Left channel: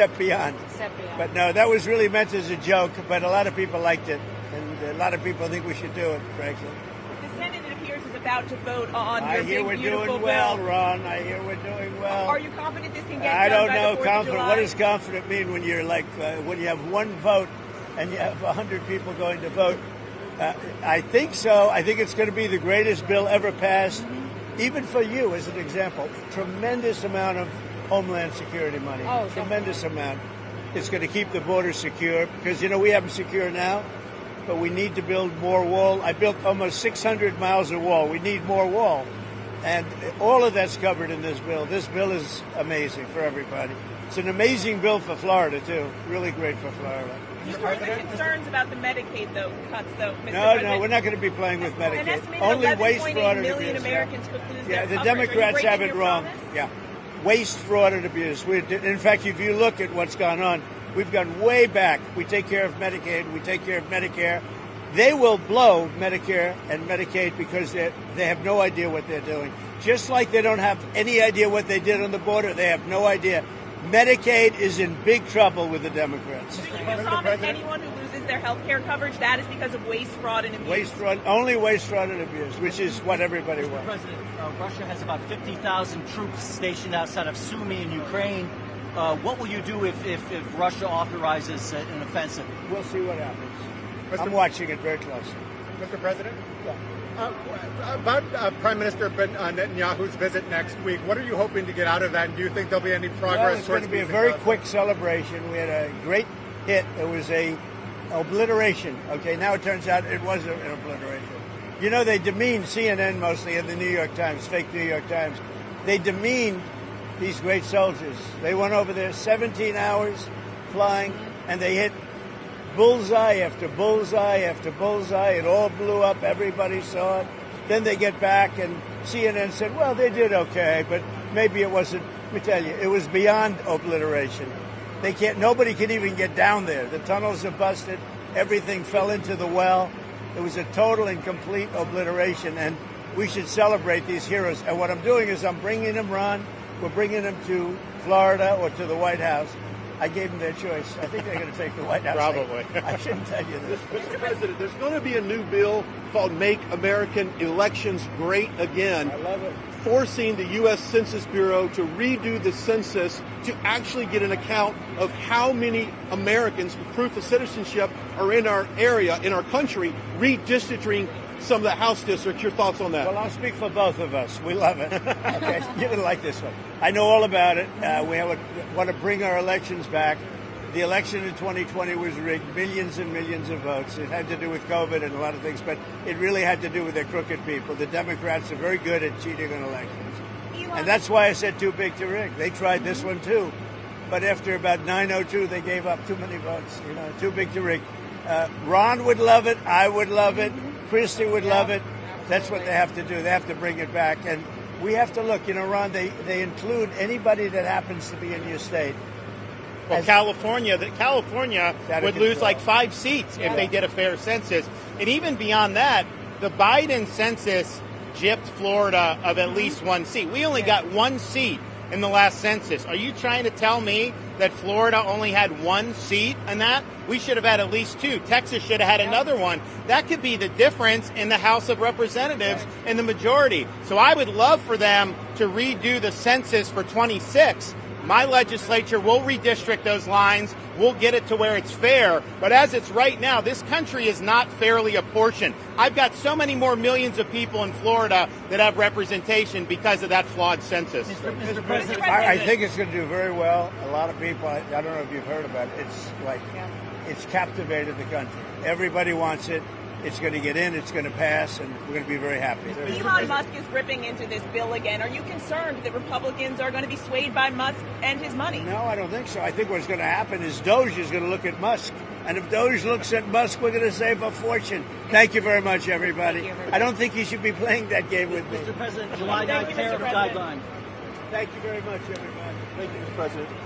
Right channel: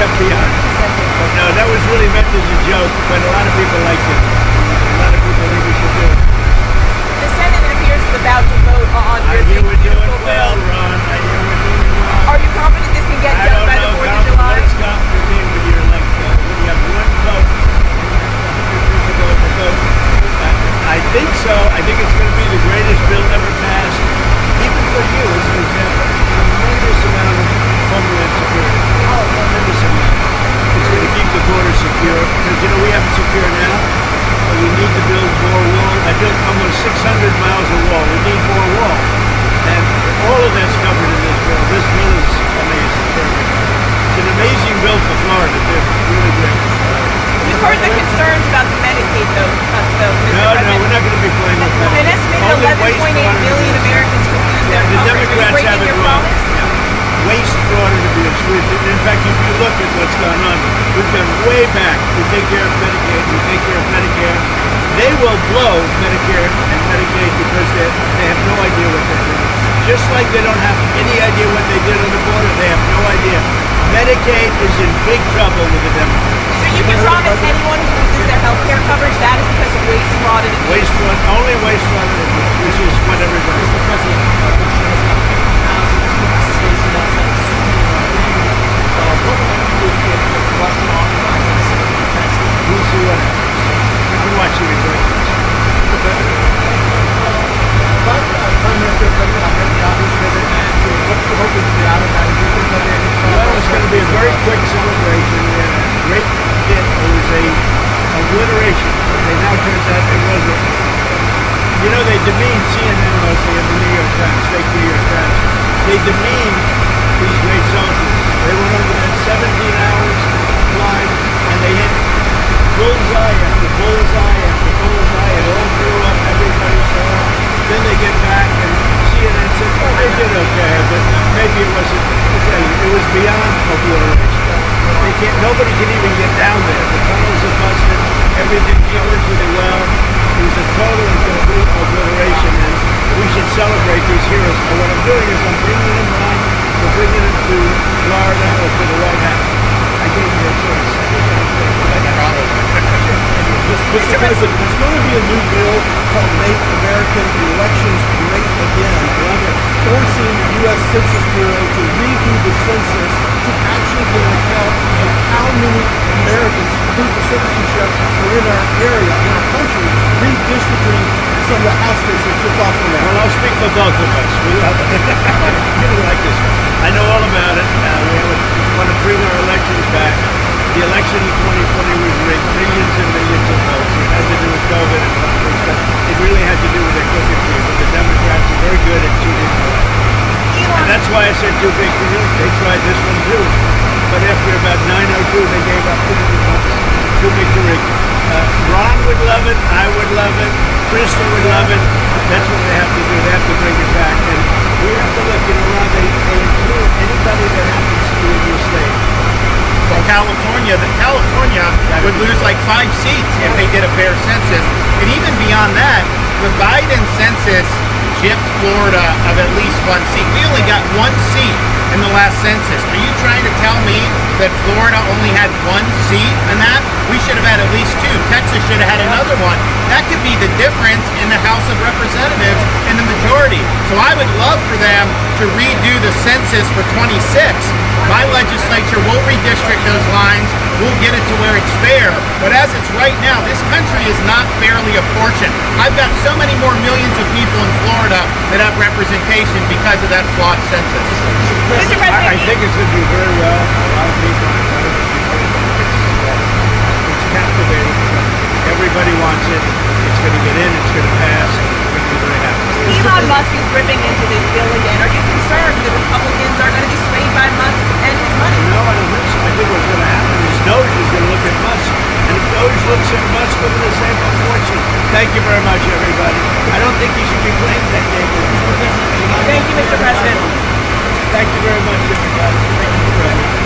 FBI. No, that was really meant as a joke, but a lot of people liked it. A lot of people think we should do it. The Senate, it appears, is about to vote on I hear we're doing well, Ron. I hear we're doing well. Are you confident this can get done by the 4th of July? What is confident mean when you're like, when you have one vote and you have 100 people going to vote? I think so. I think it's going to be the greatest bill ever passed, even for you, as an example. Tremendous amount of homeland security. Oh, tremendous amount. It's going to keep the border secure, because, you know, we have it secure now. But we need to build more wall. I built almost 600 miles of wall. We need more wall. And all of that's covered in this bill. This bill is amazing for everybody. It's an amazing bill for Florida, too. Really great. We've heard the concerns about the Medicaid, though. No, we're not going to be playing with that. An estimated 11.8 million Americans could lose their the coverage. Democrats have it wrong. Waste, fraud, and abuse. In fact, if you look at what's gone on, we've gone way back. We take care of Medicaid, we take care of Medicare. They will blow Medicare and Medicaid because they have no idea what they're doing. Just like they don't have any idea what they did on the border, they have no idea. Medicaid is in big trouble with the Democrats. So you can promise anyone who loses their health care coverage that is because of waste, fraud, and abuse? Waste, fraud, only waste, fraud, and abuse, which is what everybody Mr. President, states outside of Sweden and Ukraine. What would you do if Russia authorizes the Senate defense? We'll see what happens. I'm watching it very closely. Prime Minister Netanyahu's visit, and what are you hoping to get out of that? Do you think there'll be any Well, it's going to be a very quick celebration and a great hit. It was a obliteration. And now it turns out it wasn't. You know, they demean CNN mostly in the New York Times, fake New York Times. They demean these great soldiers. They went over there 17 hours flying, and they hit bullseye after bullseye after bullseye. It all blew up. Everybody saw it. Then they get back, and CNN said, "Oh, they did okay, but maybe it wasn't." I'll tell you, it was beyond obliteration. They can't. Nobody can even get down there. The tunnels are busted. Everything fell into the well. It was a total and complete obliteration, and we should celebrate these heroes. And what I'm doing is I'm bringing them on. We're bringing them to Florida or to the White House. I gave you a choice. Mr. President, there's going to be a new bill called Make American Elections Great Again, forcing the U.S. Census Bureau to redo the census to actually get an account of how many Americans proof of citizenship are in our area, in our country, redistricting some of the House districts. Your thoughts on that? Well, I'll speak for both of us. We didn't like this one. I know all about it. We want to bring our elections back. The election in 2020 was rigged, millions and millions of votes. It had to do with COVID and other stuff. It really had to do with their cooking people. The Democrats are very good at cheating the election. And that's why I said too big to do. They tried this one too. But after about 9:02, they gave up. Too big to rig. Ron would love it. I would love it. Kristen would love it. That's what they have to do. They have to bring it back. And we have to look, Ron, they include anybody that happens to be in your state. California would lose like 5 seats if they did a fair census. And even beyond that, the Biden census gypped Florida of at least 1 seat. We only got 1 seat in the last census. Are you trying to tell me that Florida only had 1 seat in that? We should have had at least 2. Texas should have had another one. That could be the difference in the House of Representatives in the majority. So I would love for them to redo the census for 26. My legislature won't redistrict those lines. We'll get it to where it's fair. But as it's right now, this country is not fairly apportioned. I've got so many more millions of people in Florida that have representation because of that flawed census. Mr. President, I think it's going to do very well. A lot of people are it's captivating. Everybody wants it. It's going to get in. It's going to pass. We're going to be very happy. Elon Musk is ripping into this bill again. Are you concerned the Republicans are going to be swayed by Musk and his money? No, I don't think so. I think what's going to happen is Doge is going to look at Musk. And if Doge looks at Musk, we're going to say a fortune. Thank you very much, everybody. I don't think he should be playing that game. Thank you, Mr. President. Thank you very much, everybody. Thank you very much.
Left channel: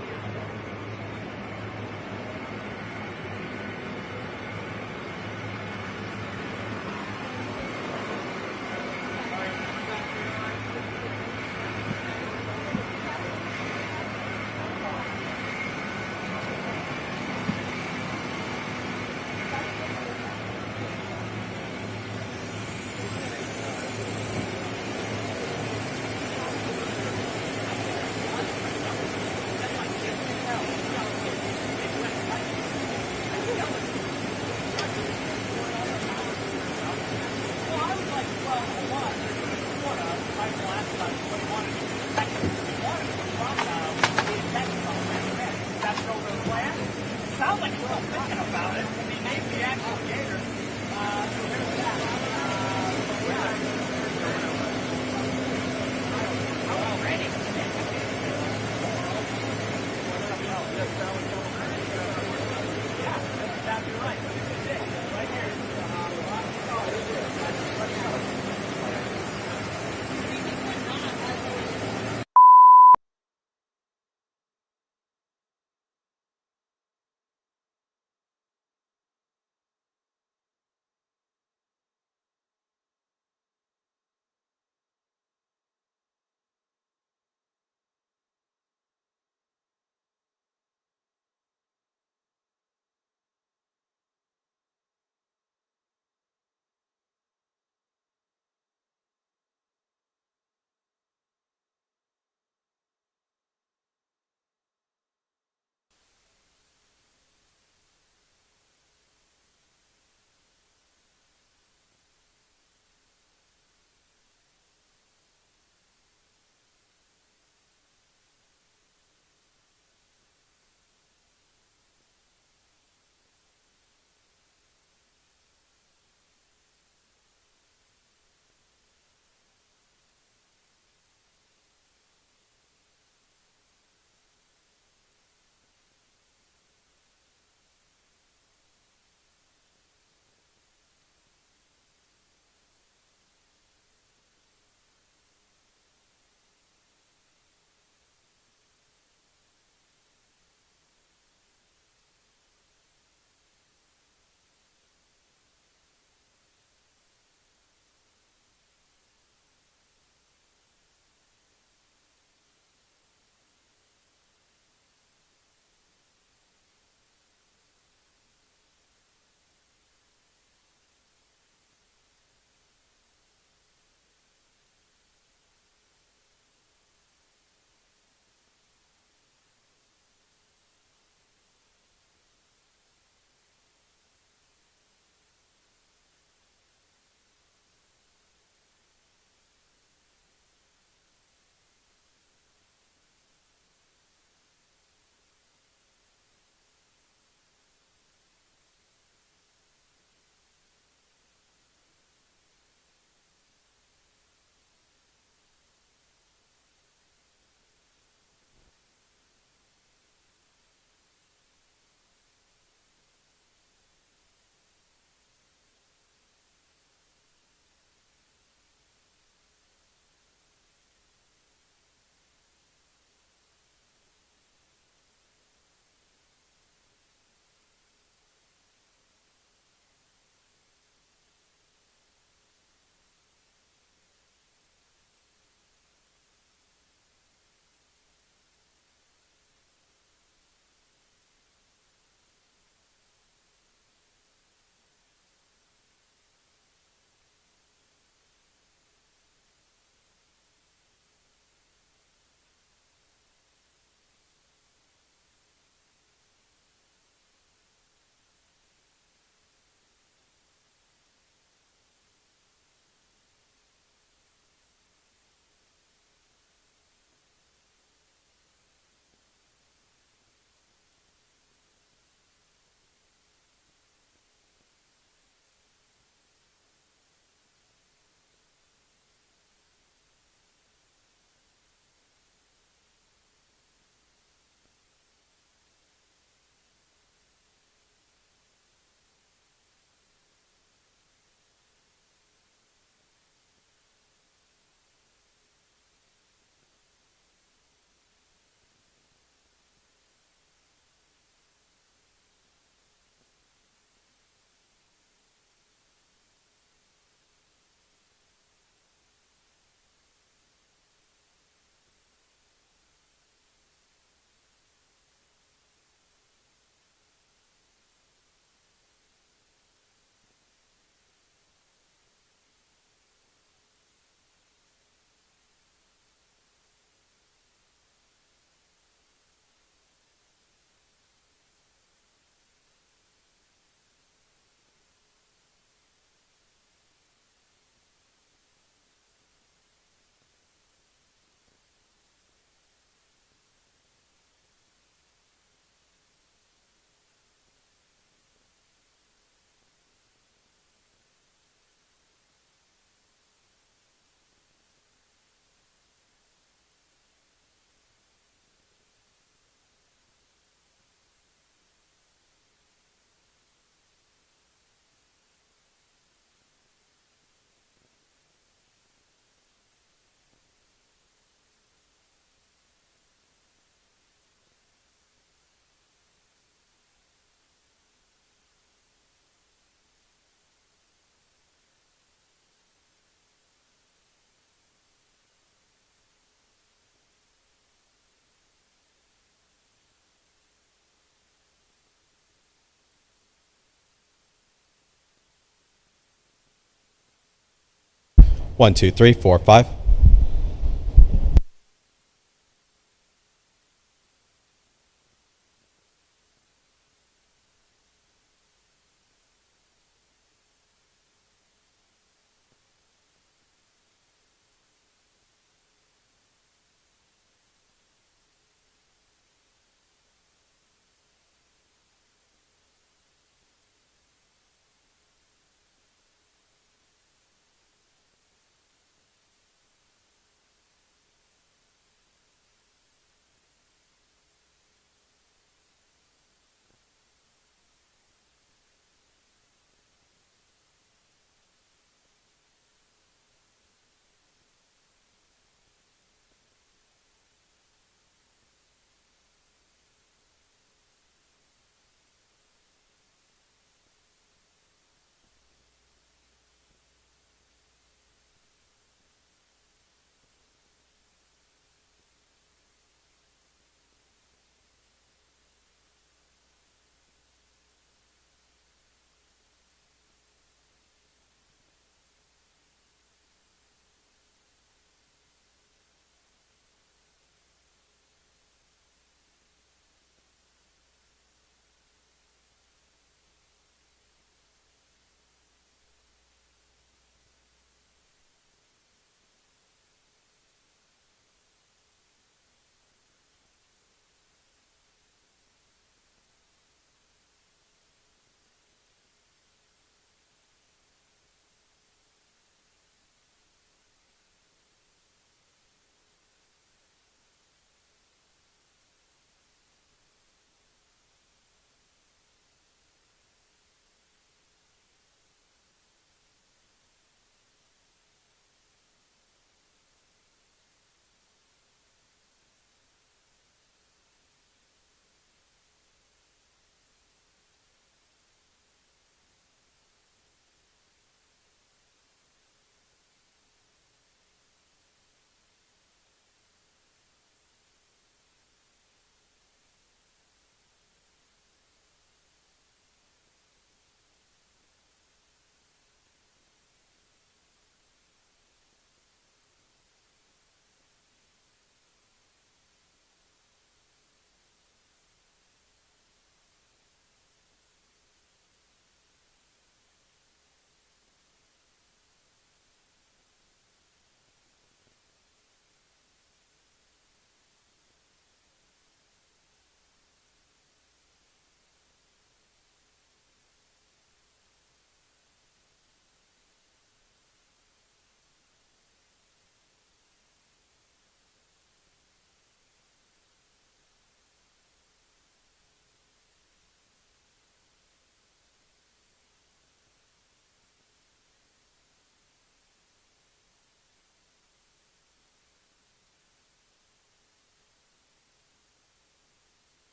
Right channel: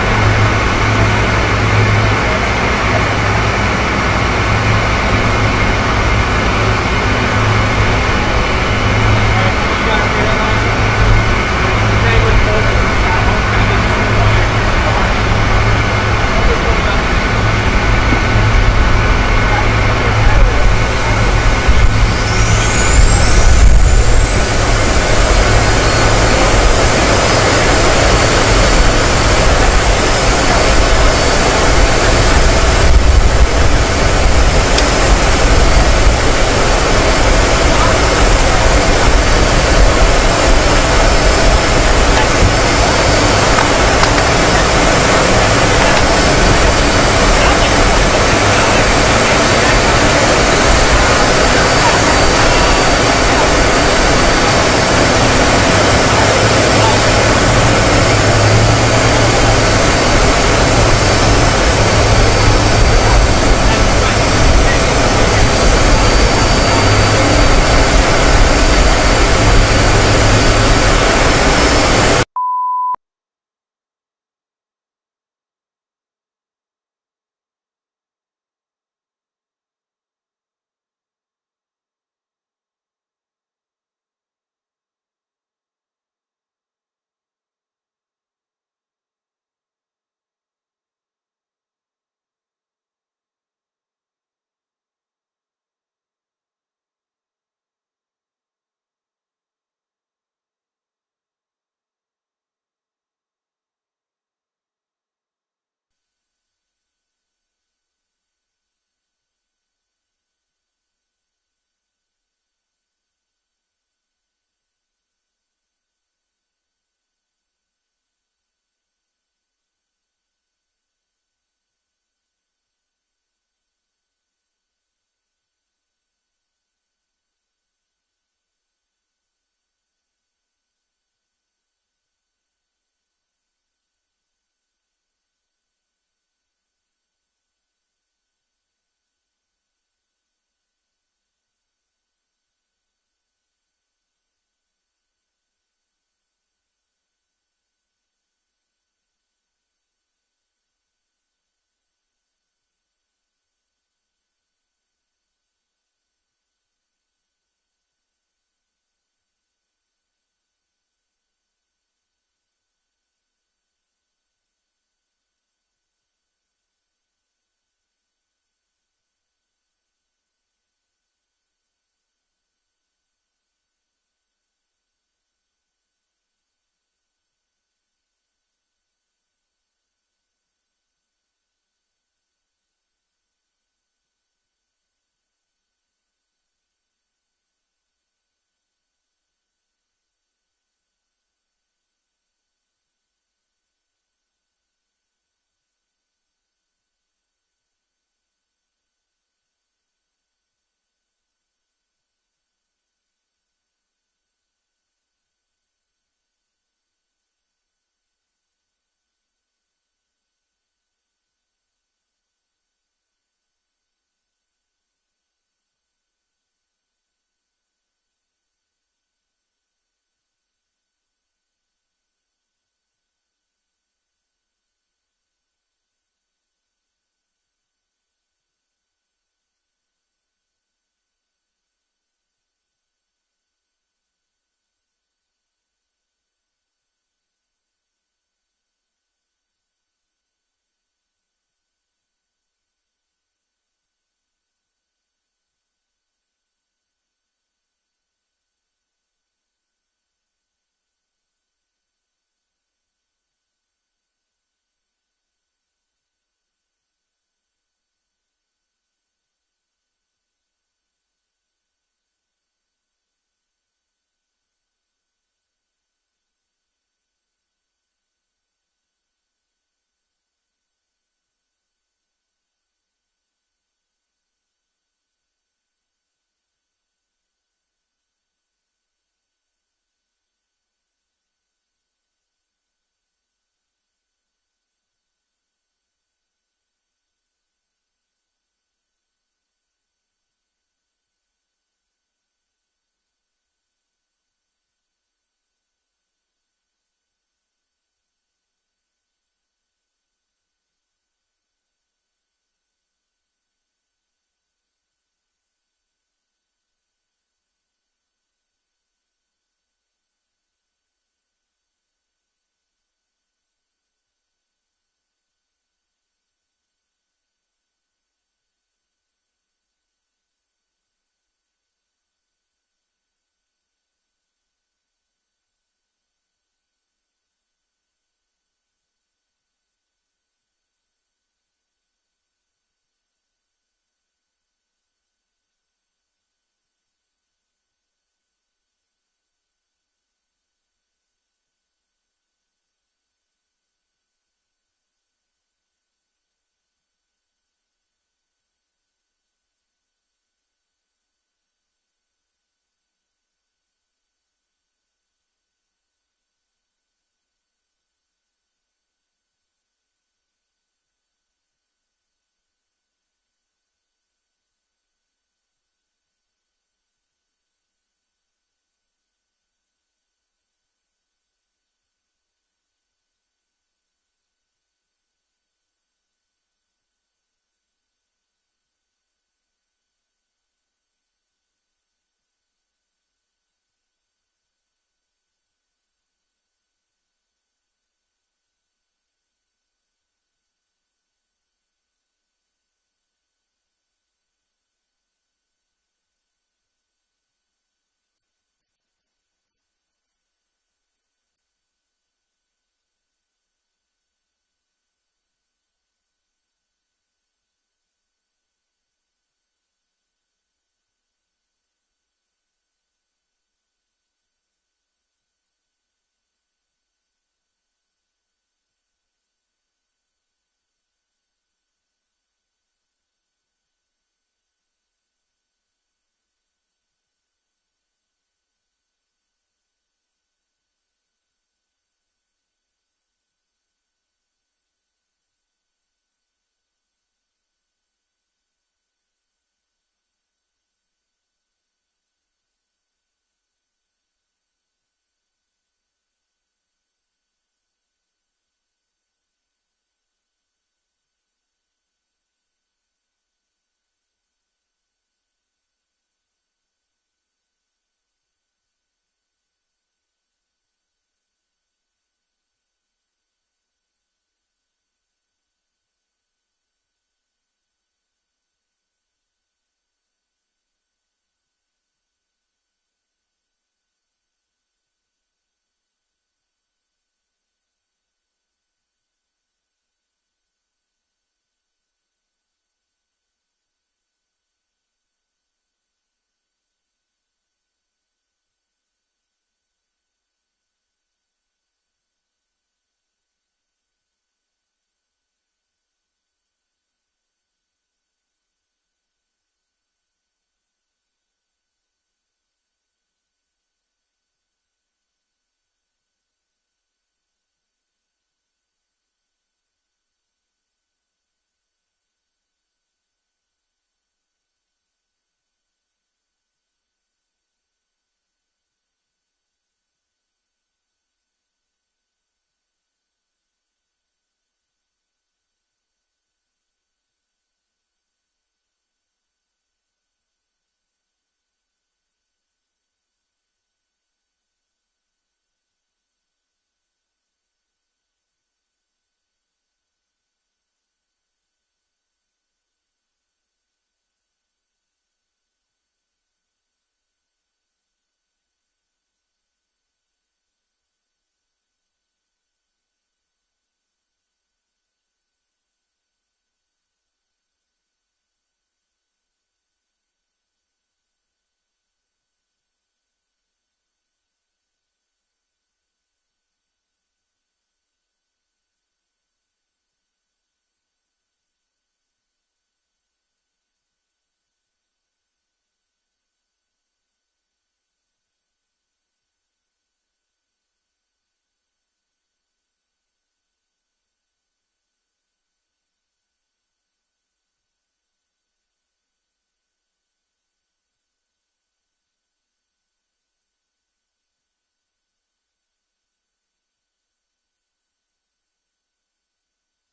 1, 2, 3, 4, 5.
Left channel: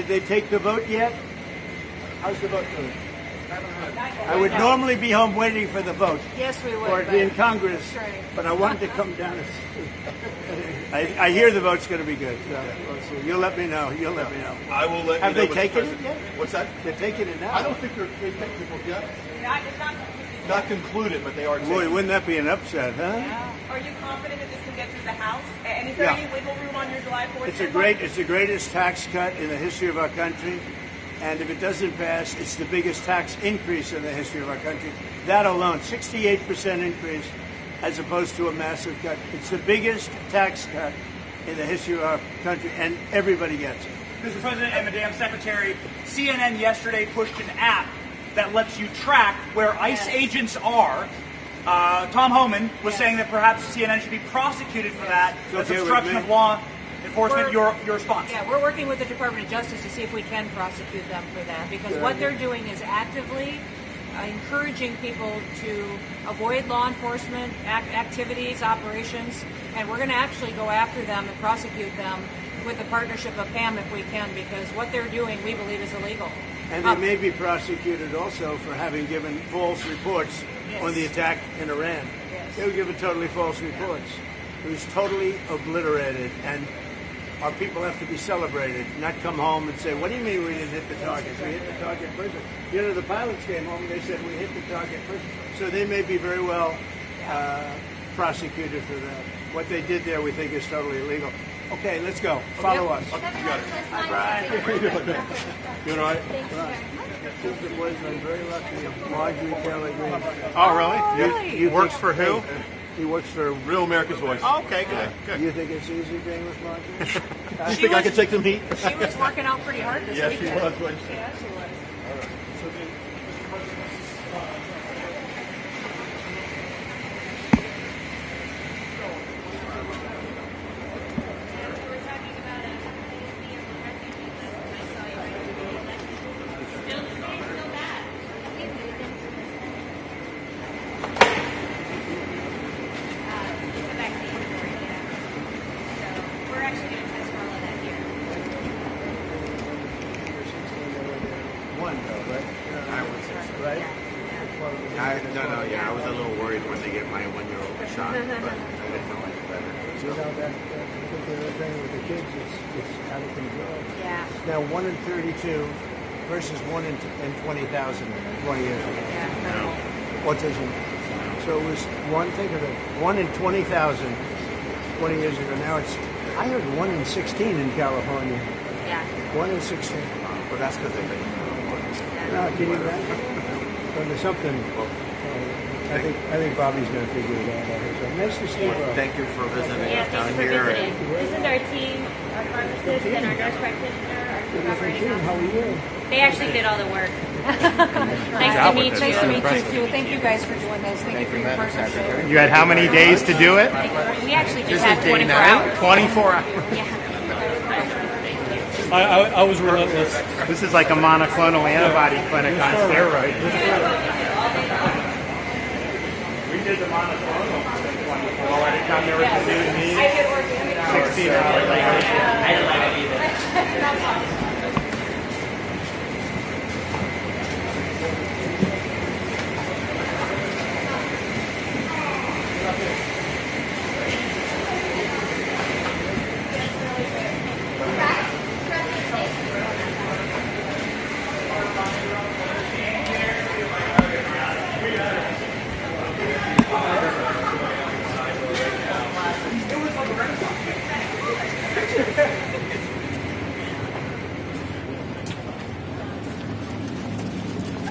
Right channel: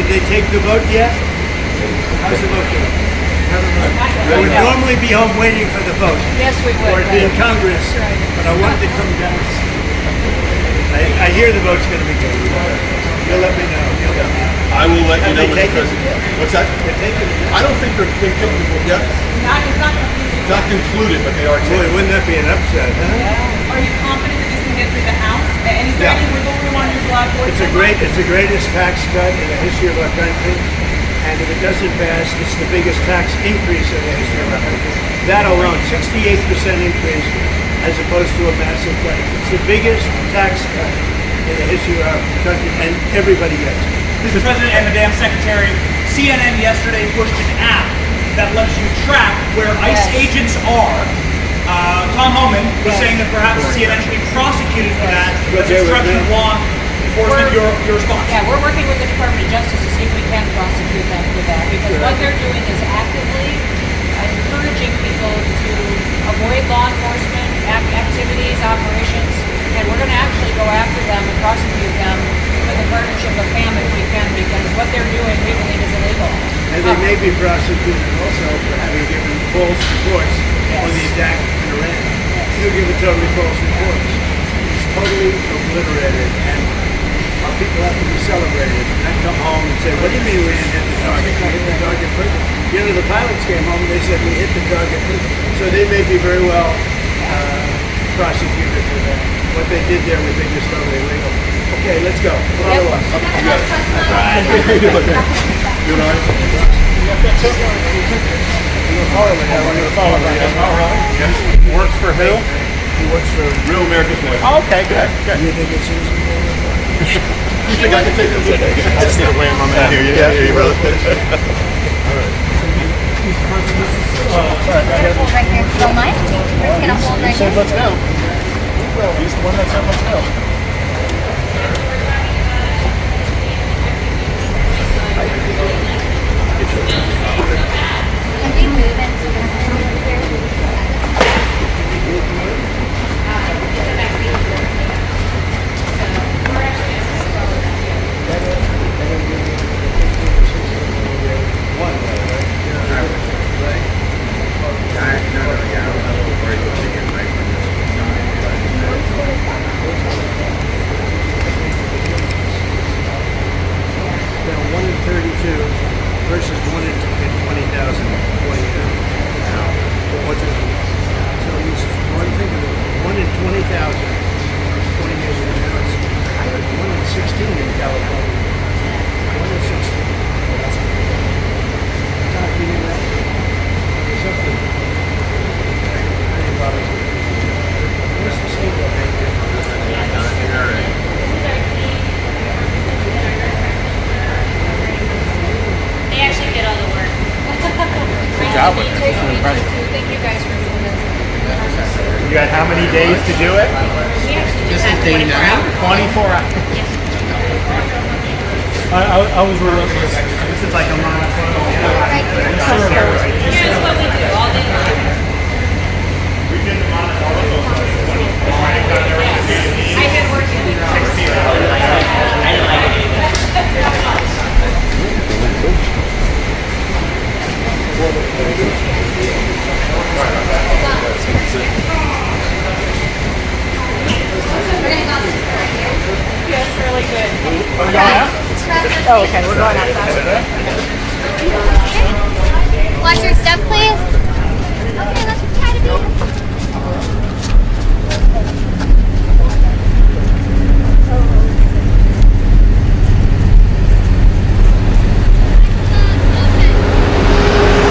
Did they take the vote yet? How's the vote going? I would normally be home waiting for the vote. Yes, we would. Or be in Congress, but I wanted to come down. I hear the vote's going to be good. You'll let me know. You'll let me know. I will let you Have know, they Mr. taken President. it? What's that? They're taking it. I don't think they've taken the vote yet. Not concluded, but they are Boy, taking. wouldn't that be an upset, huh? Are you confident that this can get through the House? And is there Yeah. any wiggle room on your block? It's the greatest tax cut in the history of our country. And if it doesn't pass, it's the biggest tax increase in the history of our country. That alone, 68% increase as opposed to a massive cut. It's the biggest tax cut in the history of our country, and everybody gets it. Mr. President and Madam Secretary, CNN yesterday pushed an app that lets you track where ICE agents are. Tom Homan was saying that perhaps CNN should be prosecuted for that. That's obstruction of law enforcement. Your response? Yeah, we're working with the Department of Justice to see if we can prosecute them for that, because what they're doing is actively encouraging people to avoid law enforcement activities, operations, and we're going to actually go after them and prosecute them with a partnership of FAM if we can, because what they're doing we believe is illegal. And they may be prosecuted also for having given false reports on the attack in Iran. They'll give totally false reports. It's totally obliterated, and our people have to be celebrated, not come home and say, what do you mean we didn't hit the target? We hit the target prison. You know, the pilots came home and they said we hit the target prison. So they may be very well prosecuted for that. What they did there we think is totally illegal. Okay, let's go. Follow us. Good on you. He works for who? He works for Real American Voice. Oh, okay, good. You think it's easy? You think I can take this? I just need to wear my man. I hear you, brother. Right here. Don't mind. We're just gonna hold right here. Let's go. He's the one that said let's go. Can we move it so this is over here? Now 1 in 32 versus 1 in 20,000. So it's one thing of it. 1 in 20,000 20 years ago. Now it's higher than 1 in 16 in California. 1 in 16. Not being that. There's something. I think Bobby's going to do that. Where's the state of thank you for listening here. They actually did all the work. Nice to meet you. Thank you guys for doing this. You got how many days to do it? We actually just have 24 hours. 24 hours. I was worried. This is like a monoclonal antibody clinic on steroids. Here's what we do all day long. We did the monoclonal I did work in 16 hours. I didn't like it either. Yes, really good. Oh, okay, we're going outside. Watch your step, please. Okay, let's try to be.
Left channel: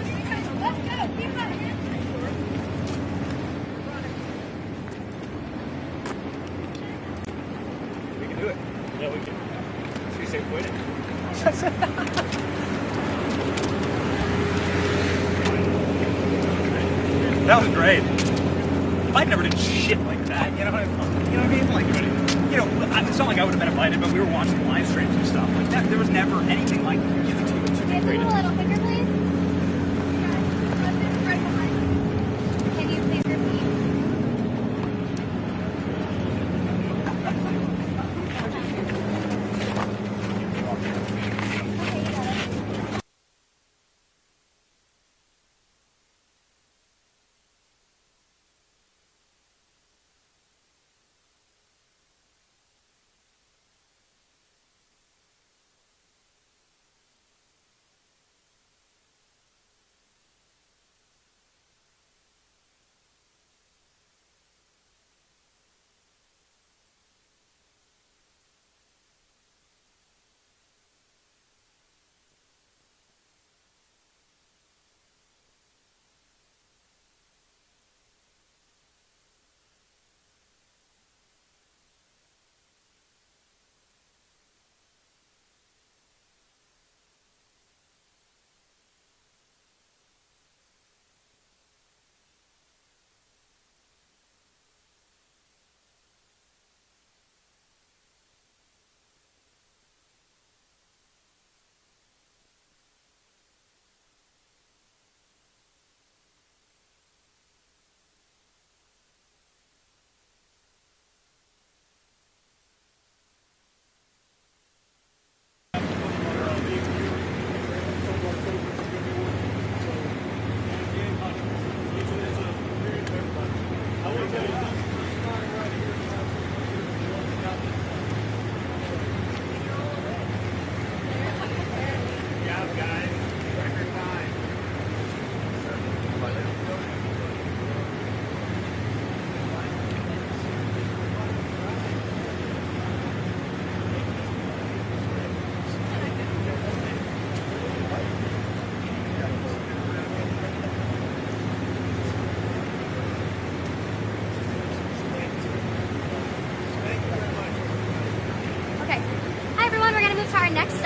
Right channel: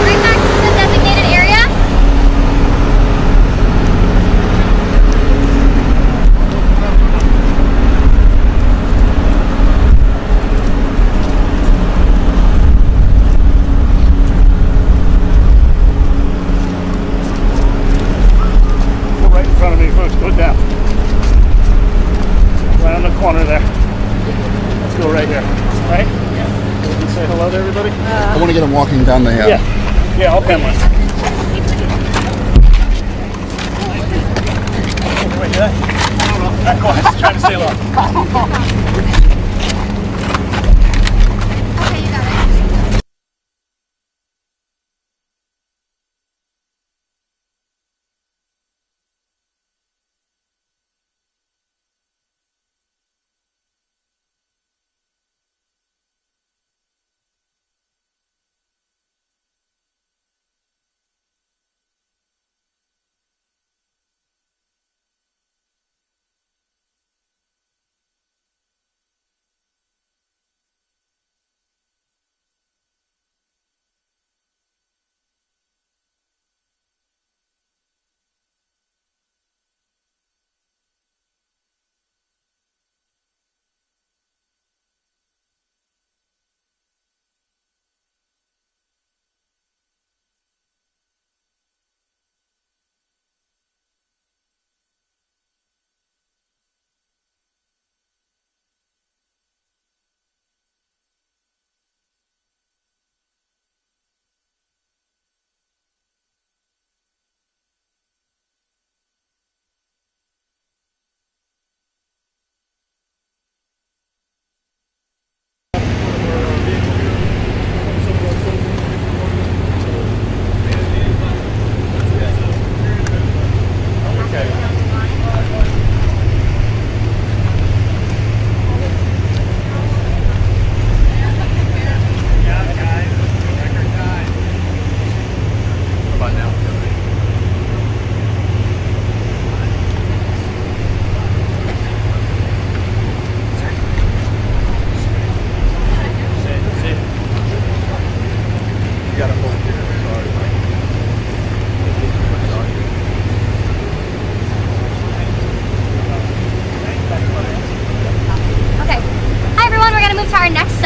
Right back to the designated area. That was great. Right in front of me, folks. Put down. Right in the corner there. Let's go right here. Right? Say hello to everybody. I want to get him walking down the Yeah, I'll pen one. Wait, did I? Oh, I was trying to stay low. Okay,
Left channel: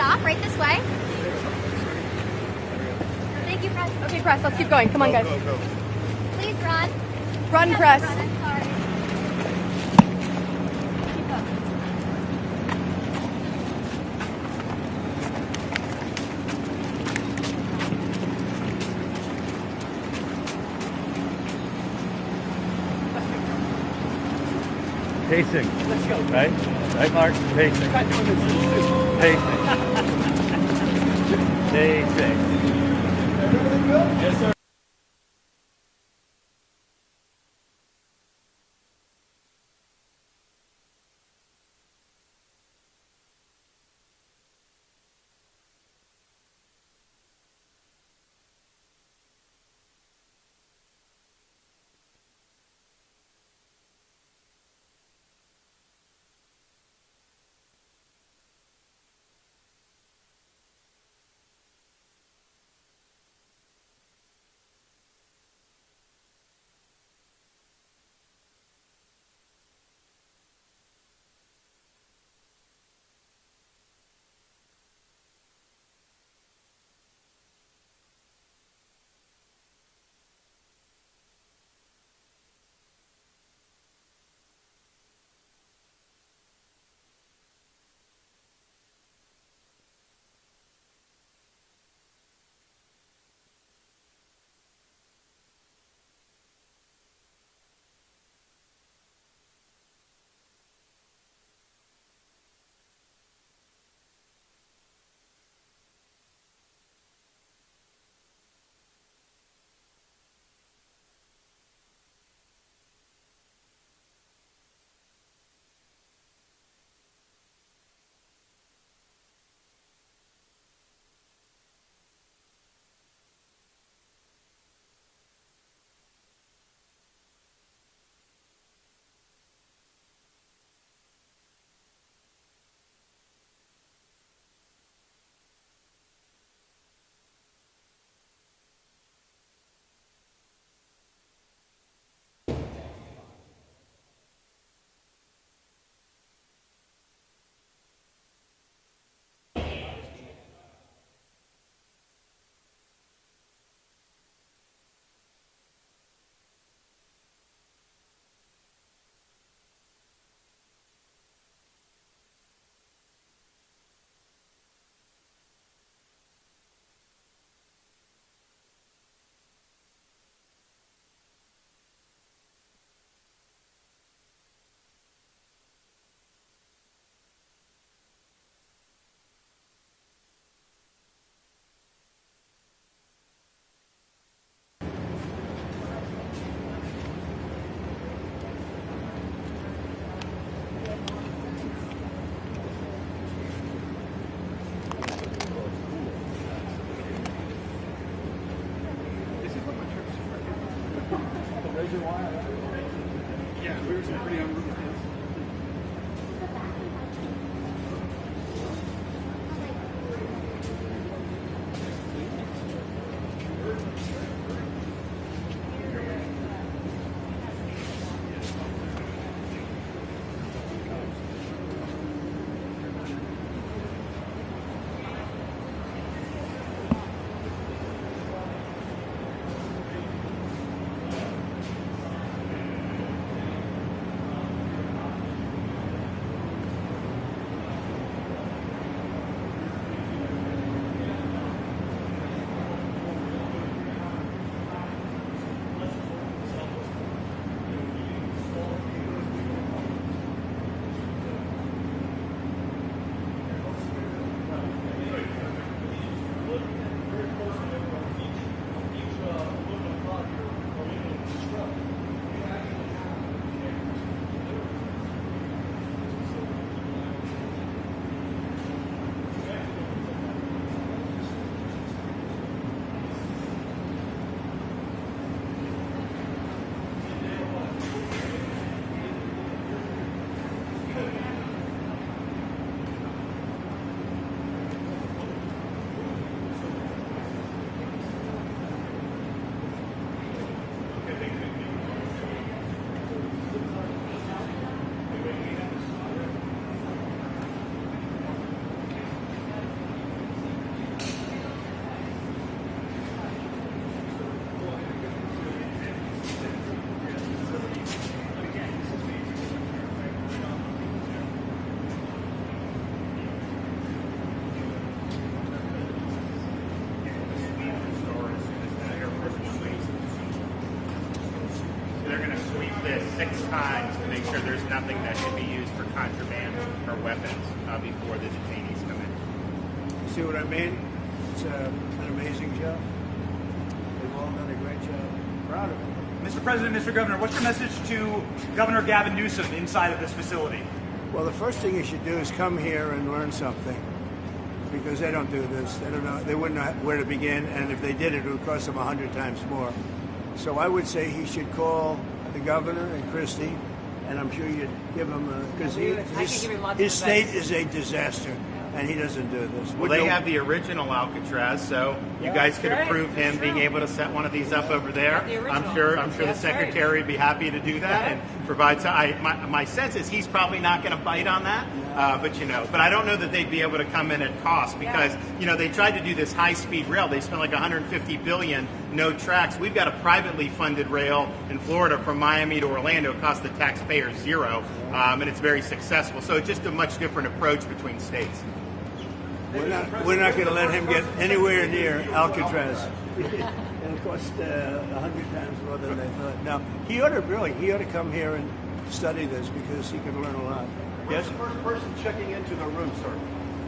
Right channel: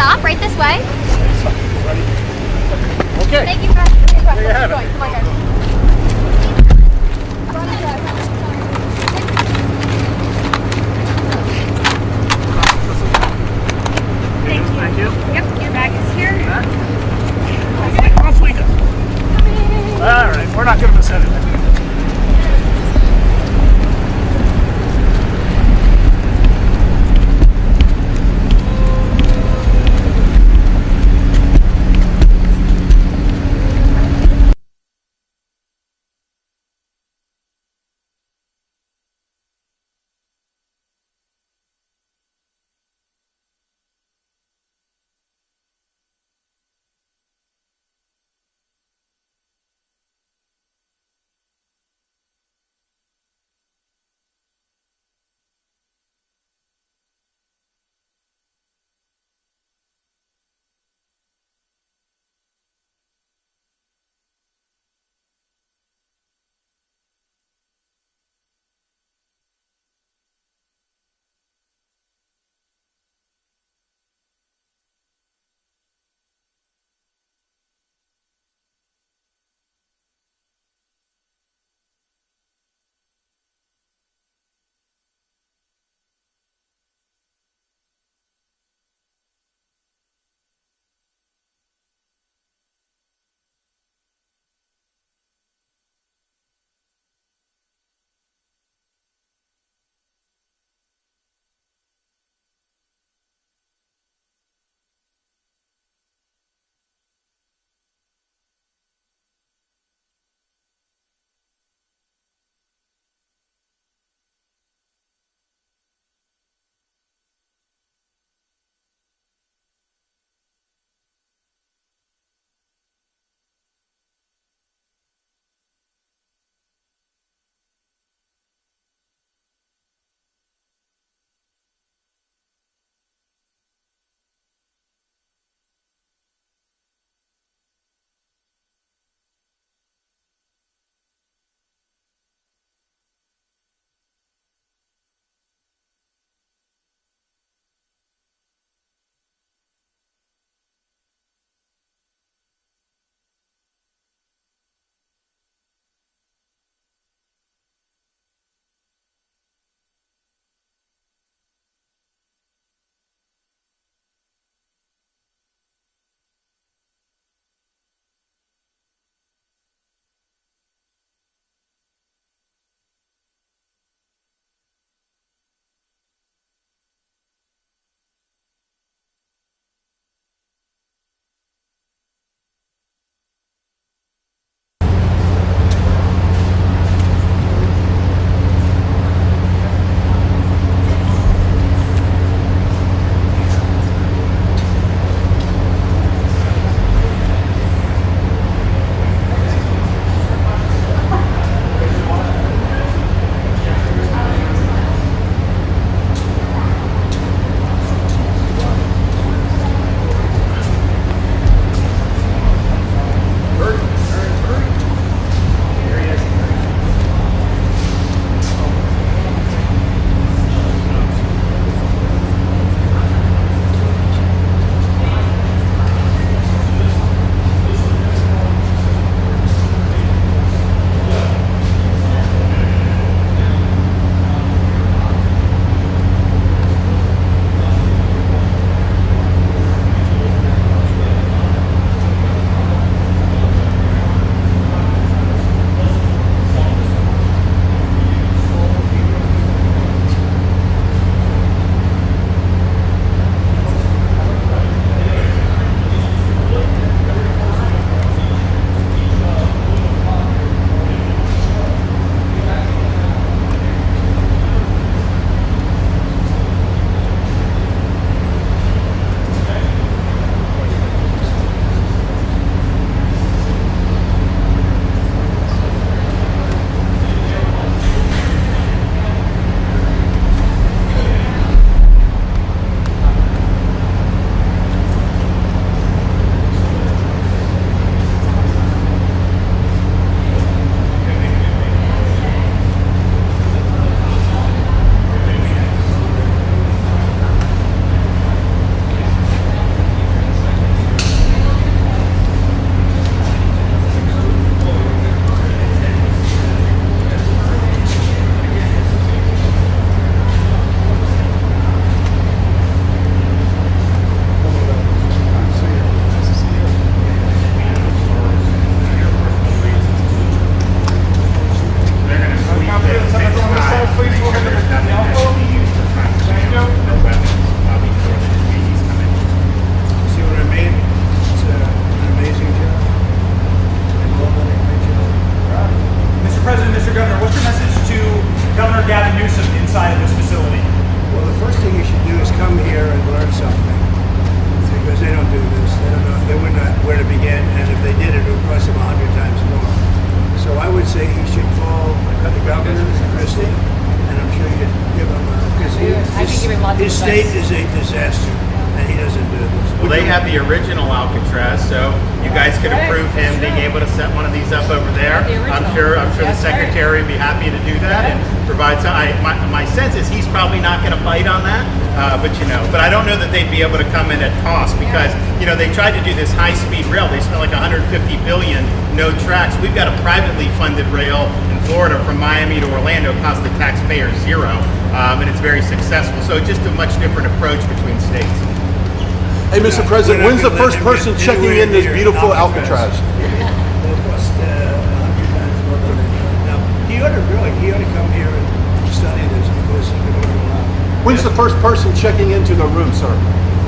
stop right this way. Okay. Thank you, press. Okay, press. Let's keep going. Come on, guys. Please run. Run and press. Thank you. Yep, your bag is here. Off we go. All right, we're not going to miss anything. Take it. Right, Mark. Take it. Take it. because they don't do this. They don't know. They wouldn't know where to begin, and if they did it, would cost them 100 times more. So I would say he should call the governor and Christie, and I'm sure you'd give him because I could give him lots of his state advice. is a disaster, and he doesn't do this. Well, they have the original Alcatraz, so you guys could approve him being able to set one of these up over there. I'm sure the That's right. secretary would be happy to do that and provide some. My sense is he's probably not going to bite on that, but I don't know that they'd be able to come in at cost because they tried to do this high-speed rail. They spent like 150 billion, no tracks. We've got a privately funded rail in Florida from Miami to Orlando, cost the taxpayer zero, and it's very successul. So just a much different approach between states. Hey, Mr. President, when's the first person checking in this beautiful Alcatraz? It'll cost 100 times more than they could. Now, he ought to come here and study this because he could learn a lot. When's the first person checking into the room, sir?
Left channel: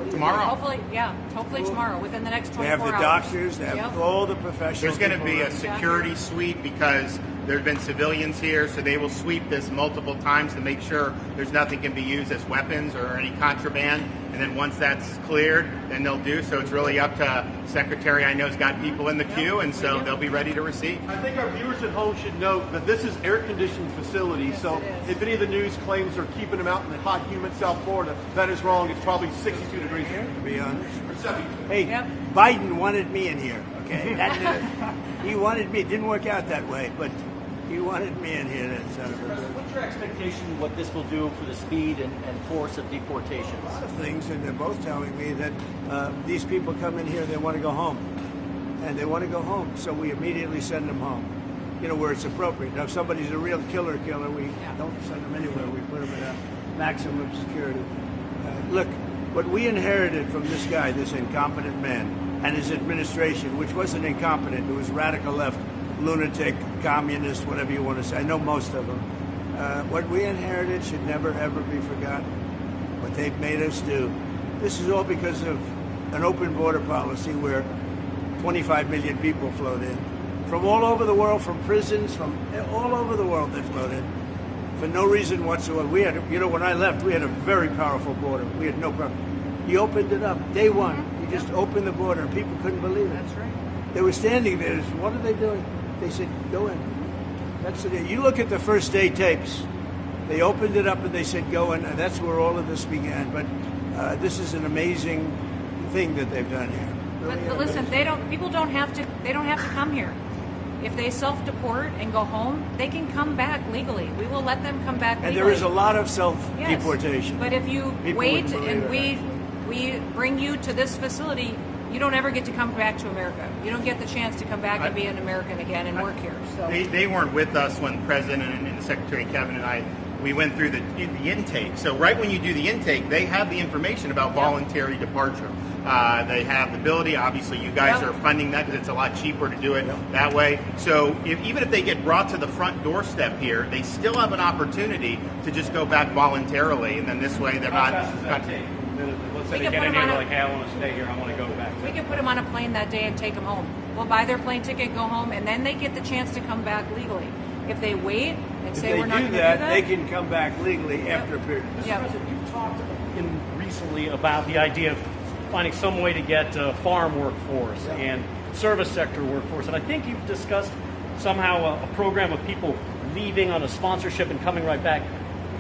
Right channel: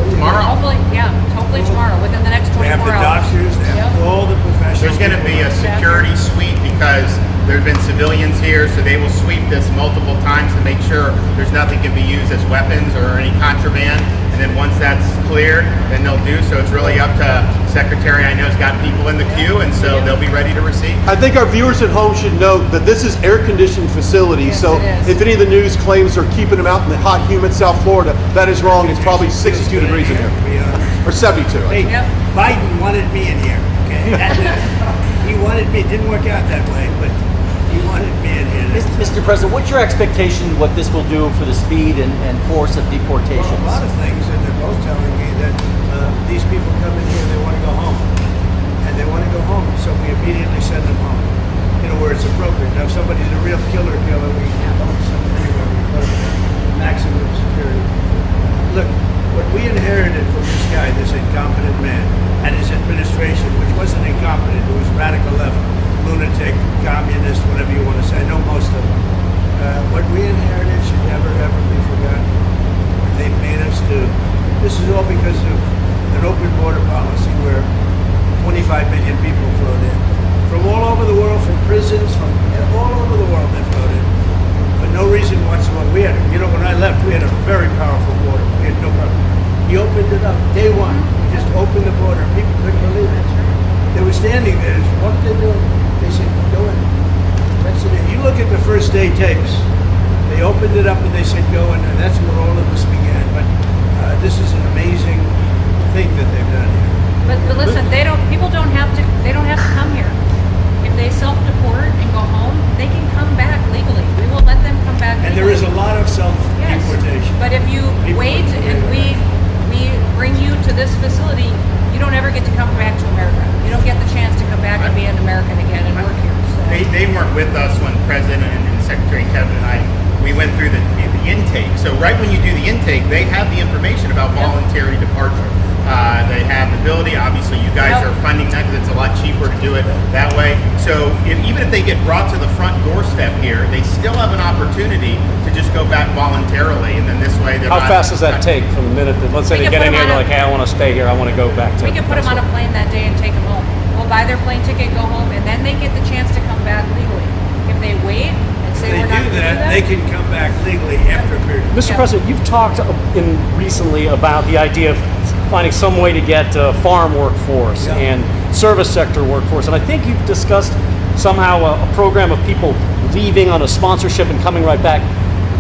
Tomorrow. Hopefully tomorrow, within the next 24 They have the hours. doctors, they have all the professionals. There's going to be a security sweep because there have been civilians here, so they will sweep this multiple times to make sure there's nothing can be used as weapons or any contraband. And then once that's cleared, then they'll do. So it's really up to Secretary. I know has got people in the queue, and so they'll be ready to receive. I think our viewers at home should know that this is air-conditioned facility. Yes, So it is. if any of the news claims they're keeping them out in the hot, humid South Florida, that is wrong. It's probably 62 degrees in here, To be honest. or 72. Hey, Yep. Biden wanted me in here. Okay, that's it. He wanted me. It didn't work out that way, but he wanted me in here. Mr. President, what's your expectation what this will do for the speed and force of deportation? Well, a lot of things, and they're both telling me that these people come in here, they want to go home, and they want to go home, so we immediately send them home. Where it's appropriate. Now, if somebody's a real killer, we don't send them anywhere. We put them in maximum security. Look, what we inherited from this guy, this incompetent man, and his administration, which wasn't incompetent, it was radical left, lunatic, communist, whatever you want to say. I know most of them. What we inherited should never, ever be forgotten. What they've made us do. This is all because of an open border policy where 25 million people flowed in. From all over the world, from prisons, from all over the world they flowed in. For no reason whatsoever. We had, when I left, we had a very powerful border. We had no problem. He opened it up. Day one, we just opened the border. People couldn't believe it. They were standing there. What did they do? They said, go in. That's it. You look at the first day tapes. They opened it up and they said, go in. And that's where all of this began. But this is an amazing thing that they've done here. But listen, people don't have to come here. If they self-deport and go home, they can come back legally. We will let them come back legally. And there is a lot of self-deportation. Yes. But if you wait and we bring you to this facility, you don't ever get to come back to America. You don't get the chance to come back and be an American again and work here. So. They weren't with us when President and Secretary Kevin and we went through the intake. So right when you do the intake, they have the information about voluntary departure. They have the ability. Obviously, you guys are funding that because it's a lot cheaper to do it that way. So even if they get brought to the front doorstep here, they still have an opportunity to just go back voluntarily, and then this way they're How not, fast does that take from the minute that, let's say We they can get in put here, them they're on like, hey, I want to stay here, I want to go back to We can put them on a plane that day and take them home. We'll buy their plane ticket, go home, and then they get the chance to come back legally. If they wait and say If they we're not do going to do that, that, they can come back legally after a period. Mr. Yeah. President, you've talked recently about the idea of finding some way to get farm workforce and service sector workforce, and I think you've discussed somehow a program of people leaving on a sponsorship and coming right back.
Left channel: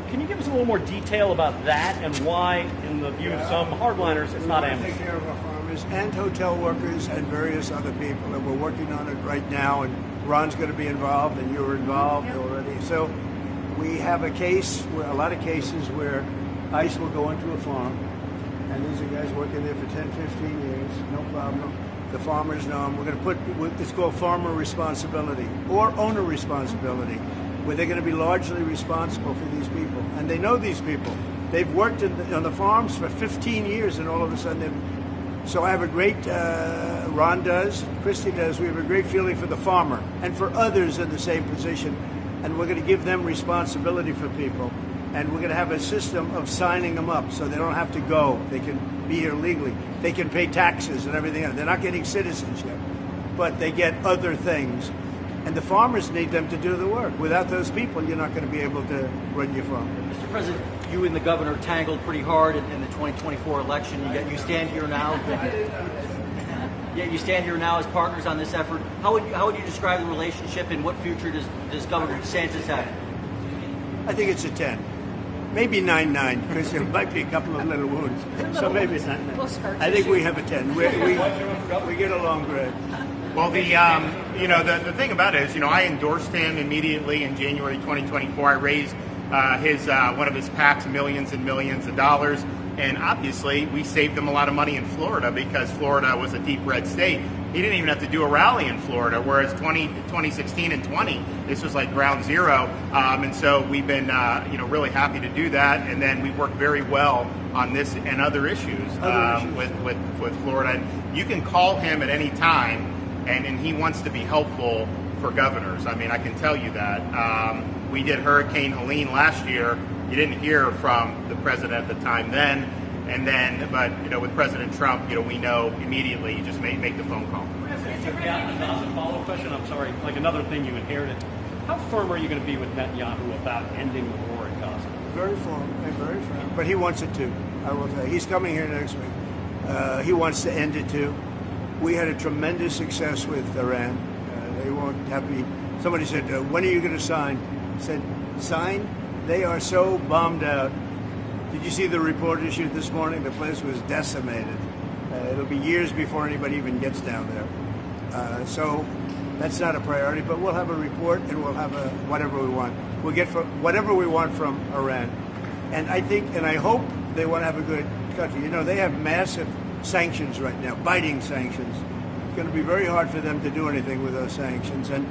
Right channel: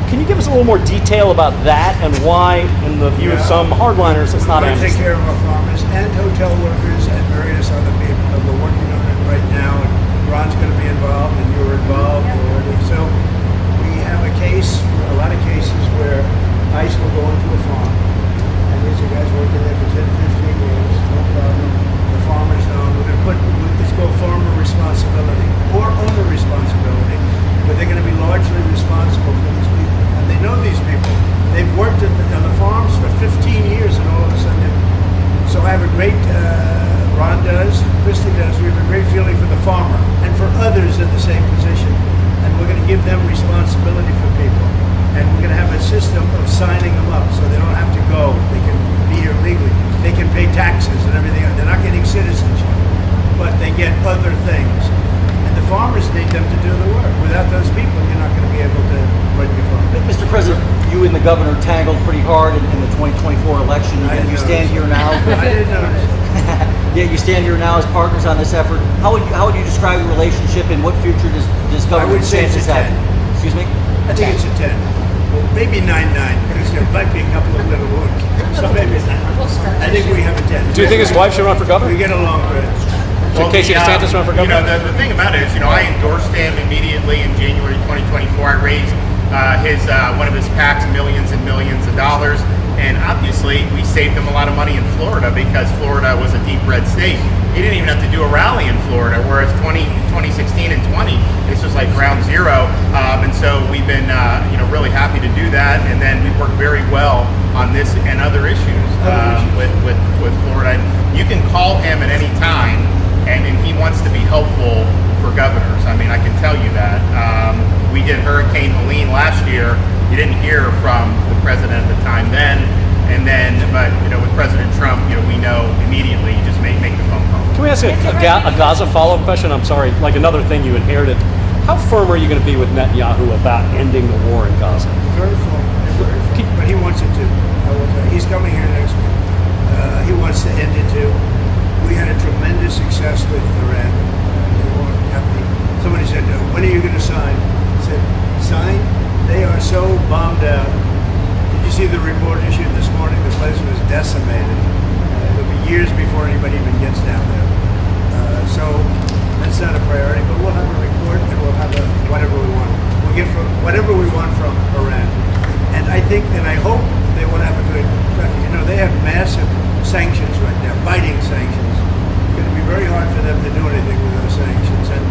Can you give us a little more detail about that and why, in the view of some hardliners, it's not We're going to take amnesty? care of our farmers and hotel workers and various other people. We're working on it right now, and Ron's going to be involved, and you're involved already. So we have a lot of cases where ICE will go into a farm, and these are guys working there for 10, 15 years, no problem. The farmers know, and we're going to it's called farmer responsibility or owner responsibility, where they're going to be largely responsible for these people. And they know these people. They've worked on the farms for 15 years, and all of a sudden so I have a great, Ron does, Christie does, we have a great feeling for the farmer and for others in the same position. And we're going to give them responsibility for people. And we're going to have a system of signing them up so they don't have to go. They can be here legally. They can pay taxes and everything. They're not getting citizenship, but they get other things. And the farmers need them to do the work. Without those people, you're not going to be able to run your farm. Mr. President, you and the governor tangled pretty hard in the 2024 election. And you stand here now. I didn't notice. Yeah, you stand here now as partners on this effort. How would you describe the relationship, and what future does Governor would say it's DeSantis a have? 10. Excuse me? I think it's a 10. Maybe 9-9, because there might be a couple of little wounds. So maybe it's 9. I think we have a 10. Do you think his wife should run for governor? We get along great. Should Casey DeSantis run for governor? The thing about it is, I endorsed him immediately in January 2024. I raised one of his PACs millions and millions of dollars, and obviously we saved him a lot of money in Florida because Florida was a deep red state. He didn't even have to do a rally in Florida, whereas 2016 and 20, this was like ground zero. And so we've been really happy to do that, and then we've worked very well on this and other issues with Florida. And you can call him at any time, and he wants to be helpful for governors. I mean, I can tell you that. We did Hurricane Helene last year. You didn't hear from the president at the time then, but with President Trump, we know immediately. You just make the phone call. Can we ask a Gaza follow-up question? I'm sorry, like another thing you inherited. How firm are you going to be with Netanyahu about ending the war in Gaza? Very firm. But he wants it to. I will tell you. He's coming here next week. He wants to end it too. We had a tremendous success with Iran. They won't have me. Somebody said, when are you going to sign? I said, sign? They are so bummed out. Did you see the report issued this morning? The place was decimated. It'll be years before anybody even gets down there. So that's not a priority, but we'll have a report and we'll have whatever we want. We'll get whatever we want from Iran. And I think, and I hope they will have a good record. They have massive sanctions right now, biting sanctions. It's going to be very hard for them to do anything with those sanctions. And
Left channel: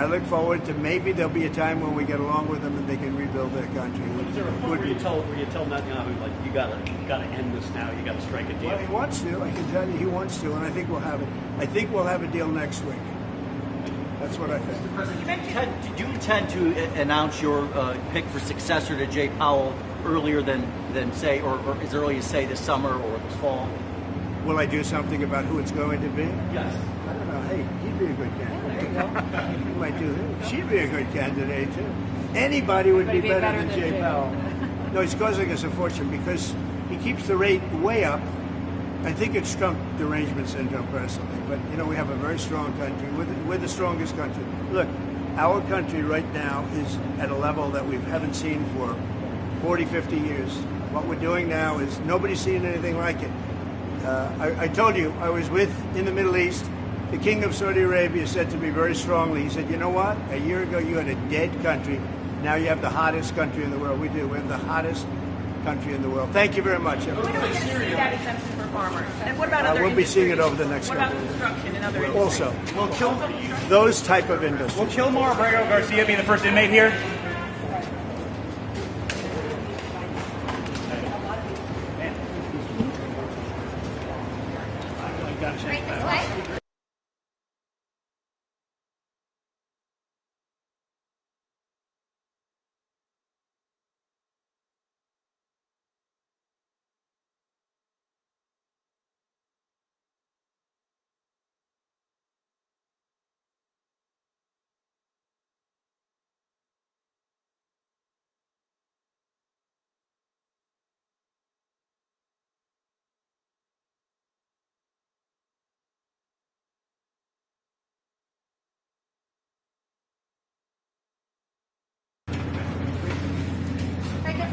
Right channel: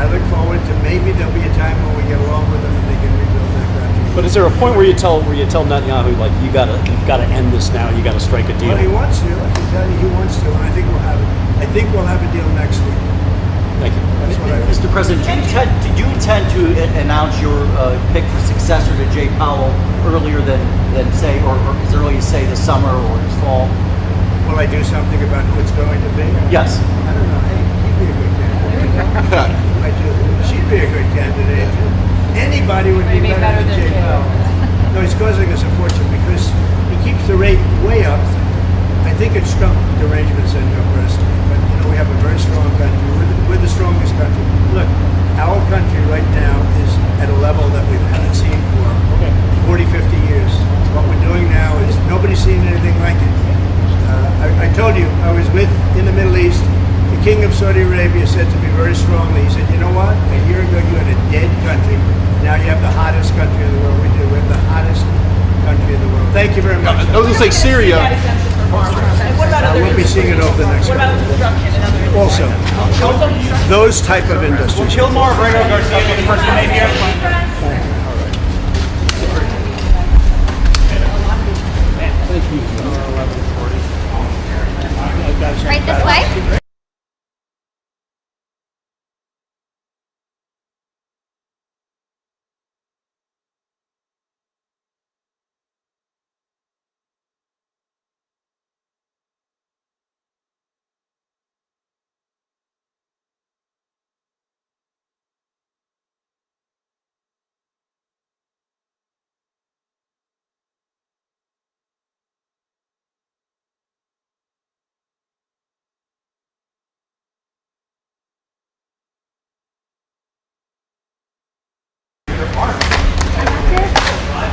I look forward to maybe there'll be a time when we get along with them and they can rebuild their country. But is there a point where you tell Netanyahu, like, you've got to end this now, you got to strike a deal? Well, he wants to. I can tell you he wants to. And I think we'll have it. I think we'll have a deal next week. Thank you. That's what I think. Mr. President, did you intend to announce your pick for successor to Jay Powell earlier than say, or as early as say this summer or this fall? Will I do something about who it's going to be? Yes. I don't know. Hey, she'd be a good candidate. Might do. She'd be a good candidate. Anybody would be better than Jay Powell. No, he's causing us a fortune because he keeps the rate way up. I think it's Trump derangements end up personally. But we have a very strong country. We're the strongest country. Look, our country right now is at a level that we haven't seen for 40, 50 years. What we're doing now is nobody's seen anything like it. I told you, I was in the Middle East. The King of Saudi Arabia said to me very strongly, he said, you know what? A year ago you had a dead country. Now you have the hottest country in the world. We do. We have the hottest country in the world. Thank you very much. I was going to say Syria. And what about other We'll be seeing it over the next What about couple of construction and other Also, those type of industries. Kilmar Brego Garcia be the first to make here. Right this way?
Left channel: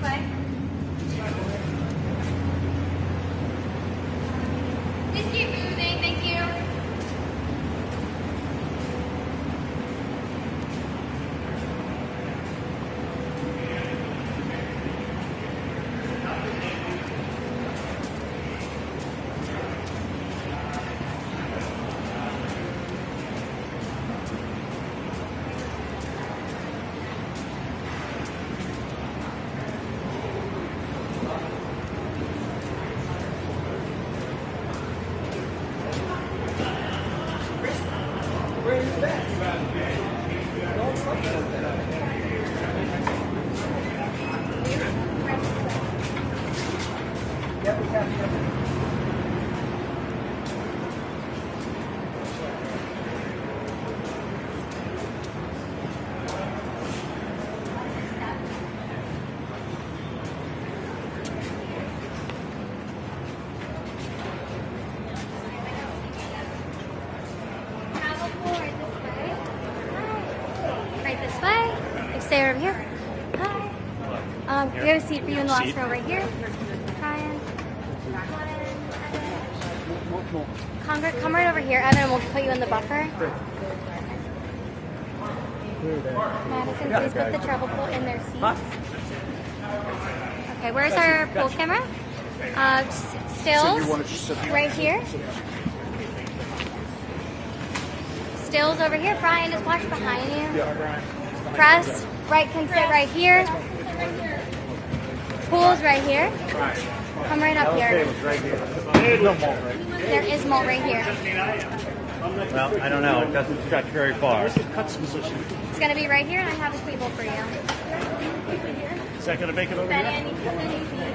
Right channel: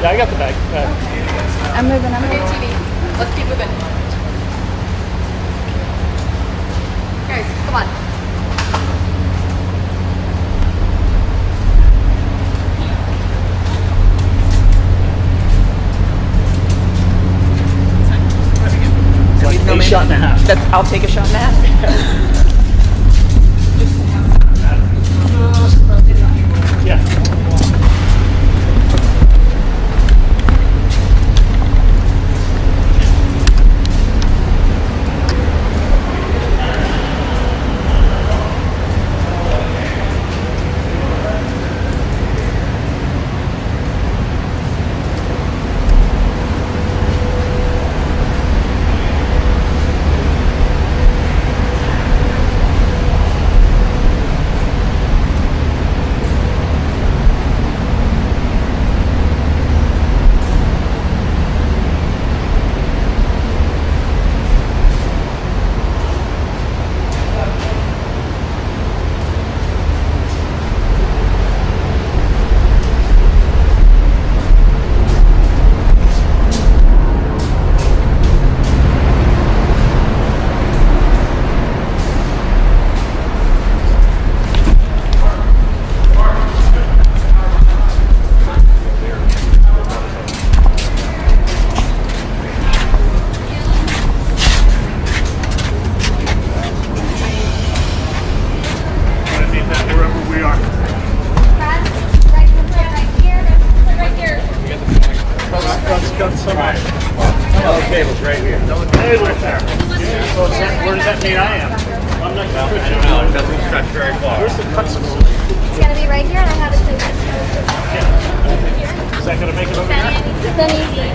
Yeah, I got the bag. I'm moving. Let's keep moving. Thank you. Guys, come on. A shot and a half. I'll take a shot and a half. Yeah. Where does that mean I am? I'm next to I Christian. don't know. It doesn't stretch very far. Where's the cuts? It's gonna be right here, and I have it too. Is that going to make it over Then there? easy.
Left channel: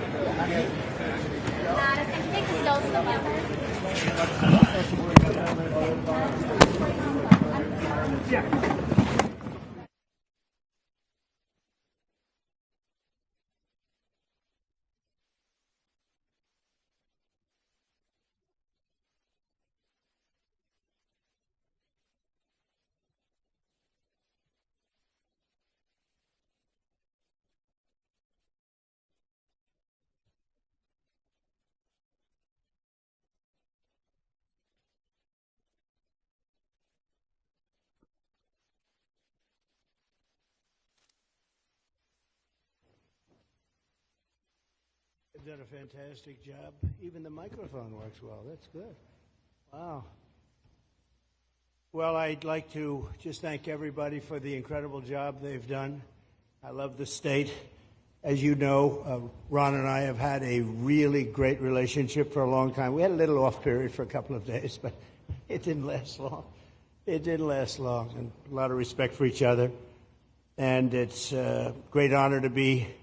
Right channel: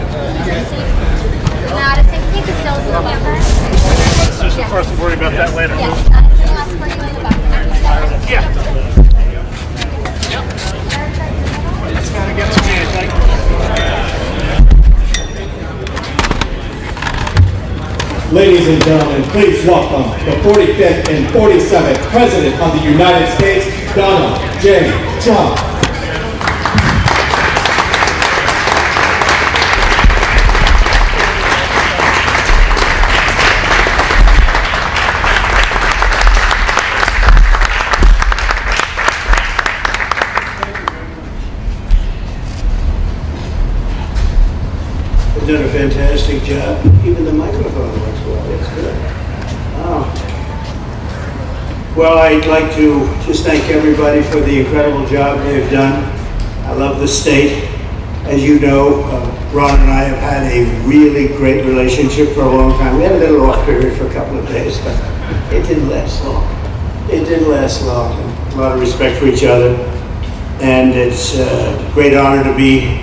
Not a single thing, still in the buffer. Susan, for us to worry about that later. Yes, not a single less for you in the buffer. Yeah. It's gotta get to me, I think. Ladies and gentlemen, please welcome the 45th and 47th President of the United States, Donald J. Trump. You've done a fantastic job. Even the microphone works well. That's good. Wow. Well, I'd like to just thank everybody for the incredible job they've done. I love the state. As you know, Ron and I have had a really great relationship for a long time. We had a little off period for a couple of days, but it didn't last long. It didn't last long. A lot of respect for each other. And it's a great honor to be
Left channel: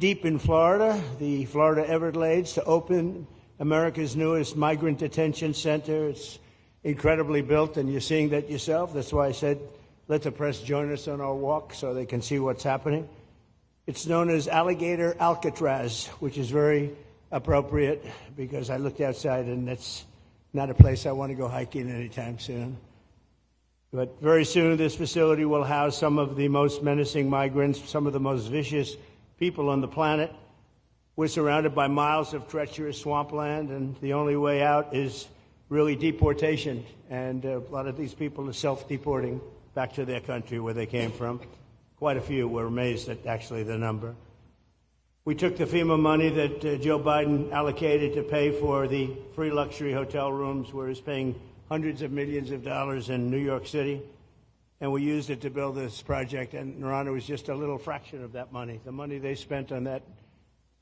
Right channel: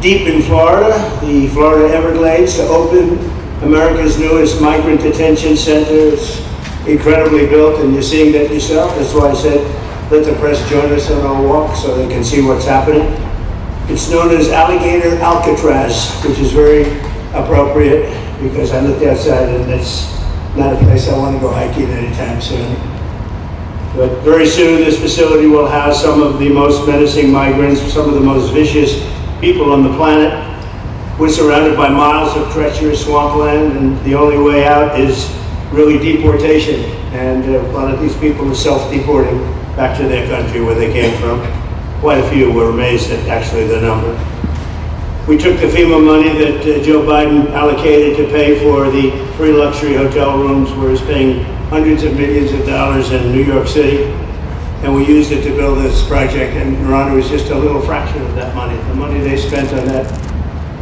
deep in Florida, the Florida Everglades, to open America's newest migrant detention center. It's incredibly built, and you're seeing that yourself. That's why I said, let the press join us on our walk so they can see what's happening. It's known as Alligator Alcatraz, which is very appropriate because I looked outside and it's not a place I want to go hiking anytime soon. But very soon this facility will house some of the most menacing migrants, some of the most vicious people on the planet. We're surrounded by miles of treacherous swampland, and the only way out is really deportation. And a lot of these people are self-deporting back to their country where they came from. Quite a few. Were amazed at actually the number. We took the FEMA money that Joe Biden allocated to pay for the free luxury hotel rooms, where he's paying hundreds of millions of dollars in New York City, and we used it to build this project. And Ron, it was just a little fraction of that money. The money they spent on that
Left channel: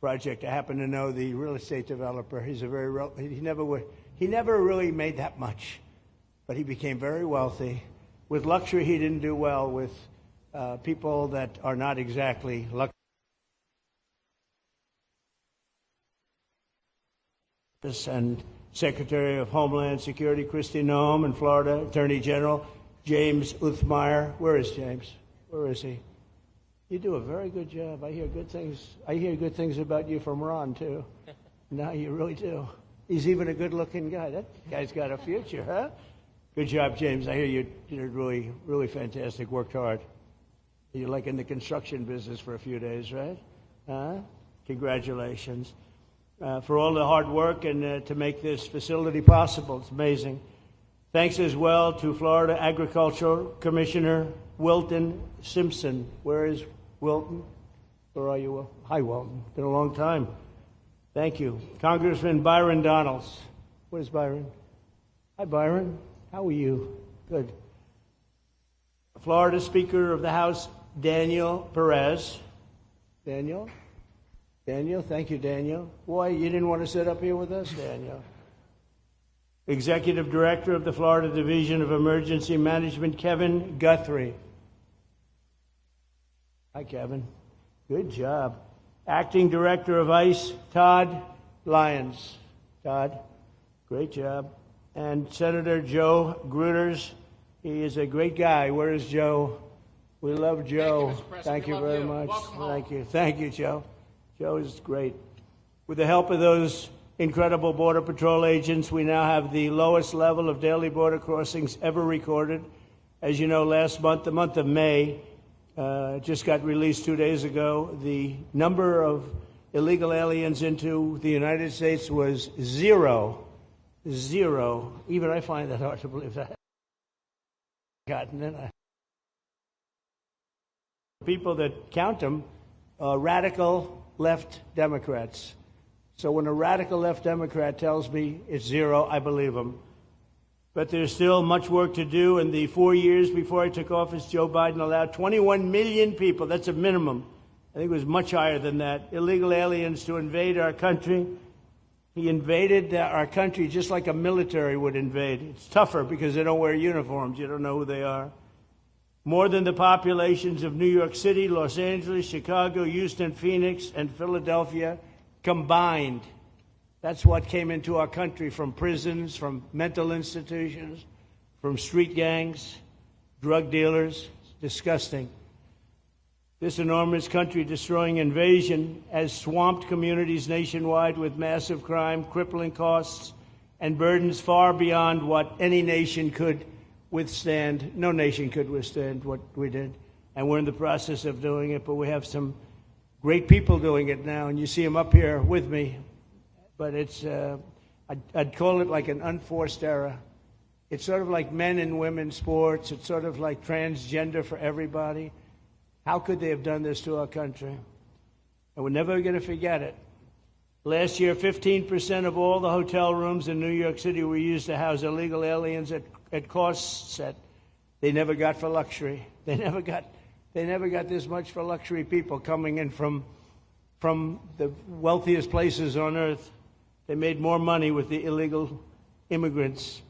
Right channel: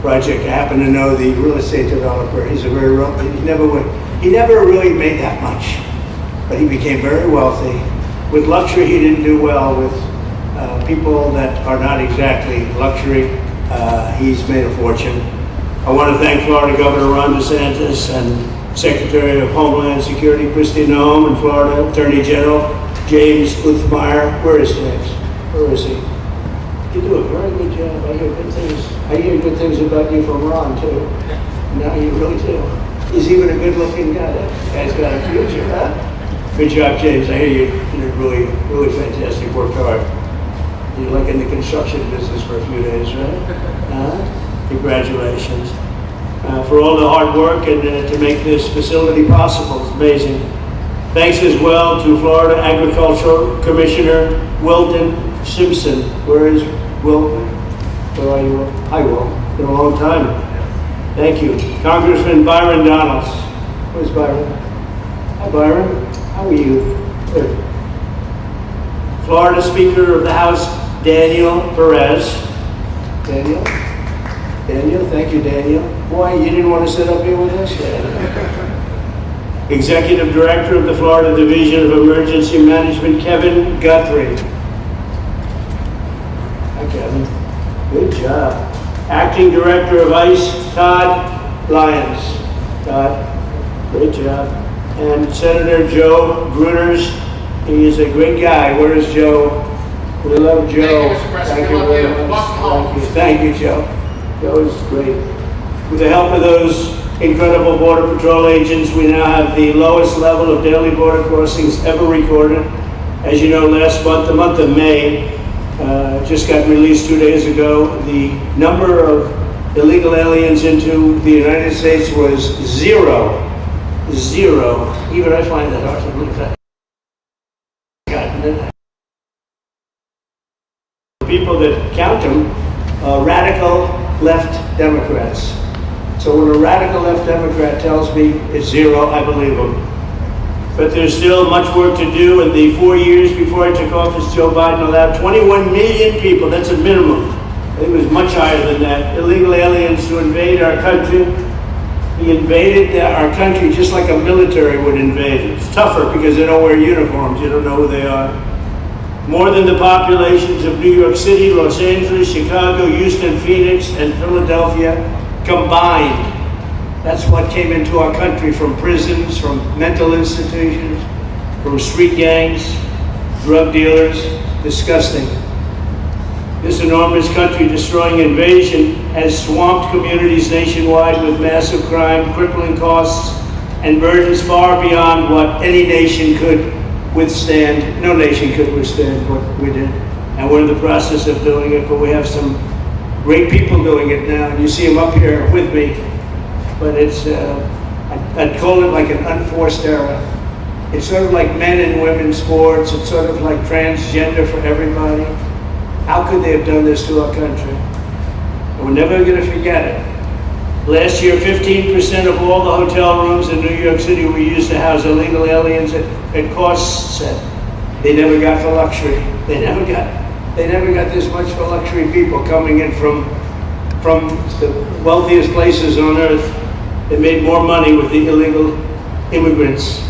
project. I happen to know the real estate developer. He's a very he never really made that much, but he became very wealthy. With luxury, he didn't do well. With people that are not exactly luxury, he's made a fortune. I want to thank Florida Governor Ron DeSantis and Secretary of Homeland Security Kristi Noem, and Florida Attorney General James Uthmeyer. Where is James? Where is he? You do a very good job. I hear good things. I hear good things about you from Ron too. No, you really do. He's even a good-looking guy. That guy's got a future, huh? Good job, James. I hear you did really, really fantastic. Worked hard. You're like in the construction business for a few days, right? Congratulations. For all the hard work and to make this facility possible. It's amazing. Thanks as well to Florida Agricultural Commissioner Wilton Simpson. Where is Wilton? Where are you? Hi, Will. It's been a long time. Thank you. Congressman Byron Donalds. Where's Byron? Hi, Byron. How are you? Good. Florida Speaker of the House, Daniel Perez. Daniel? Daniel, thank you, Daniel. Boy, you didn't want to sit up here with us? Executive Director of the Florida Division of Emergency Management, Kevin Guthrie. Hi, Kevin. Good job. Acting Director of ICE, Todd Lyons. Todd, great job. And Senator Joe Gruters. He is a great guy. Where is Joe? We love Joe. Thank you very much. Thank you, Joe. Joe is great. With the help of those incredible Border Patrol agents, we now have the lowest level of daily border crossings ever recorded. As you know, last month, the month of May, just got released 2 days ago, the number of illegal aliens into the United States was zero. Zero. Even I find that hard to believe that. People that count them, radical left Democrats. So when a radical left Democrat tells me it's zero, I believe him. But there's still much work to do. In the 4 years before I took office, Joe Biden allowed 21 million people, that's a minimum. It was much higher than that, illegal aliens to invade our country. He invaded our country just like a military would invade. It's tougher because they don't wear uniforms. You don't know who they are. More than the populations of New York City, Los Angeles, Chicago, Houston, Phoenix, and Philadelphia combined. That's what came into our country from prisons, from mental institutions, from street gangs, drug dealers. Disgusting. This enormous country-destroying invasion has swamped communities nationwide with massive crime, crippling costs, and burdens far beyond what any nation could withstand. No nation could withstand what we did. And we're in the process of doing it, but we have some great people doing it now. And you see them up here with me. But it's, I'd call it like an unforced era. It's sort of like men and women's sports. It's sort of like transgender for everybody. How could they have done this to our country? We're never going to forget it. Last year, 15% of all the hotel rooms in New York City were used to house illegal aliens at cost set. They never got for luxury. They never got this much for luxury people coming in from the wealthiest places on earth. They made more money with the illegal immigrants,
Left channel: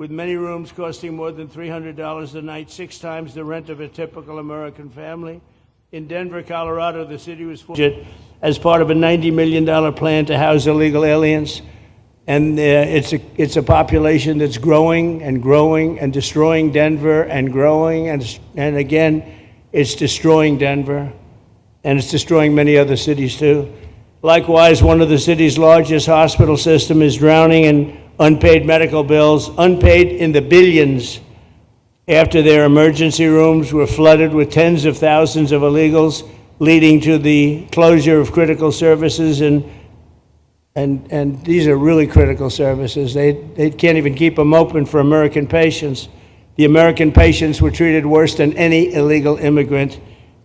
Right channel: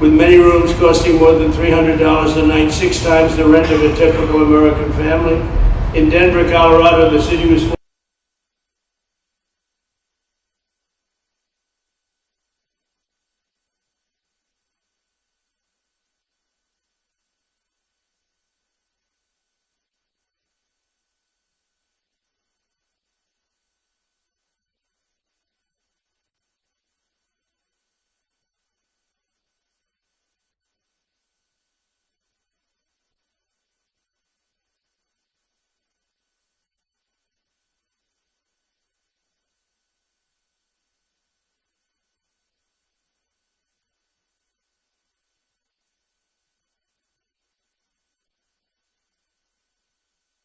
with many rooms costing more than $300 a night, 6 times the rent of a typical American family. In Denver, Colorado, the city was as part of a $90 million plan to house illegal aliens. And it's a population that's growing and growing and destroying Denver and growing. And again, it's destroying Denver. And it's destroying many other cities too. Likewise, one of the city's largest hospital system is drowning in unpaid medical bills, unpaid in the billions, after their emergency rooms were flooded with tens of thousands of illegals, leading to the closure of critical services. And these are really critical services. They can't even keep them open for American patients. The American patients were treated worse than any illegal immigrant.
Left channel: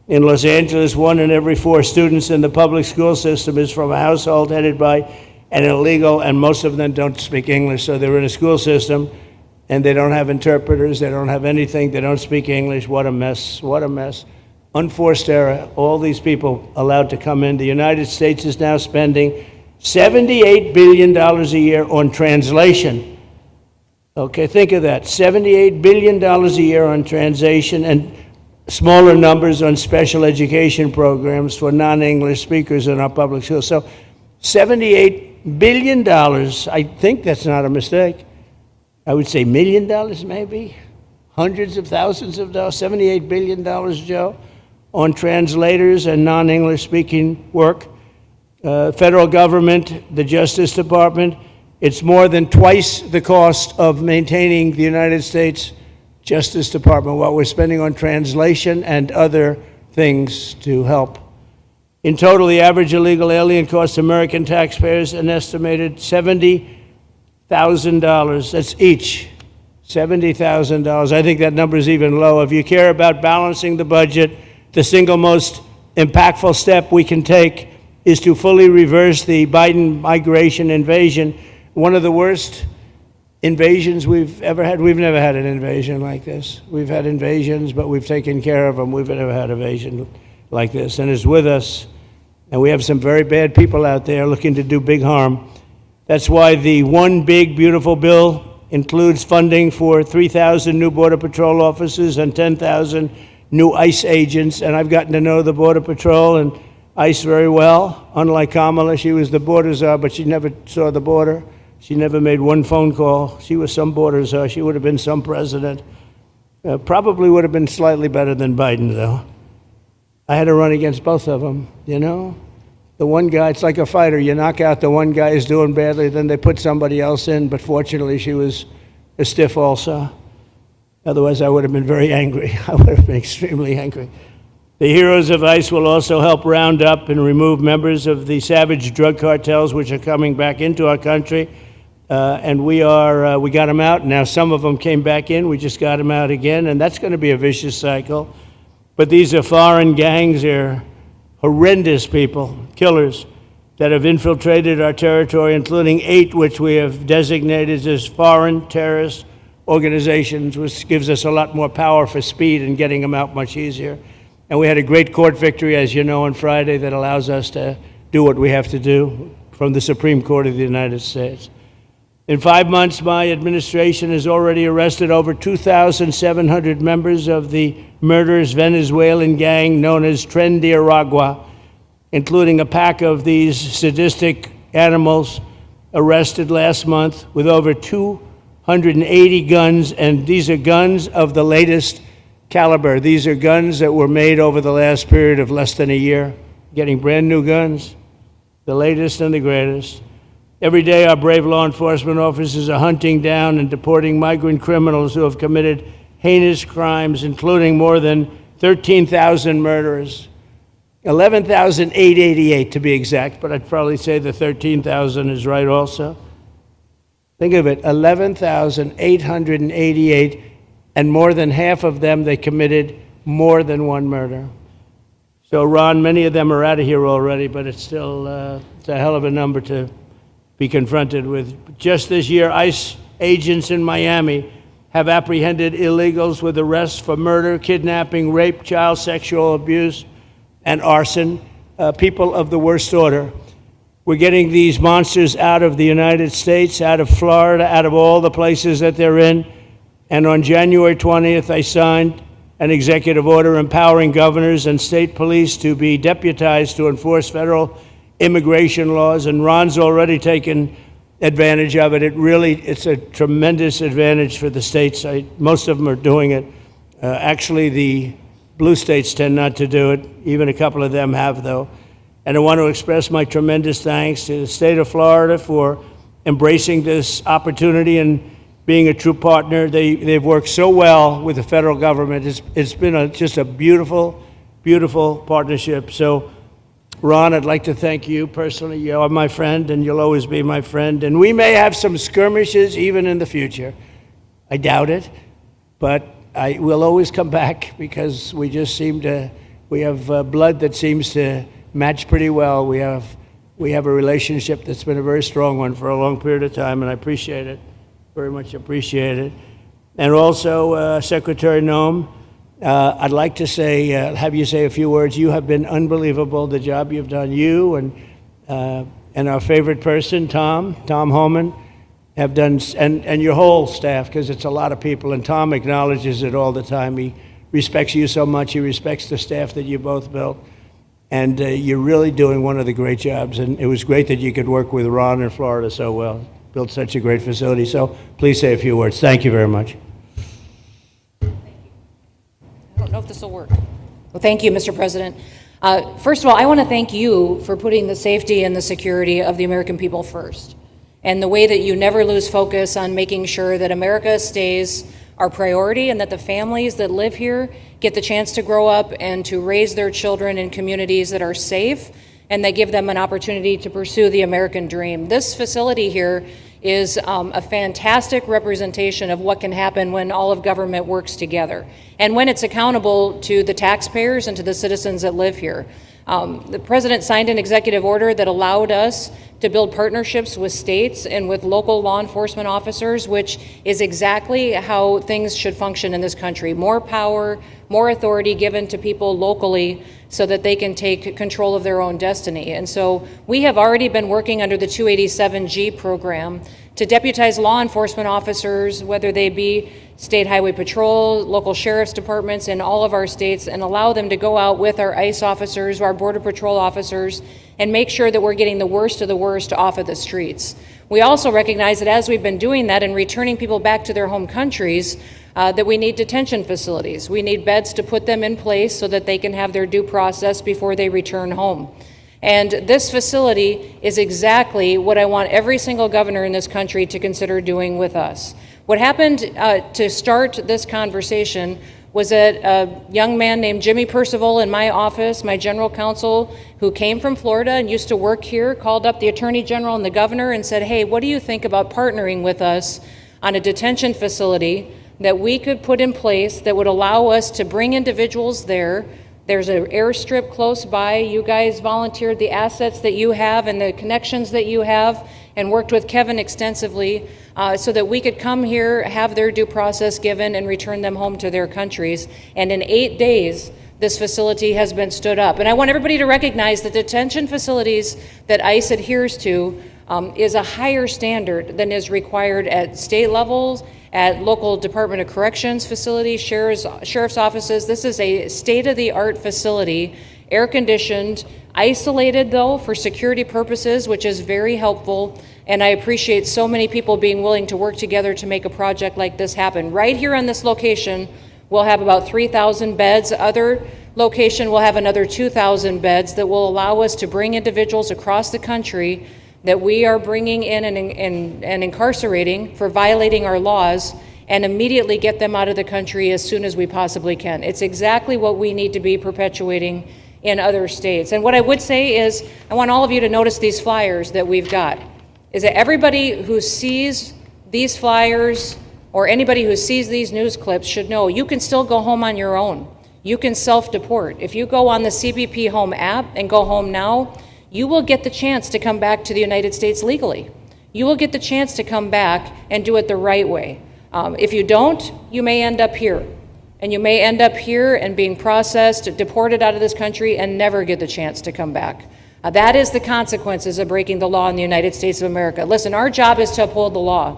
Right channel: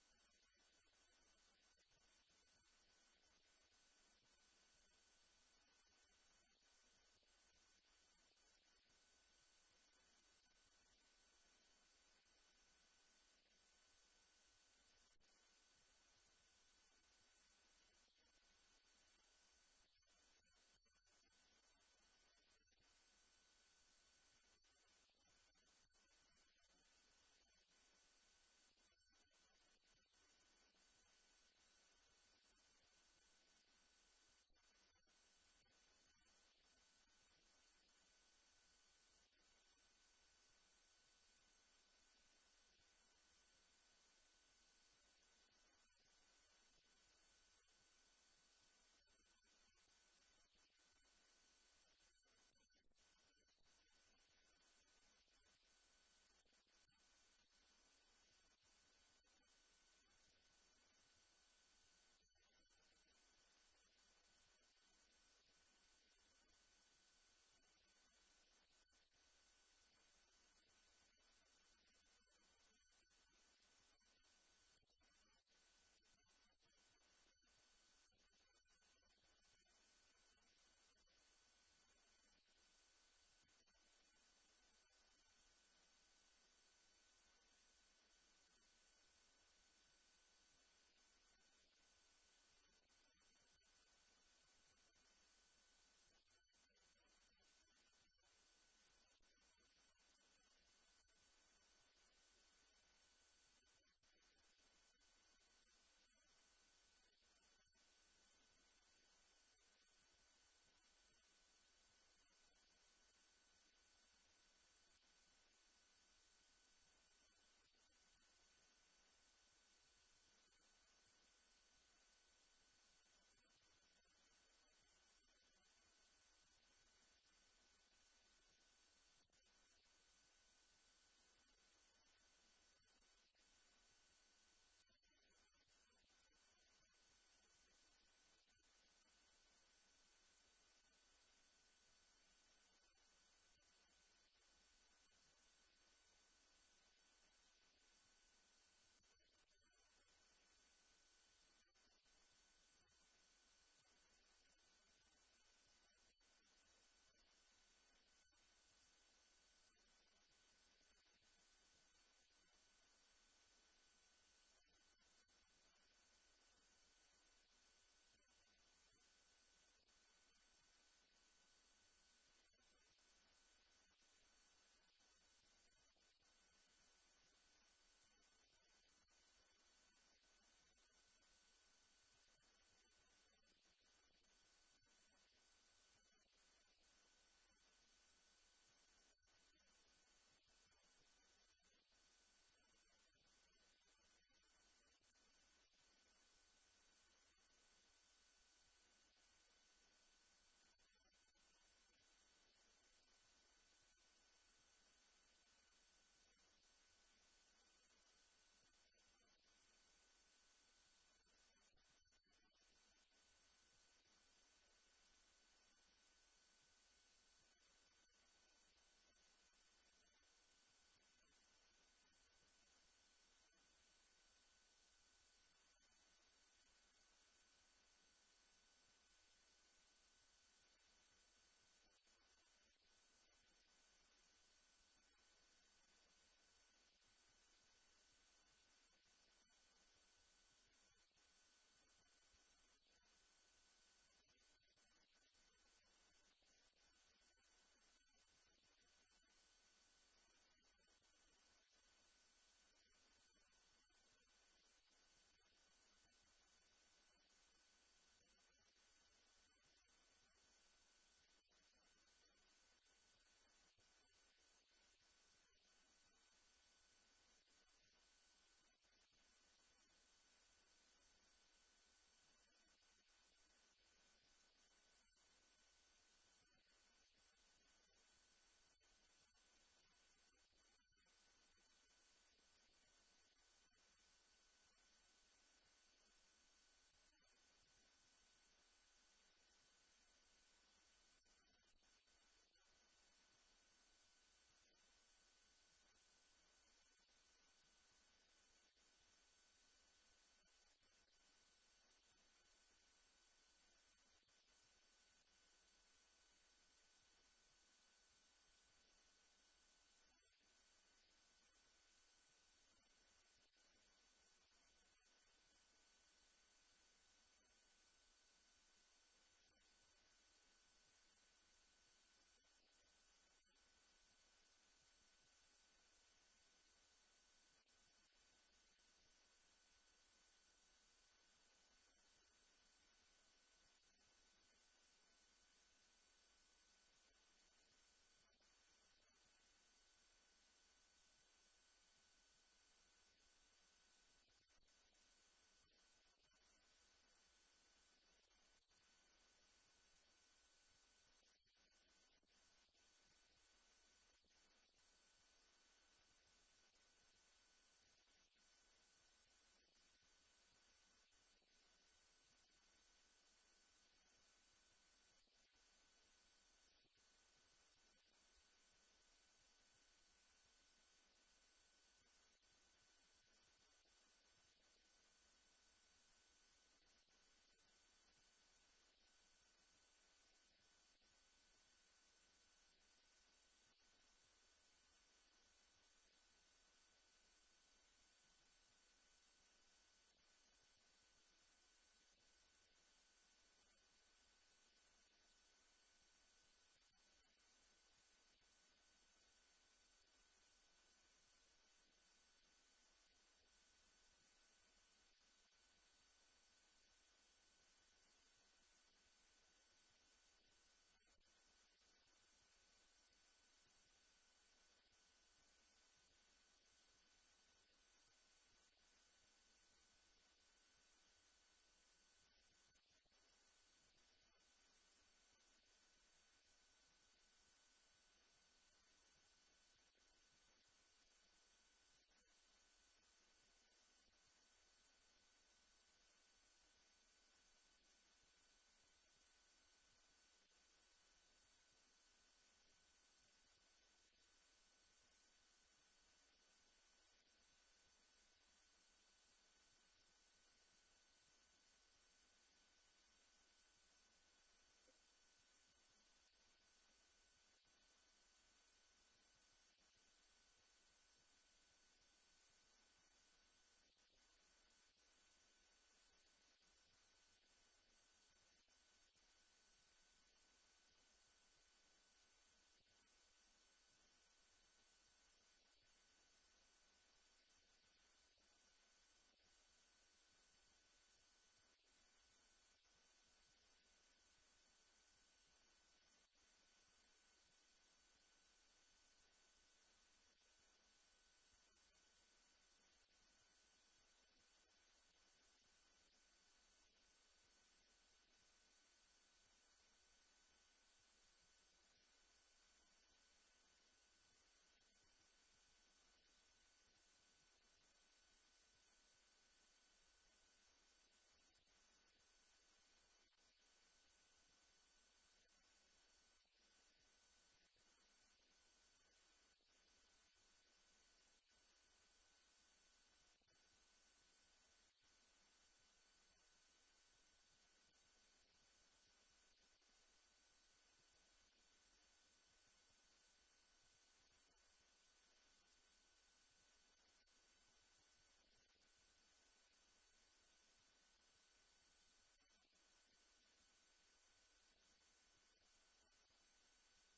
In Los Angeles, 1 in every 4 students in the public school system is from a household headed by an illegal, and most of them don't speak English, so they're in a school system, and they don't have interpreters, they don't have anything, they don't speak English. What a mess, what a mess. Unforced error, all these people allowed to come in. The United States is now spending $78 billion a year on translation. Okay, think of that, $78 billion a year on translation, and smaller numbers on special education programs for non-English speakers in our public schools. So $78 billion, I think that's not a mistake. I would say $1 million maybe, hundreds of thousands of dollars, $78 billion, Joe, on translators and non-English speaking work. Federal government, the Justice Department, it's more than twice the cost of maintaining the United States Justice Department, what we're spending on translation and other things to help. In total, the average illegal alien costs American taxpayers an estimated $70,000. That's each, $70,000. I think that number is even low. If you care about balancing the budget, the single most impactful step we can take is to fully reverse the Biden migration invasion. One of the worst invasions we've ever had. We've never had an invasion like this. We've had invasions, but we've taken care of them. We've never had an invasion like this, and it's with us. And we have some very bad people out there looking to do big harm. That's why the One Big Beautiful Bill includes funding for 3,000 new Border Patrol officers and 10,000 new ICE agents. And I've gotten to know the Border Patrol and ICE very well. Unlike Kamala, she was the border czar, but she never saw the border. She never made one phone call. She was some border czar. She would have been some president. Probably would have been slightly better than Biden, though. I had to run against both of them, you know? The one guy, it's like a fighter. You knock out the one guy who's doing badly, then they put somebody else in, but fortunately she was a stiff also. Otherwise, I would have been very angry. I would have been extremely angry. The heroes of ICE will also help round up and remove members of the savage drug cartels which are coming back into our country. And we got them out. Now some of them came back in. We just got them out again, and that's going to be a vicious cycle. But these are foreign gangs. They're horrendous people, killers, that have infiltrated our territory, including 8 which we have designated as foreign terrorist organizations, which gives us a lot more power for speed and getting them out much easier. And we had a great court victory, as you know, on Friday that allows us to do what we have to do from the Supreme Court of the United States. In 5 months, my administration has already arrested over 2,700 members of the murderous Venezuelan gang known as Tren de Aragua, including a pack of these sadistic animals arrested last month with over 280 guns, and these are guns of the latest caliber. These are guns that were made over the last period of less than a year, getting brand new guns, the latest and the greatest. Every day, our brave law enforcement officers are hunting down and deporting migrant criminals who have committed heinous crimes, including more than 13,000 murders, 11,888 to be exact, but I'd probably say the 13,000 is right also. Think of it, 11,888, and more than half of them, they committed more than one murder. So, Ron, many of them are out of here already, but it's still it's a hell of a number to be confronted with. Just this year, ICE agents in Miami have apprehended illegals with arrests for murder, kidnapping, rape, child sexual abuse, and arson, people of the worst order. We're getting these monsters out of the United States, out of Florida, out of all the places that they're in. And on January 20th, I signed an executive order empowering governors and state police to be deputized to enforce federal immigration laws, and Ron's already taken advantage of it. It's a tremendous advantage for the states. Most of them are doing it. Actually, the blue states tend not to do it. Even a couple of them have, though. And I want to express my tremendous thanks to the state of Florida for embracing this opportunity and being a true partner. They've worked so well with the federal government. It's been just a beautiful, beautiful partnership. So, Ron, I'd like to thank you personally. You are my friend, and you'll always be my friend. And we may have some skirmishes even in the future. I doubt it, but we'll always come back because we just we have blood that seems to match pretty well. We have a relationship that's been a very strong one for a long period of time, and I appreciate it, very much appreciate it. And also, Secretary Noem, I'd like to have you say a few words. You have been unbelievable, the job you've done. You and our favorite person, Tom Homan, have done, and your whole staff, because it's a lot of people, and Tom acknowledges it all the time. He respects you so much. He respects the staff that you both built. And you're really doing one of the great jobs. And it was great that you could work with Ron in Florida so well. Built such a great facility. So please say a few words. Thank you very much. I don't know if this will work. Well, thank you, Mr. President. First of all, I want to thank you for putting the safety and the security of the American people first, and the way that you never lose focus on making sure that America stays our priority and that the families that live here get the chance to grow up and to raise their children in communities that are safe and that give them an opportunity to pursue the American dream. This facility here is a fantastic representation of what can happen when all of government works together and when it's accountable to the taxpayers and to the citizens that live here. The president signed an executive order that allowed us to build partnerships with states and with local law enforcement officers, which is exactly how things should function in this country. More power, more authority given to people locally so that they can take control of their own destiny. And so we have already been working under the 287G program to deputize law enforcement officers, whether they be state highway patrol, local sheriff's departments in all of our states, and allow them to go out with our ICE officers, our border patrol officers, and make sure that we're getting the worst of the worst off of the streets. We also recognize that as we've been doing that and returning people back to their home countries, that we need detention facilities. We need beds to put them in place so that they can have their due process before they return home. And this facility is exactly what I want every single governor in this country to consider doing with us. What happened to start this conversation was that a young man named Jimmy Percival in my office, my general counsel, who came from Florida and used to work here, called up the Attorney General and the governor and said, hey, what do you think about partnering with us on a detention facility that we could put in place that would allow us to bring individuals there. There's an airstrip close by. You guys volunteered the assets that you have and the connections that you have and worked with Kevin extensively so that we could come here, have their due process given, and return them home to their countries. And in 8 days, this facility has been stood up. And I want everybody to recognize that detention facilities that ICE adheres to is a higher standard than is required at state levels, at local Department of Corrections facilities, sheriff's offices. This is a state-of-the-art facility, air-conditioned, isolated though for security purposes, which is very helpful. And I appreciate so many people being willing to work together to make a project like this happen. Right here on this location, we'll have about 3,000 beds. Other location will have another 2,000 beds that will allow us to bring individuals across the country that we are bringing in and incarcerating for violating our laws, and immediately get them out of the country as soon as we possibly can. It's exactly what we need to be perpetuating in other states. And what I would say is, I want all of you to notice these flyers that we've got, is that everybody who sees these flyers or anybody who sees these news clips should know you can still go home on your own. You can self-deport. If you go on the CBP Home app and go home now, you will get the chance to come back to the United States legally. You will get the chance to come back and do it the right way. If you don't, you may end up here. And you may end up here and being processed, deported out of this country, and never get the chance to come back. That is the consequences of breaking the law in the United States of America. Listen, our job is to uphold the law.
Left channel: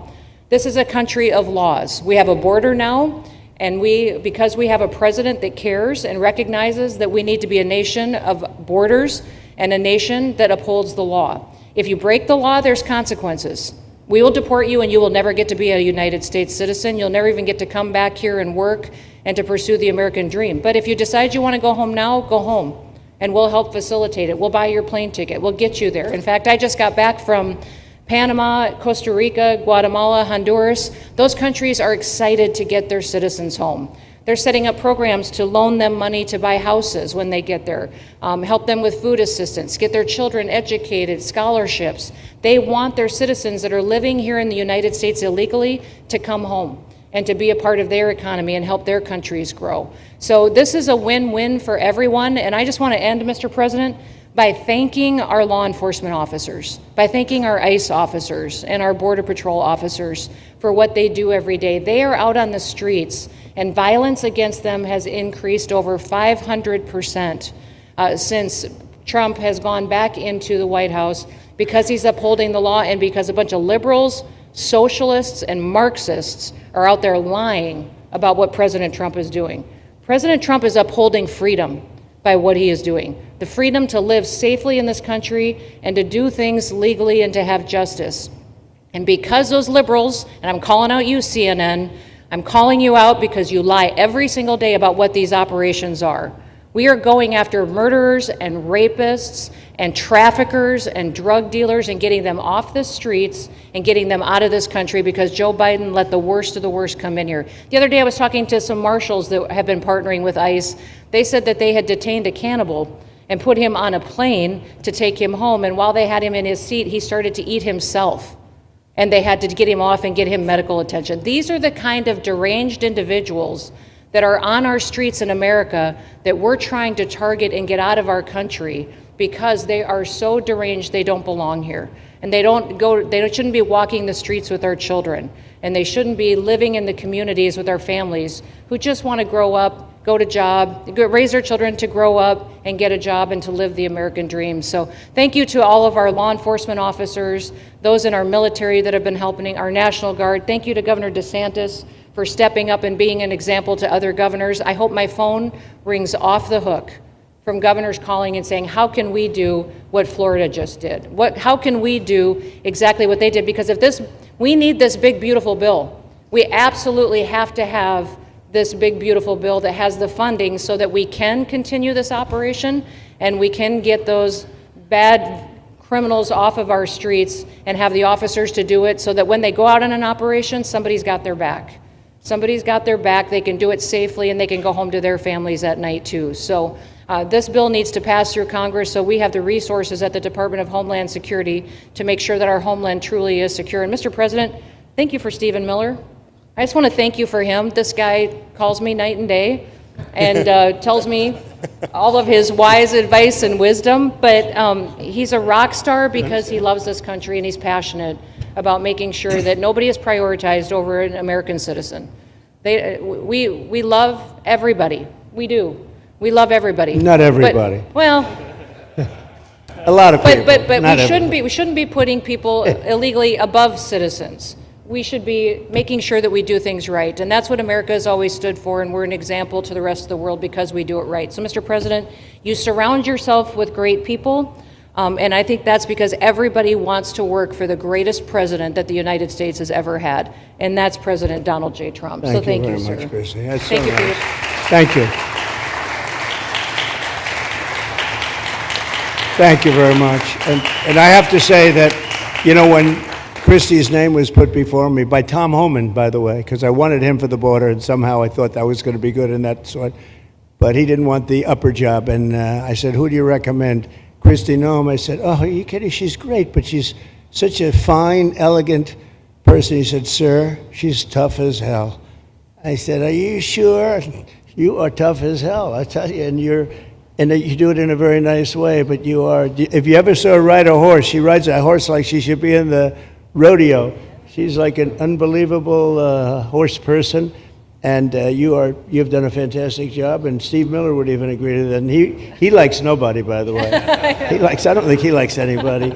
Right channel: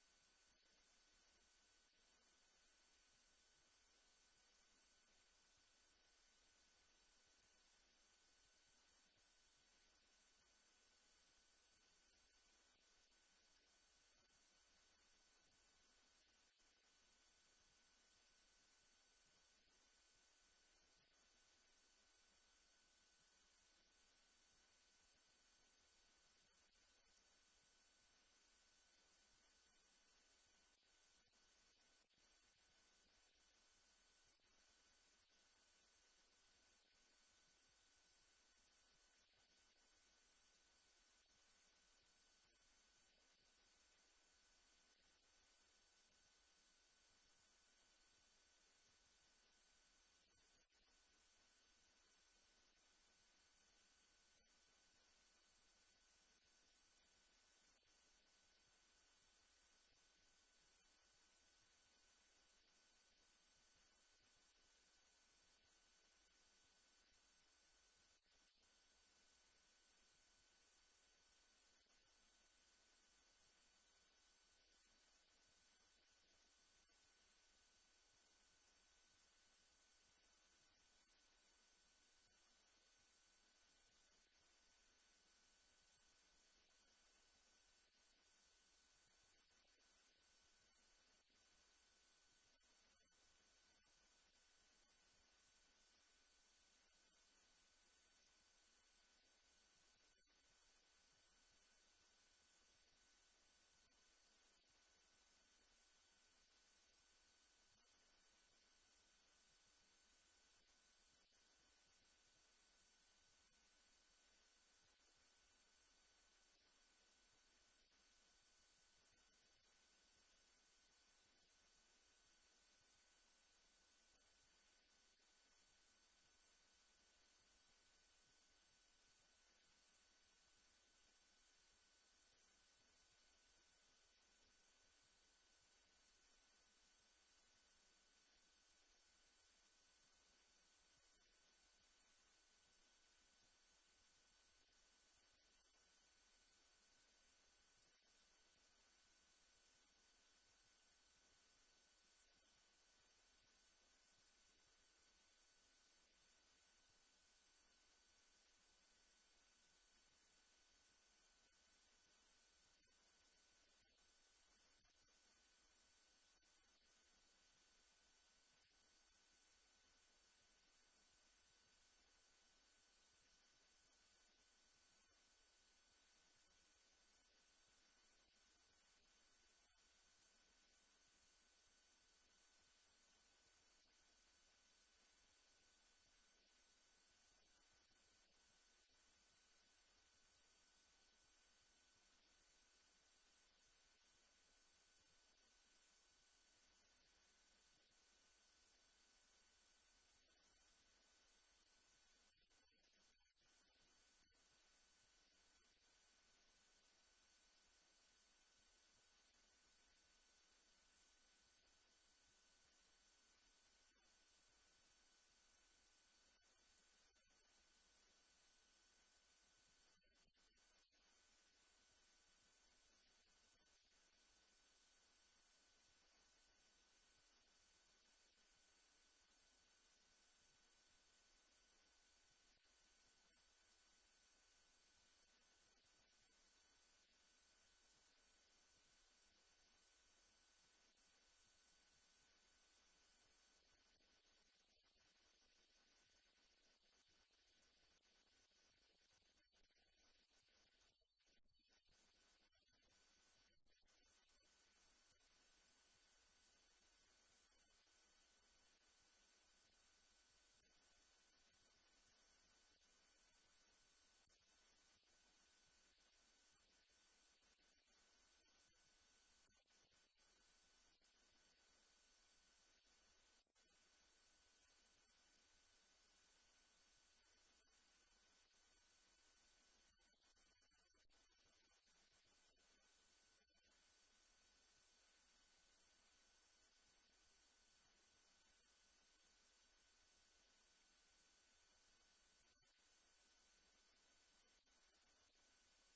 This is a country of laws. We have a border now, and because we have a president that cares and recognizes that we need to be a nation of borders and a nation that upholds the law. If you break the law, there's consequences. We will deport you and you will never get to be a United States citizen. You'll never even get to come back here and work and to pursue the American dream. But if you decide you want to go home now, go home. And we'll help facilitate it. We'll buy your plane ticket. We'll get you there. In fact, I just got back from Panama, Costa Rica, Guatemala, Honduras. Those countries are excited to get their citizens home. They're setting up programs to loan them money to buy houses when they get there, help them with food assistance, get their children educated, scholarships. They want their citizens that are living here in the United States illegally to come home and to be a part of their economy and help their countries grow. So this is a win-win for everyone. And I just want to end, Mr. President, by thanking our law enforcement officers, by thanking our ICE officers and our Border Patrol officers for what they do every day. They are out on the streets, and violence against them has increased over 500% since Trump has gone back into the White House, because he's upholding the law and because a bunch of liberals, socialists, and Marxists are out there lying about what President Trump is doing. President Trump is upholding freedom by what he is doing. The freedom to live safely in this country and to do things legally and to have justice. And because those liberals, and I'm calling out you, CNN, I'm calling you out because you lie every single day about what these operations are. We are going after murderers and rapists and traffickers and drug dealers and getting them off the streets and getting them out of this country because Joe Biden let the worst of the worst come in here. The other day I was talking to some marshals that have been partnering with ICE. They said that they had detained a cannibal and put him on a plane to take him home, and while they had him in his seat, he started to eat himself. And they had to get him off and get him medical attention. These are the kind of deranged individuals that are on our streets in America that we're trying to target and get out of our country because they are so deranged they don't belong here. And they shouldn't be walking the streets with our children. And they shouldn't be living in the communities with our families who just want to grow up, go to job, raise their children to grow up and get a job and to live the American dream. So thank you to all of our law enforcement officers, those in our military that have been helping, our National Guard. Thank you to Governor DeSantis for stepping up and being an example to other governors. I hope my phone rings off the hook from governors calling and saying, how can we do what Florida just did? How can we do exactly what they did? Because we need this big, beautiful bill. We absolutely have to have this big, beautiful bill that has the funding so that we can continue this operation and we can get those bad criminals off of our streets and have the officers to do it so that when they go out on an operation, somebody's got their back. Somebody's got their back, they can do it safely, and they can go home to their families at night too. So this bill needs to pass through Congress so we have the resources at the Department of Homeland Security to make sure that our homeland truly is secure. And Mr. President, thank you for Stephen Miller. I just want to thank you for him. This guy calls me night and day and tells me all of his wise advice and wisdom, but he's a rock star because he loves this country and he's passionate about making sure that nobody is prioritized over an American citizen. We love everybody, we do, We love everybody. Not everybody. Well, A lot of people. but not we shouldn't be putting people illegally above citizens. We should be making sure that we do things right, and that's what America has always stood for, and we're an example to the rest of the world because we do it right. So, Mr. President, you surround yourself with great people, and I think that's because everybody wants to work for the greatest president that the United States has ever had, and that's President Donald J. Trump. So thank you, very sir. much, Christy. That's Thank so you for nice. your... Thank you. Thank you very much. And I have to say that, you know, when Christie's name was put before me by Tom Homan, by the way, because I wanted him for the border, and somehow I thought that was going to be good in that sort. But he didn't want the upper job, and I said, who do you recommend? Christy Noem. I said, oh, are you kidding? She's great, but she's such a fine, elegant person. He said, sir, she's tough as hell. I said, are you sure? You are tough as hell, I tell you, and you do it in a very nice way, but you are, if you ever saw her ride a horse, she rides a horse like she should be in the rodeo. She's like an unbelievable horse person, and you've done a fantastic job, and Steve Miller would even agree to that. And he likes nobody, by the way. I don't think he likes anybody.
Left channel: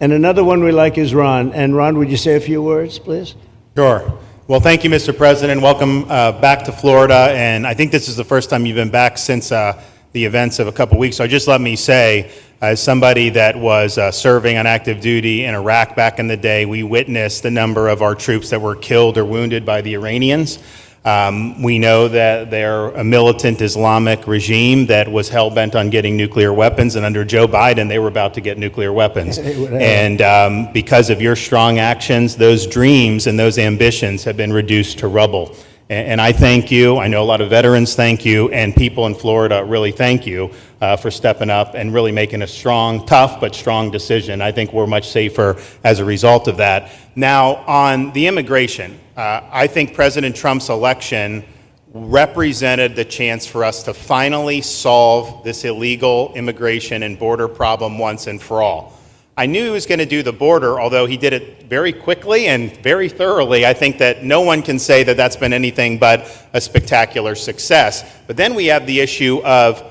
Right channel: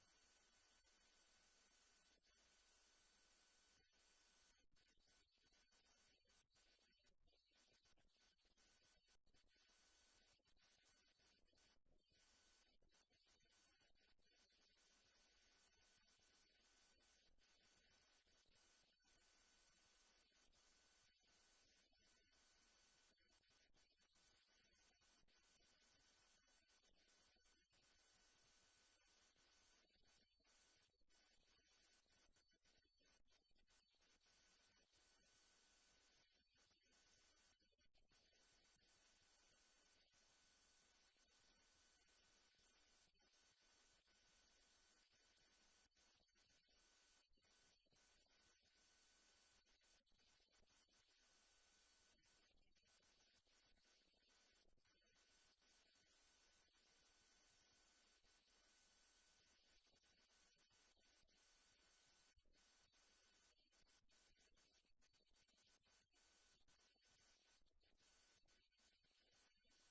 And another one we like is Ron. And Ron, would you say a few words, please? Sure. Well, thank you, Mr. President. Welcome back to Florida, and I think this is the first time you've been back since the events of a couple weeks. So just let me say, as somebody that was serving on active duty in Iraq back in the day, we witnessed the number of our troops that were killed or wounded by the Iranians. We know that they're a militant Islamic regime that was hell-bent on getting nuclear weapons, and under Joe Biden, they were about to get nuclear weapons. And because of your strong actions, those dreams and those ambitions have been reduced to rubble. And I thank you. I know a lot of veterans thank you, and people in Florida really thank you for stepping up and really making a strong, tough, but strong decision. I think we're much safer as a result of that. Now, on the immigration, I think President Trump's election represented the chance for us to finally solve this illegal immigration and border problem once and for all. I knew he was going to do the border, although he did it very quickly and very thoroughly. I think that no one can say that that's been anything but a spectacular success. But then we have the issue of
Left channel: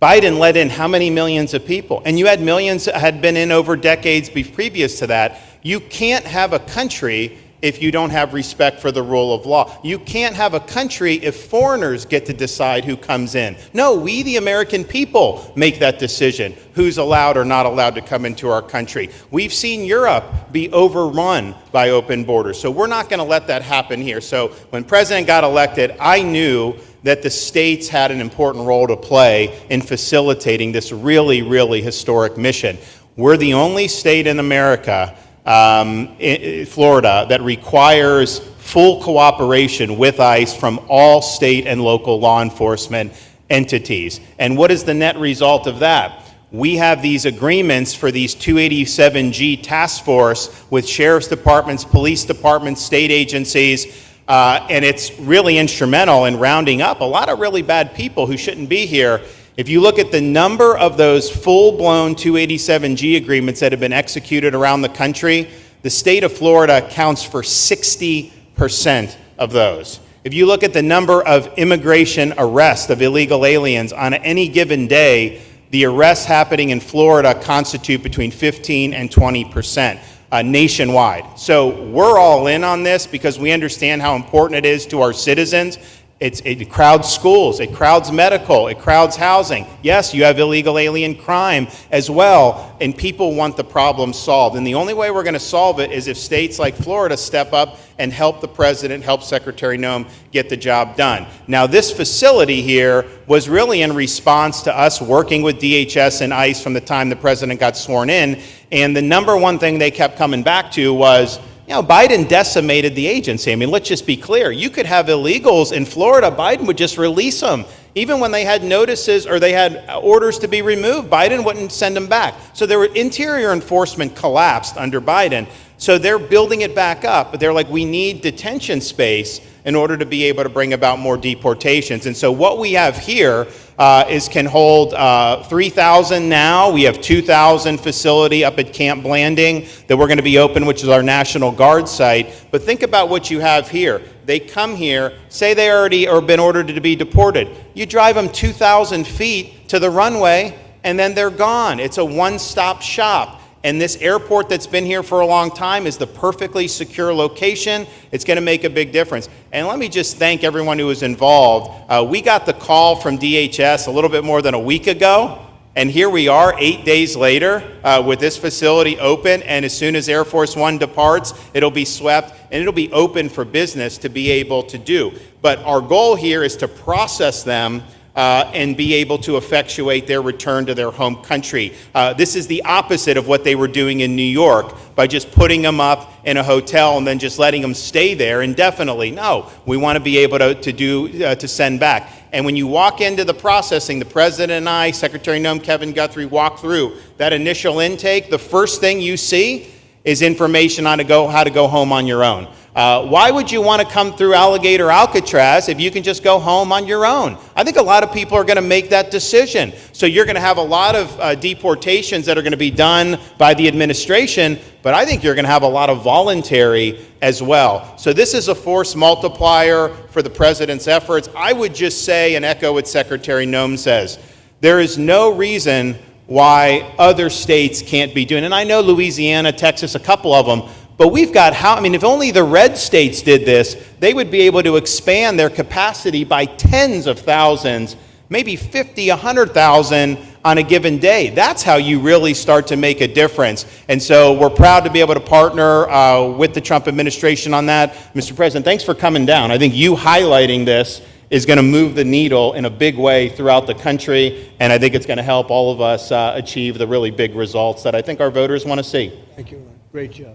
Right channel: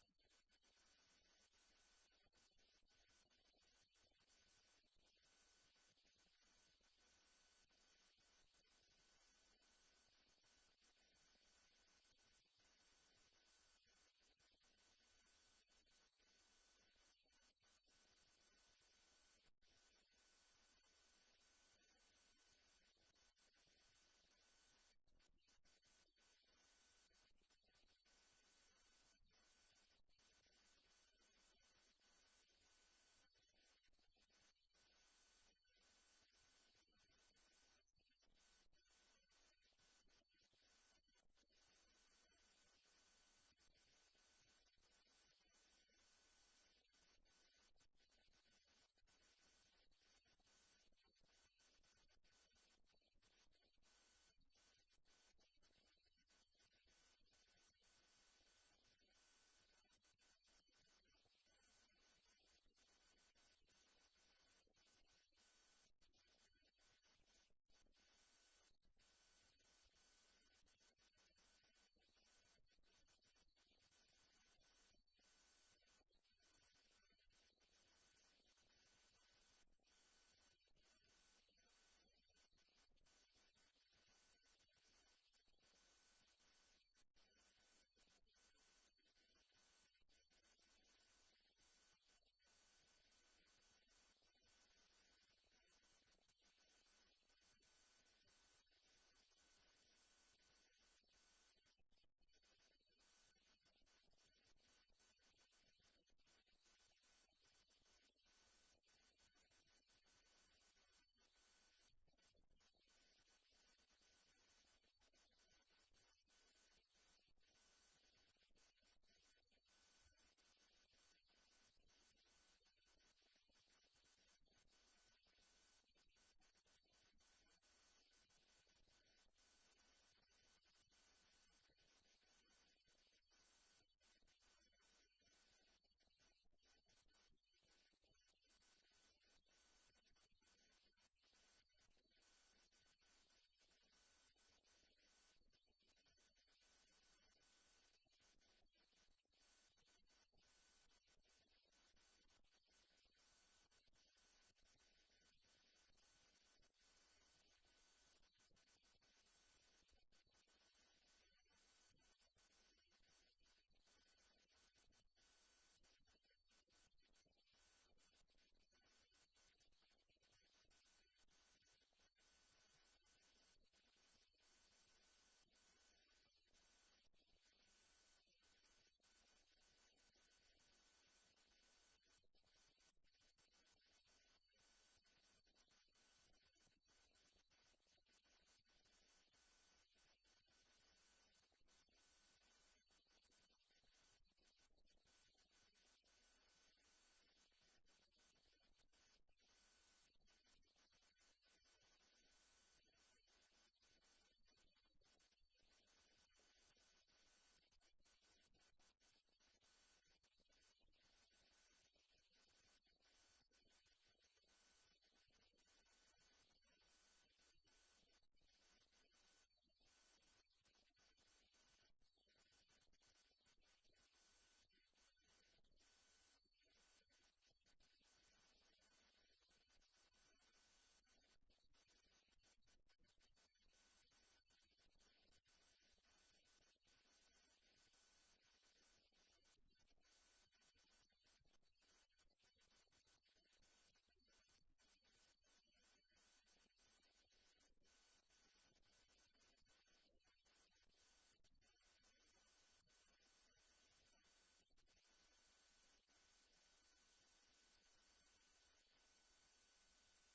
Biden let in how many millions of people? And you had millions that had been in over decades previous to that. You can't have a country if you don't have respect for the rule of law. You can't have a country if foreigners get to decide who comes in. No, we, the American people, make that decision, who's allowed or not allowed to come into our country. We've seen Europe be overrun by open borders, so we're not going to let that happen here. So when President got elected, I knew that the states had an important role to play in facilitating this really, really historic mission. We're the only state in America, Florida, that requires full cooperation with ICE from all state and local law enforcement entities. And what is the net result of that? We have these agreements for these 287G task force with sheriff's departments, police departments, state agencies, and it's really instrumental in rounding up a lot of really bad people who shouldn't be here. If you look at the number of those full-blown 287G agreements that have been executed around the country, the state of Florida accounts for 60% of those. If you look at the number of immigration arrests of illegal aliens on any given day, the arrests happening in Florida constitute between 15 and 20%. Nationwide. So we're all in on this because we understand how important it is to our citizens. It crowds schools, it crowds medical, it crowds housing. Yes, you have illegal alien crime as well, and people want the problem solved. And the only way we're going to solve it is if states like Florida step up and help the president, help Secretary Noem get the job done. Now, this facility here was really in response to us working with DHS and ICE from the time the president got sworn in, and the number one thing they kept coming back to was, you know, Biden decimated the agency. I mean, let's just be clear. You could have illegals in Florida. Biden would just release them. Even when they had notices or they had orders to be removed, Biden wouldn't send them back. So their interior enforcement collapsed under Biden. So they're building it back up. But they're like, we need detention space in order to be able to bring about more deportations. And so what we have here can hold 3,000 now. We have 2,000 facility up at Camp Blanding that we're going to be open, which is our National Guard site. But think about what you have here. they come here, say they already or been ordered to be deported. You drive them 2,000 feet to the runway, and then they're gone. It's a one-stop shop. And this airport that's been here for a long time is the perfectly secure location. It's going to make a big difference. And let me just thank everyone who was involved. We got the call from DHS a little bit more than a week ago. And here we are 8 days later with this facility open. And as soon as Air Force One departs, it'll be swept and it'll be open for business to be able to do. But our goal here is to process them and be able to effectuate their return to their home country. This is the opposite of what they were doing in New York by just putting them up in a hotel and then just letting them stay there indefinitely. No, we want to be able to send back. And when you walk into the processing, the President and I, Secretary Noem, Kevin Guthrie, walk through that initial intake, the first thing you see is information on how to go home on your own. Why would you want to come through Alligator Alcatraz if you can just go home on your own? I think a lot of people are going to make that decision. So you're going to have a lot of deportations that are going to be done by the administration, but I think you're going to have a lot of voluntary as well. So this is a force multiplier for the President's efforts. I would just say and echo what Secretary Noem says. There is no reason why other states can't be doing it. And I know Louisiana, Texas, a couple of them. But we've got if only the red states did this, they would be able to expand their capacity by tens of thousands, maybe 50, 100,000 on a given day. That's how you really start to make a difference. And so we're proud to be able to partner with the Trump administration on that. Mr. President, thanks for coming down. I think you highlighting this is going to move the needle in a big way throughout the country, and I think it's going to help all of us achieve the really big results that I think our voters want to see. Thank you, Ron. Great job.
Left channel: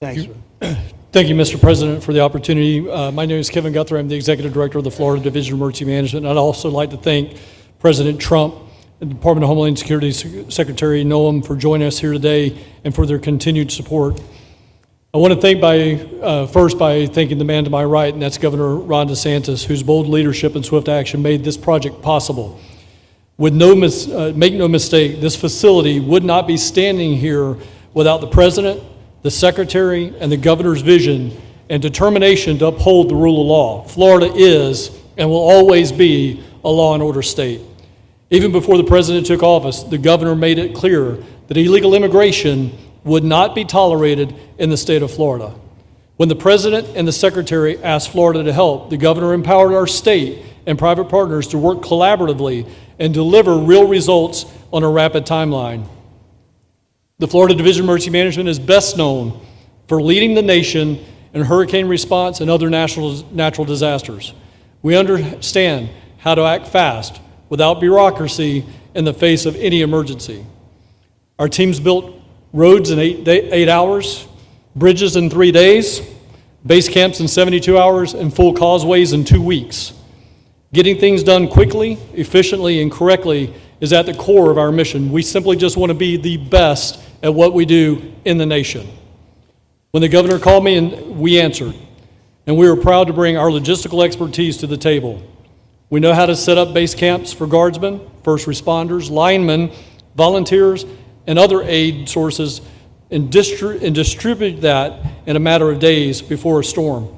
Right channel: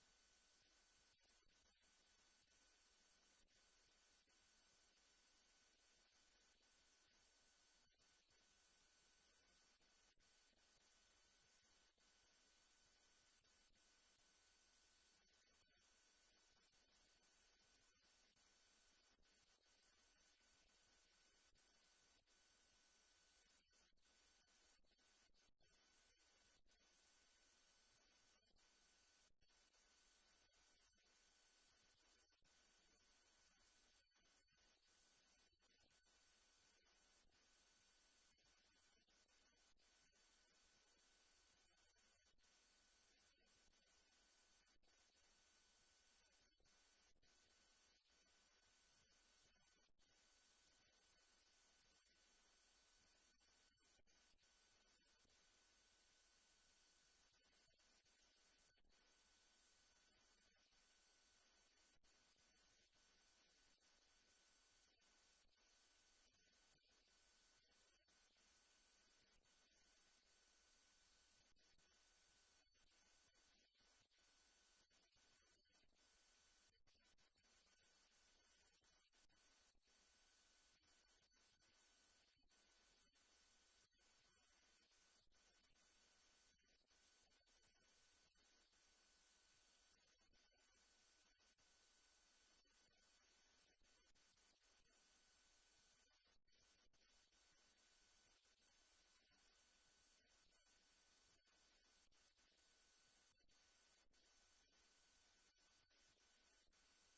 Thanks. Thank you, Mr. President, for the opportunity. My name is Kevin Guthrie. I'm the Executive Director of the Florida Division of Emergency Management. And I'd also like to thank President Trump and the Department of Homeland Security Secretary Noem for joining us here today and for their continued support. I want to thank first by thanking the man to my right, and that's Governor Ron DeSantis, whose bold leadership and swift action made this project possible. Make no mistake, this facility would not be standing here without the President, the Secretary, and the Governor's vision and determination to uphold the rule of law. Florida is and will always be a law and order state. Even before the President took office, the Governor made it clear that illegal immigration would not be tolerated in the state of Florida. When the President and the Secretary asked Florida to help, the Governor empowered our state and private partners to work collaboratively and deliver real results on a rapid timeline. The Florida Division of Emergency Management is best known for leading the nation in hurricane response and other natural disasters. We understand how to act fast without bureaucracy in the face of any emergency. Our teams built roads in 8 hours, bridges in 3 days, base camps in 72 hours, and full causeways in 2 weeks. Getting things done quickly, efficiently, and correctly is at the core of our mission. We simply just want to be the best at what we do in the nation. When the Governor called me, and we answered, and we were proud to bring our logistical expertise to the table. We know how to set up base camps for guardsmen, first responders, linemen, volunteers, and other aid sources, and distribute that in a matter of days before a storm.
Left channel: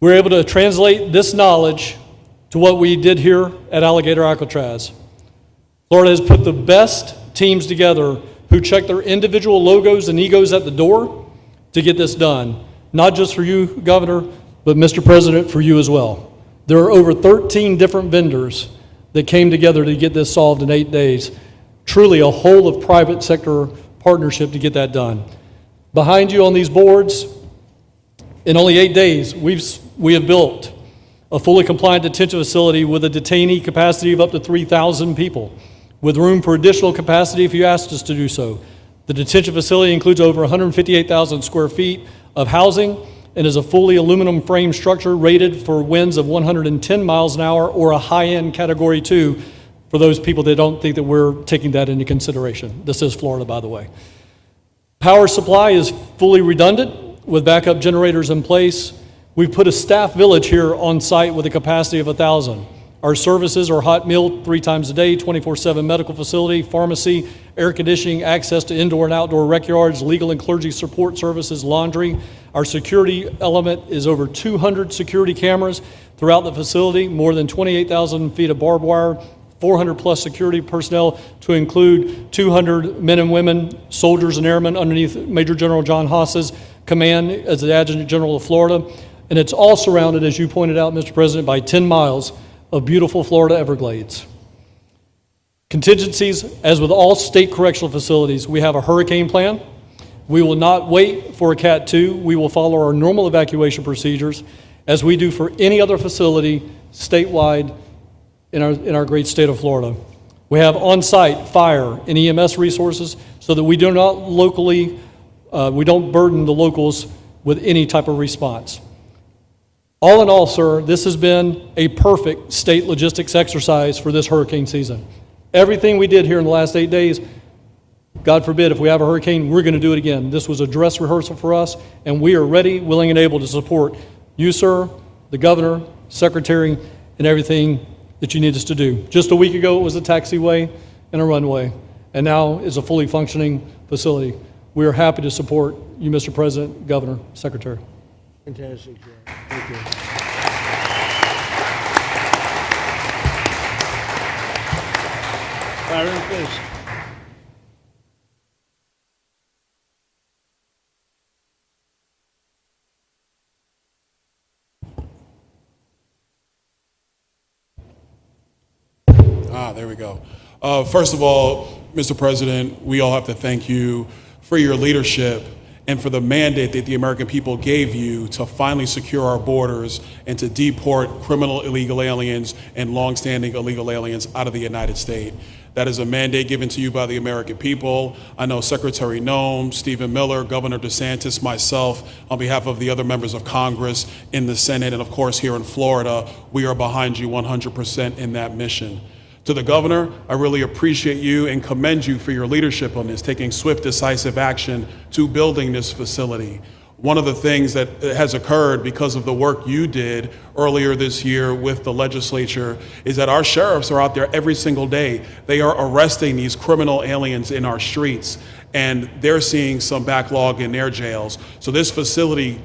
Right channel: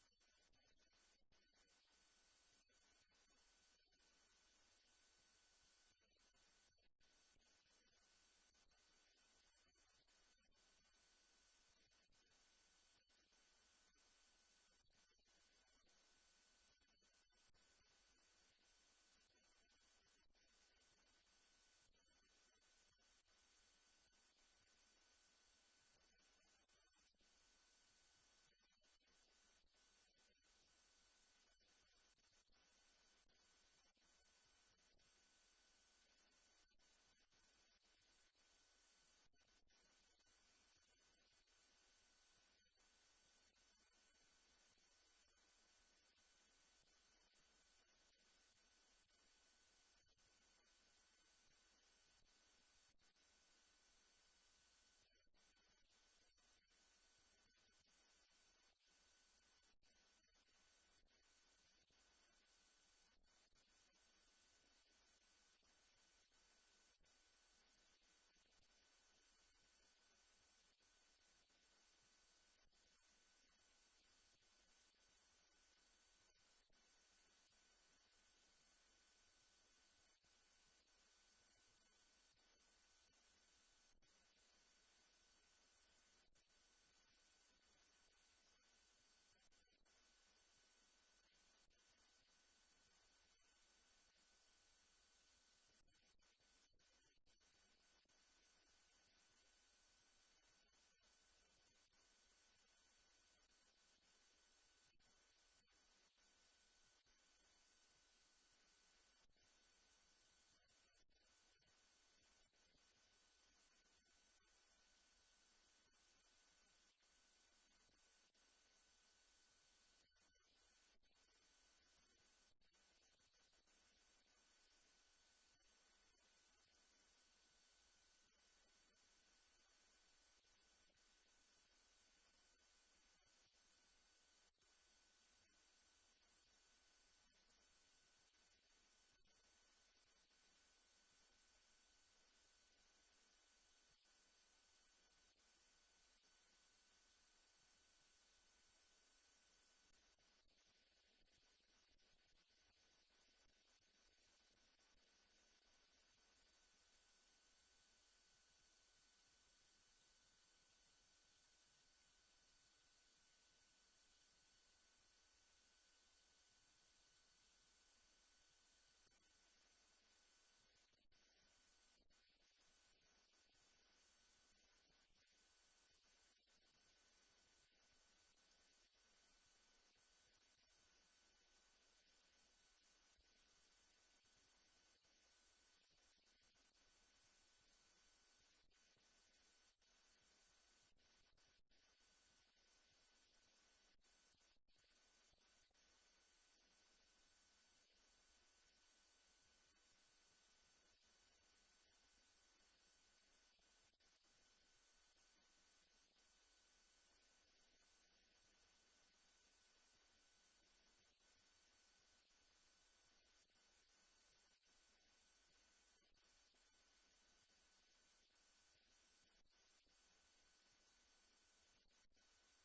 We were able to translate this knowledge to what we did here at Alligator Alcatraz. Florida has put the best teams together who check their individual logos and egos at the door to get this done. Not just for you, Governor, but Mr. President, for you as well. There are over 13 different vendors that came together to get this solved in 8 days. Truly a whole of private sector partnership to get that done. Behind you on these boards, in only 8 days, we have built a fully compliant detention facility with a detainee capacity of up to 3,000 people, with room for additional capacity if you asked us to do so. The detention facility includes over 158,000 square feet of housing and is a fully aluminum frame structure rated for winds of 110 miles an hour or a high-end Category 2 for those people that don't think that we're taking that into consideration. This is Florida, by the way. Power supply is fully redundant with backup generators in place. We've put a staff village here on site with a capacity of 1,000. Our services are hot meal 3 times a day, 24/7 medical facility, pharmacy, air conditioning, access to indoor and outdoor rec yards, legal and clergy support services, laundry. Our security element is over 200 security cameras throughout the facility, more than 28,000 feet of barbed wire, 400 plus security personnel to include 200 men and women, soldiers and airmen underneath Major General John Haas's command as the Adjutant General of Florida. And it's all surrounded, as you pointed out, Mr. President, by 10 miles of beautiful Florida Everglades. Contingencies, as with all state correctional facilities, we have a hurricane plan. We will not wait for a Cat 2. We will follow our normal evacuation procedures as we do for any other facility statewide in our great state of Florida. We have on-site fire and EMS resources so that we do not we don't burden the locals with any type of response. All in all, sir, this has been a perfect state logistics exercise for this hurricane season. Everything we did here in the last 8 days, God forbid, if we have a hurricane, we're going to do it again. This was a dress rehearsal for us, and we are ready, willing, and able to support you, sir, the governor, secretary, and everything that you need us to do. Just a week ago, it was a taxiway and a runway, and now is a fully functioning facility. We are happy to support you, Mr. President, Governor, Secretary. Fantastic, Joe. Thank you. Byron, please. There we go. First of all, Mr. President, we all have to thank you for your leadership and for the mandate that the American people gave you to finally secure our borders and to deport criminal illegal aliens and longstanding illegal aliens out of the United States. That is a mandate given to you by the American people. I know Secretary Noem, Stephen Miller, Governor DeSantis, myself, on behalf of the other members of Congress in the Senate, and of course here in Florida, we are behind you 100% in that mission. To the governor, I really appreciate you and commend you for your leadership on this, taking swift, decisive action to building this facility. One of the things that has occurred because of the work you did earlier this year with the legislature is that our sheriffs are out there every single day. They are arresting these criminal aliens in our streets, and they're seeing some backlog in their jails. So this facility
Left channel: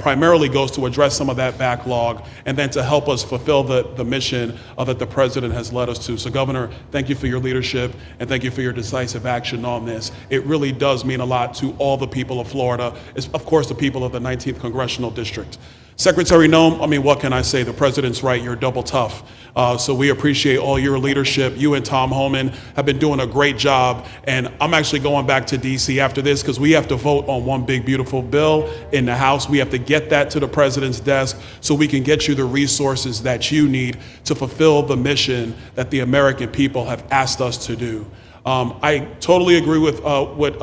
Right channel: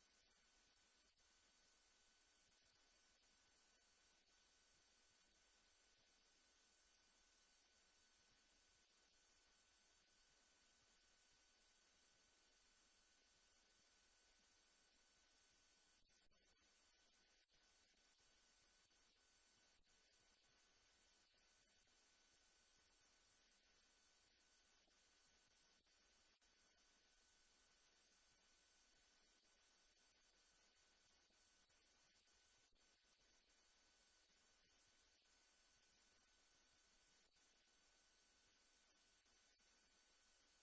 primarily goes to address some of that backlog and then to help us fulfill the mission that the president has led us to. So Governor, thank you for your leadership and thank you for your decisive action on this. It really does mean a lot to all the people of Florida, of course the people of the 19th Congressional District. Secretary Noem, I mean, what can I say? The president's right, you're double tough. So we appreciate all your leadership. You and Tom Homan have been doing a great job. And I'm actually going back to DC after this because we have to vote on one big, beautiful bill in the House. We have to get that to the president's desk so we can get you the resources that you need to fulfill the mission that the American people have asked us to do. I totally agree with what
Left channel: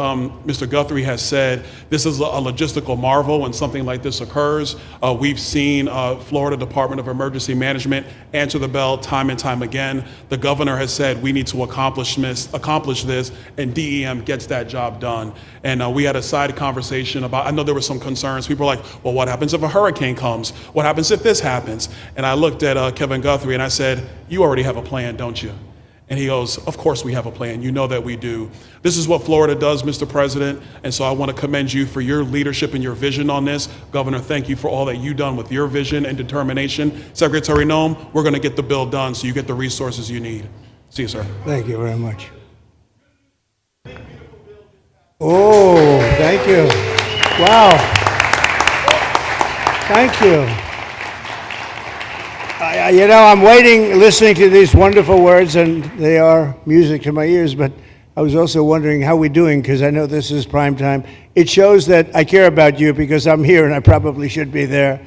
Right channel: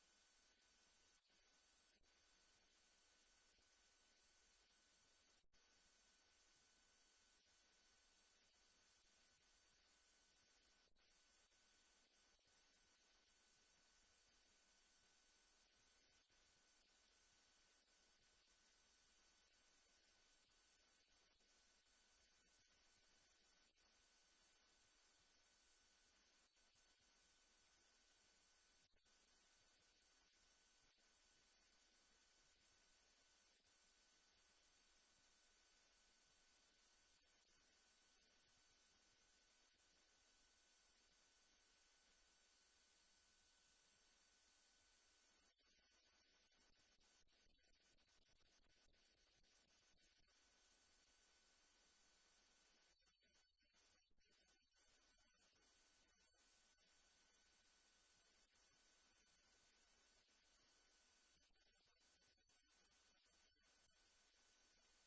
Mr. Guthrie has said. This is a logistical marvel when something like this occurs. We've seen Florida Department of Emergency Management answer the bell time and time again. The governor has said we need to accomplish this, and DEM gets that job done. And we had a side conversation about, I know there were some concerns. People were like, well, what happens if a hurricane comes? What happens if this happens? And I looked at Kevin Guthrie and I said, you already have a plan, don't you? And he goes, of course we have a plan. You know that we do. This is what Florida does, Mr. President. And so I want to commend you for your leadership and your vision on this. Governor, thank you for all that you've done with your vision and determination. Secretary Noem, we're going to get the bill done so you get the resources you need. See you, sir. Thank you very much. Oh, thank you. Wow. Thank you. You know, I'm waiting, listening to these wonderful words, and they are music to my ears, but I was also wondering how we're doing, because I know this is prime time. It shows that I care about you, because I'm here, and I probably should be there,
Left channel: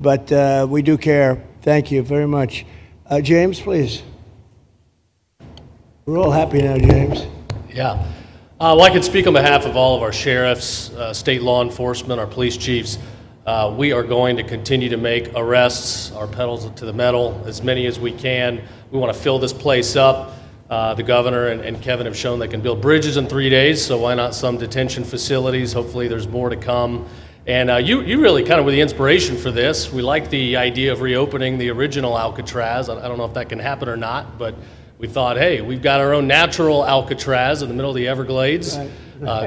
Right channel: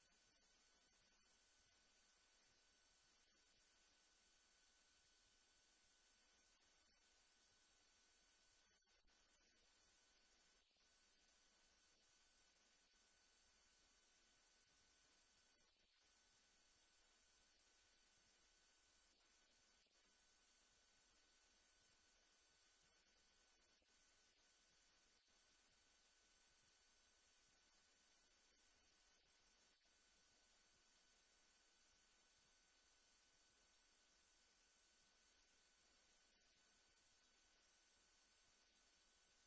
but we do care. Thank you very much. James, please. We're all happy now, James. Yeah. Well, I can speak on behalf of all of our sheriffs, state law enforcement, our police chiefs. We are going to continue to make arrests, our pedals to the metal, as many as we can. We want to fill this place up. The governor and Kevin have shown they can build bridges in 3 days, so why not some detention facilities? Hopefully there's more to come. And you really kind of were the inspiration for this. We like the idea of reopening the original Alcatraz. I don't know if that can happen or not, but we thought, hey, we've got our own natural Alcatraz in the middle of the Everglades.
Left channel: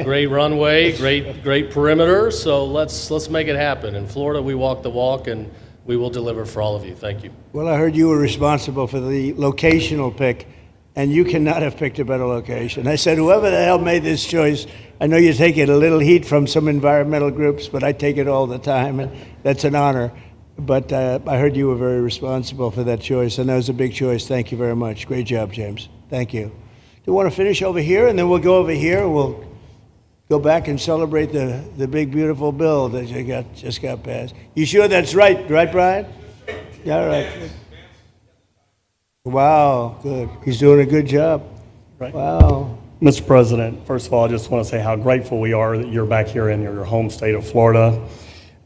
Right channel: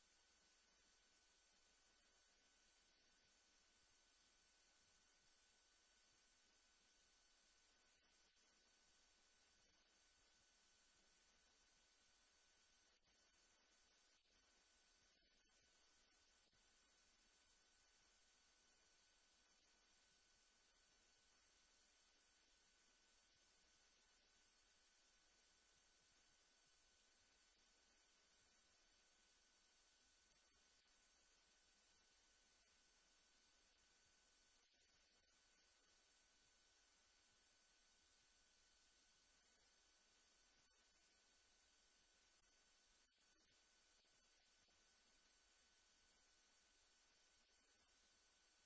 Great runway, great perimeter. So let's make it happen. In Florida, we walk the walk, and we will deliver for all of you. Thank you. Well, I heard you were responsible for the locational pick, and you cannot have picked a better location. I said, whoever the hell made this choice, I know you take it a little heat from some environmental groups, but I take it all the time, and that's an honor. But I heard you were very responsible for that choice, and that was a big choice. Thank you very much. Great job, James. Thank you. Do you want to finish over here, and then we'll go over here, and we'll go back and celebrate the big, beautiful bill that you just got passed. You sure that's right, Brian? Yeah, all right. Wow, good. He's doing a good job. Right. Wow. Mr. President, first of all, I just want to say how grateful we are that you're back here in your home state of Florida.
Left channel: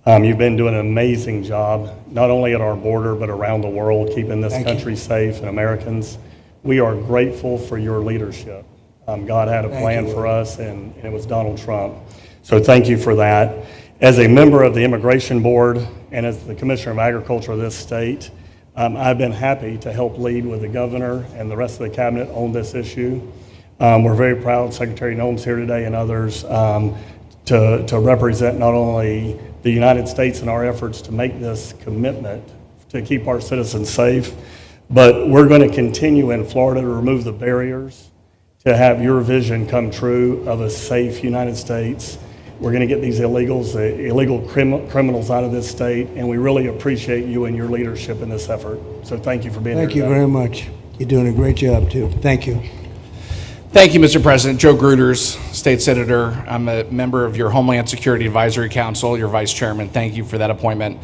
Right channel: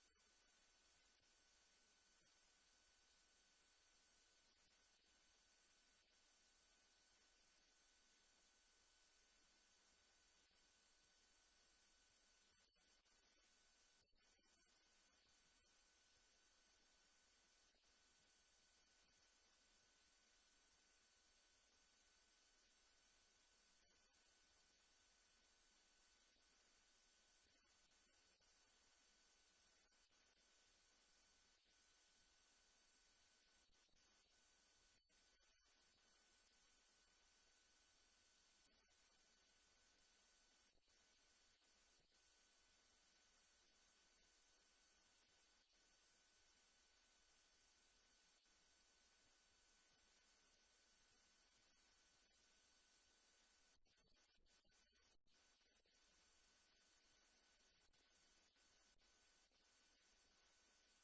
You've been doing an amazing job, not only at our border, but around the world, keeping this country safe and Americans. We are grateful for your leadership. God had a plan for us, and it was Donald Trump. So thank you for that. As a member of the Immigration Board and as the Commissioner of Agriculture of this state, I've been happy to help lead with the governor and the rest of the cabinet on this issue. We're very proud Secretary Noem's here today and others to represent not only the United States in our efforts to make this commitment to keep our citizens safe, but we're going to continue in Florida to remove the barriers to have your vision come true of a safe United States. We're going to get these illegals, the illegal criminals out of this state, and we really appreciate you and your leadership in this effort. So thank you for being here. Thank you very much. You're doing a great job, too. Thank you. Thank you, Mr. President. Joe Gruters, State Senator. I'm a member of your Homeland Security Advisory Council, your Vice Chairman. Thank you for that appointment.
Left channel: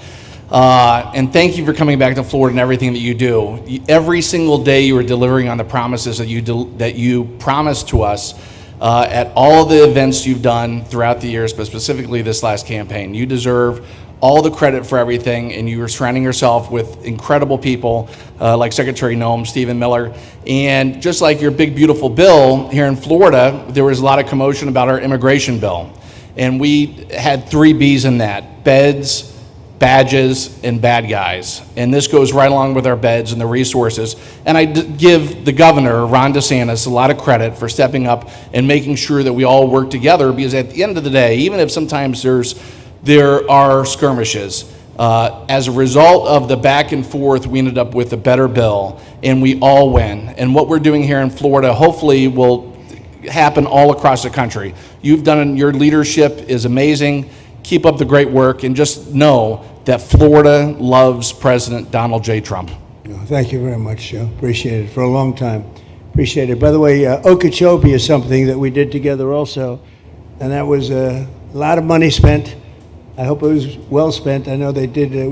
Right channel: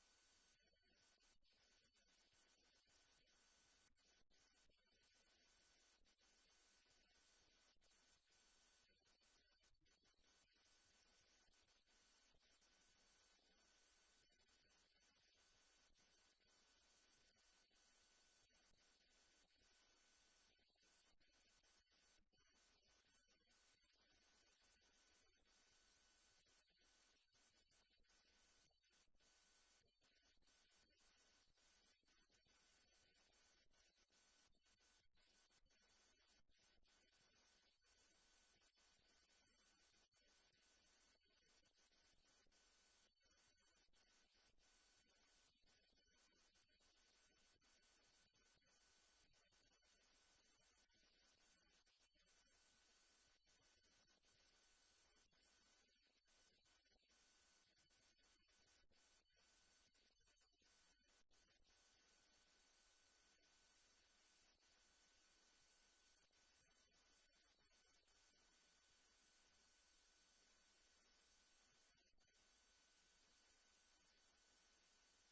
And thank you for coming back to Florida and everything that you do. Every single day you are delivering on the promises that you promised to us at all of the events you've done throughout the years, but specifically this last campaign. You deserve all the credit for everything, and you are surrounding yourself with incredible people like Secretary Noem, Stephen Miller, and just like your big, beautiful bill here in Florida, there was a lot of commotion about our immigration bill. And we had 3 B's in that: beds, badges, and bad guys. And this goes right along with our beds and the resources. And I give the governor, Ron DeSantis, a lot of credit for stepping up and making sure that we all work together, because at the end of the day, even if sometimes there are skirmishes, as a result of the back and forth, we ended up with a better bill, and we all win. And what we're doing here in Florida hopefully will happen all across the country. Your leadership is amazing. Keep up the great work, and just know that Florida loves President Donald J. Trump. Thank you very much, Joe. Appreciate it for a long time. Appreciate it. By the way, Ochopee is something that we did together also, and that was a lot of money spent. I hope it was well spent. I know we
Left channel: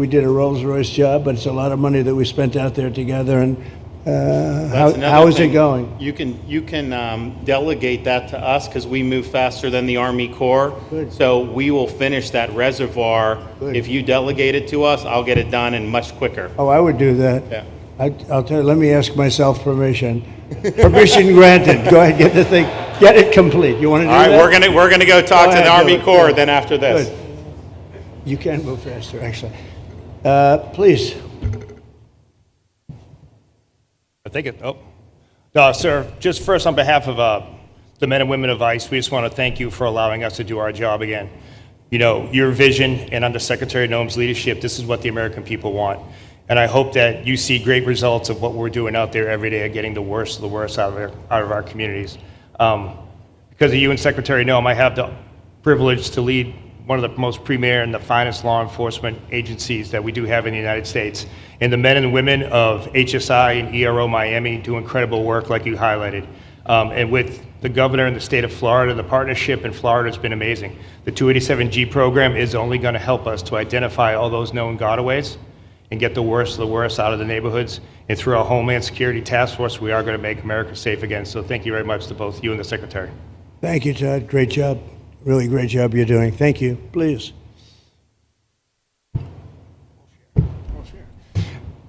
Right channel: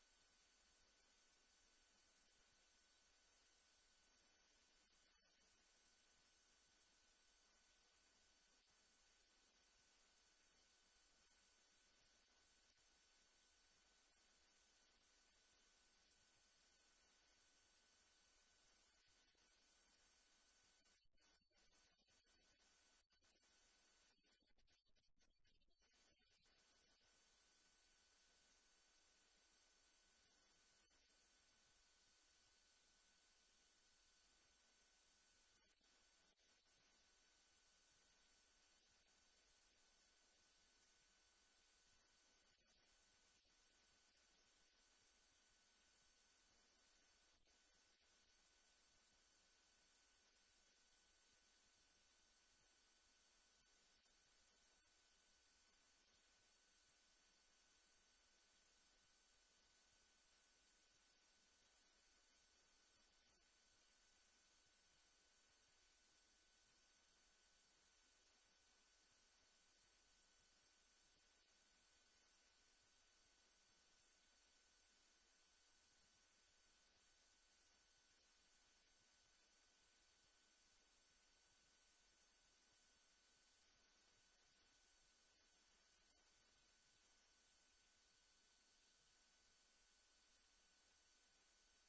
did a Rolls-Royce job, but it's a lot of money that we spent out there together. And how is it going? You can delegate that to us, because we move faster than the Army Corps. Good. So we will finish that reservoir. Good. If you delegate it to us, I'll get it done and much quicker. Oh, I would do that. Yeah. I'll tell you, let me ask myself permission. Permission granted. Go ahead, get the thing, get it complete. You want to do that? All right, we're gonna go talk to the Army Corps then after this. Good. You can move faster, actually. Please. I think it, sir, just first on behalf of the men and women of ICE, we just want to thank you for allowing us to do our job again. You know, your vision and under Secretary Noem's leadership, this is what the American people want. And I hope that you see great results of what we're doing out there every day, getting the worst of the worst out of our communities. Because of you and Secretary Noem, I have the privilege to lead one of the most premier and the finest law enforcement agencies that we do have in the United States. And the men and women of HSI and ERO Miami do incredible work like you highlighted. And with the governor and the state of Florida, the partnership in Florida has been amazing. The 287G program is only going to help us to identify all those known gotaways and get the worst of the worst out of the neighborhoods. And through our Homeland Security Task Force, we are going to make America safe again. So thank you very much to both you and the Secretary. Thank you, Todd. Great job. Really great job you're doing. Thank you. Please.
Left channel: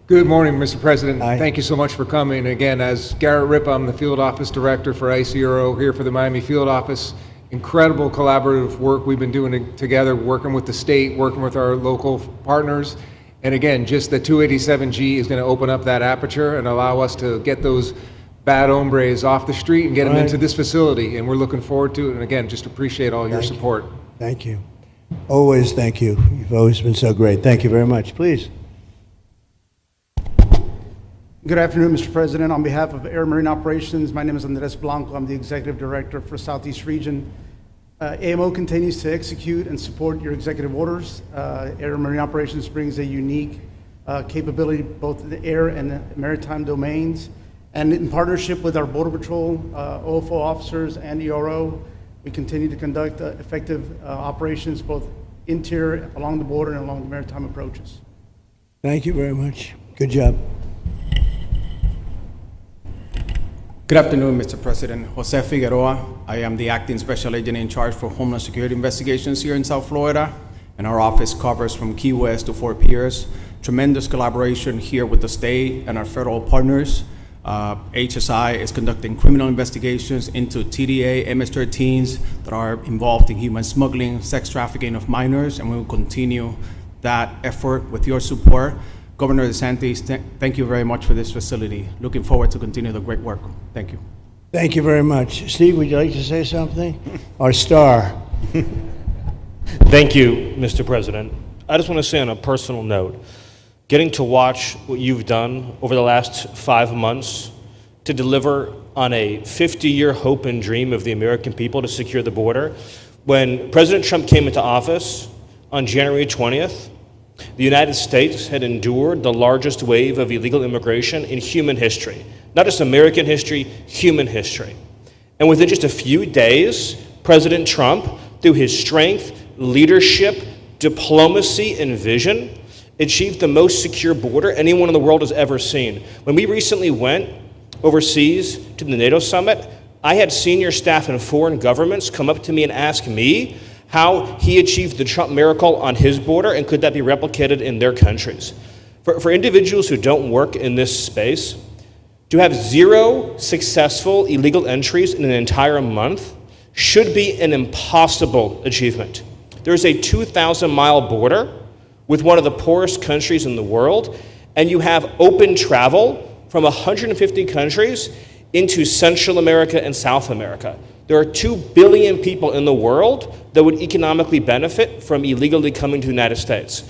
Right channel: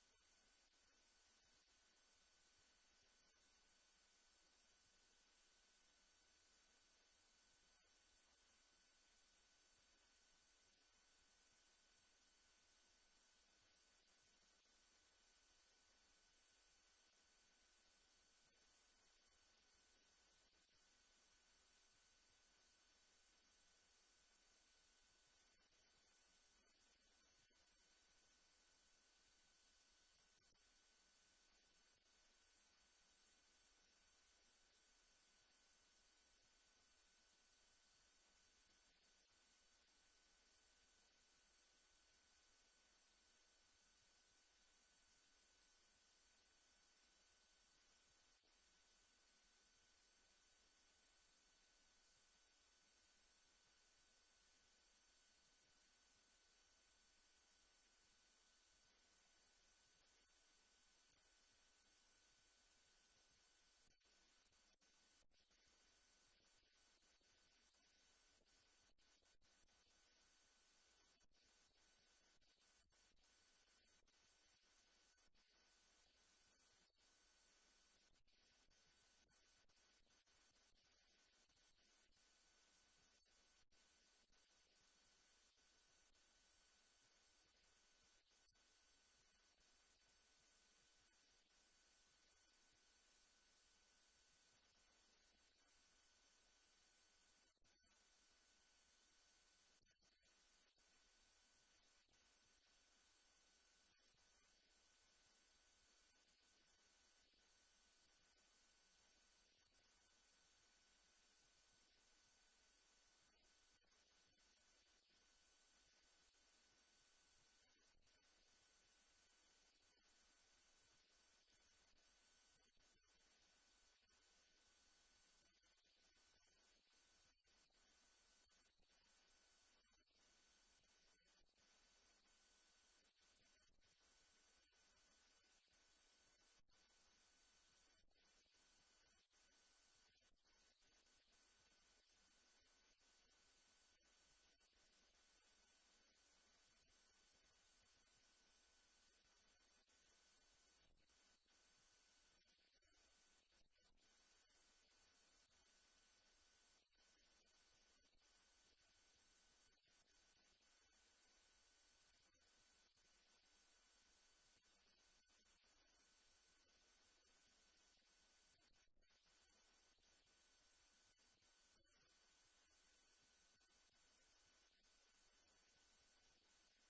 Good morning, Mr. President. Thank you so much for coming. Again, as Garrett Ripp, I'm the Field Office Director for ICE ERO here for the Miami Field Office. incredible collaborative work we've been doing together, working with the state, working with our local partners. And again, just the 287G is going to open up that aperture and allow us to get those bad hombres off the street and get them into this facility. And we're looking forward to it. And again, just appreciate all your support. Thank you. Always thank you. You've always been so great. Thank you very much. Please. Good afternoon, Mr. President. On behalf of Air Marine Operations, my name is Andres Blanco. I'm the Executive Director for Southeast Region. AMO continues to execute and support your executive orders. Air Marine Operations brings a unique capability both in the air and the maritime domains. And in partnership with our Border Patrol, OFO officers, and ERO, we continue to conduct effective operations both interior, along the border, and along the maritime approaches. Thank you very much. Good job. Good afternoon, Mr. President. Jose Figueroa. I am the Acting Special Agent in charge for Homeland Security Investigations here in South Florida, and our office covers from Key West to Fort Pierce. Tremendous collaboration here with the state and our federal partners. HSI is conducting criminal investigations into TDA, MS-13s that are involved in human smuggling, sex trafficking of minors, and we will continue that effort with your support. Governor DeSantis, thank you very much for this facility. Looking forward to continue the great work. Thank you. Thank you very much. Steve, would you like to say something? Our star. Thank you, Mr. President. I just want to say on a personal note, getting to watch what you've done over the last 5 months to deliver on a 50-year hope and dream of the American people to secure the border. When President Trump came into office on January 20th, the United States had endured the largest wave of illegal immigration in human history. Not just American history, human history. And within just a few days, President Trump, through his strength, leadership, diplomacy, and vision, achieved the most secure border anyone in the world has ever seen. When we recently went overseas to the NATO summit, I had senior staff in foreign governments come up to me and ask me how he achieved the Trump miracle on his border and could that be replicated in their countries. For individuals who don't work in this space, to have 0 successful illegal entries in an entire month should be an impossible achievement. There's a 2,000-mile border with one of the poorest countries in the world, and you have open travel from 150 countries into Central America and South America. There are 2 billion people in the world that would economically benefit from illegally coming to the United States.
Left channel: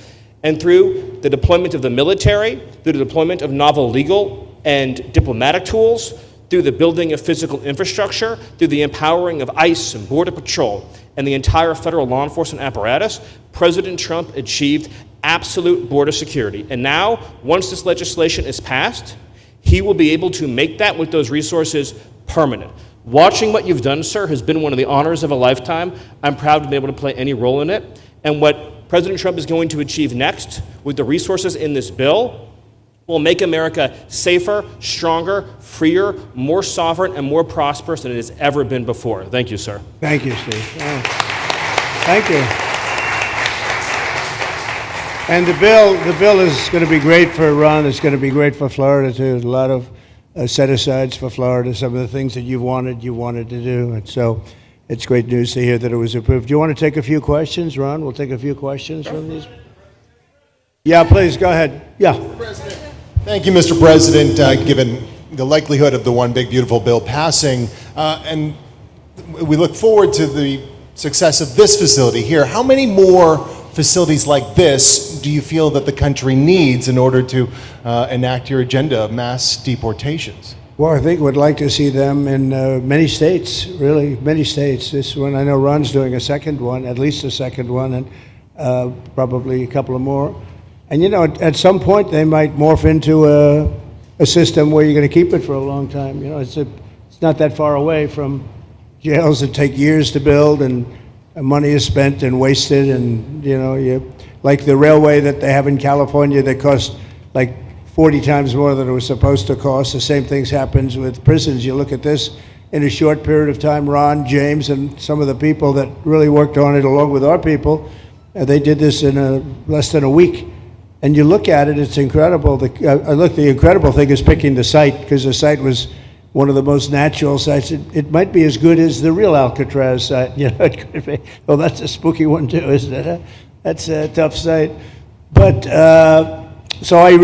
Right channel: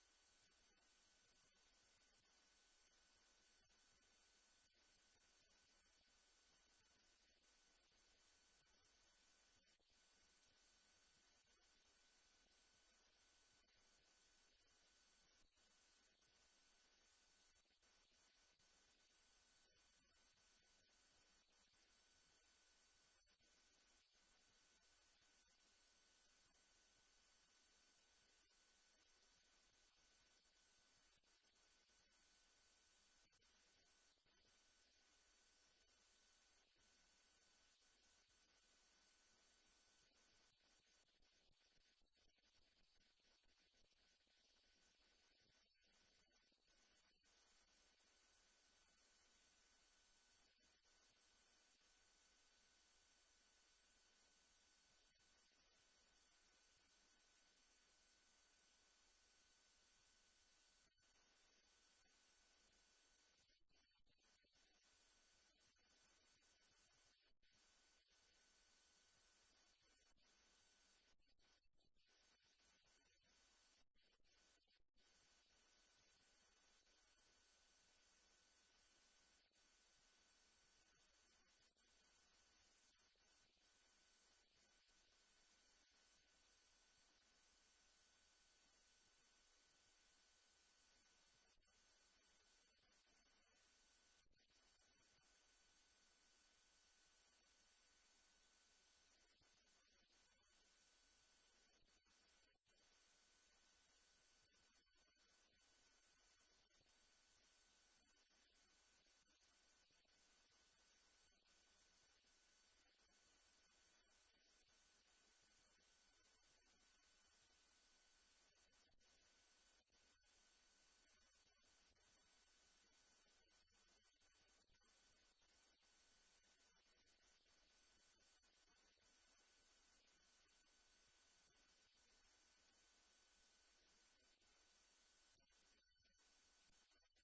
And through the deployment of the military, through the deployment of novel legal and diplomatic tools, through the building of physical infrastructure, through the empowering of ICE and Border Patrol, and the entire federal law enforcement apparatus, President Trump achieved absolute border security. And now, once this legislation is passed, he will be able to make that with those resources permanent. Watching what you've done, sir, has been one of the honors of a lifetime. I'm proud to be able to play any role in it. And what President Trump is going to achieve next with the resources in this bill will make America safer, stronger, freer, more sovereign, and more prosperous than it has ever been before. Thank you, sir. Thank you, Steve. Oh. Thank you. And the bill is going to be great for Iran. It's going to be great for Florida, too. A lot of set-asides for Florida, some of the things that you wanted to do. And so it's great news to hear that it was approved. Do you want to take a few questions, Ron? We'll take a few questions from these. Yeah, please, go ahead. Yeah. Thank you, Mr. President. Given the likelihood of the One Big Beautiful Bill passing, and we look forward to the success of this facility here, how many more facilities like this do you feel that the country needs in order to enact your agenda of mass deportations? Well, I think we'd like to see them in many states, really, many states. This one, I know Ron's doing a second one, at least a second one, and probably a couple of more. And you know, at some point they might morph into a system where you're going to keep it for a long time. You know, it's not that far away from jails that take years to build and money is spent and wasted, and you know, like the railway that they have in California that costs like 40 times more than it was supposed to cost. The same things happens with prisons. You look at this in a short period of time. Ron, James, and some of the people that really worked on it along with our people, they did this in less than a week. And you look at it, it's incredible. The incredible thing is picking the site, because the site was one of the most natural sites. It might be as good as the real Alcatraz site. You know, it could be. Well, that's a spooky one too, isn't it? Huh? That's a tough site. But so I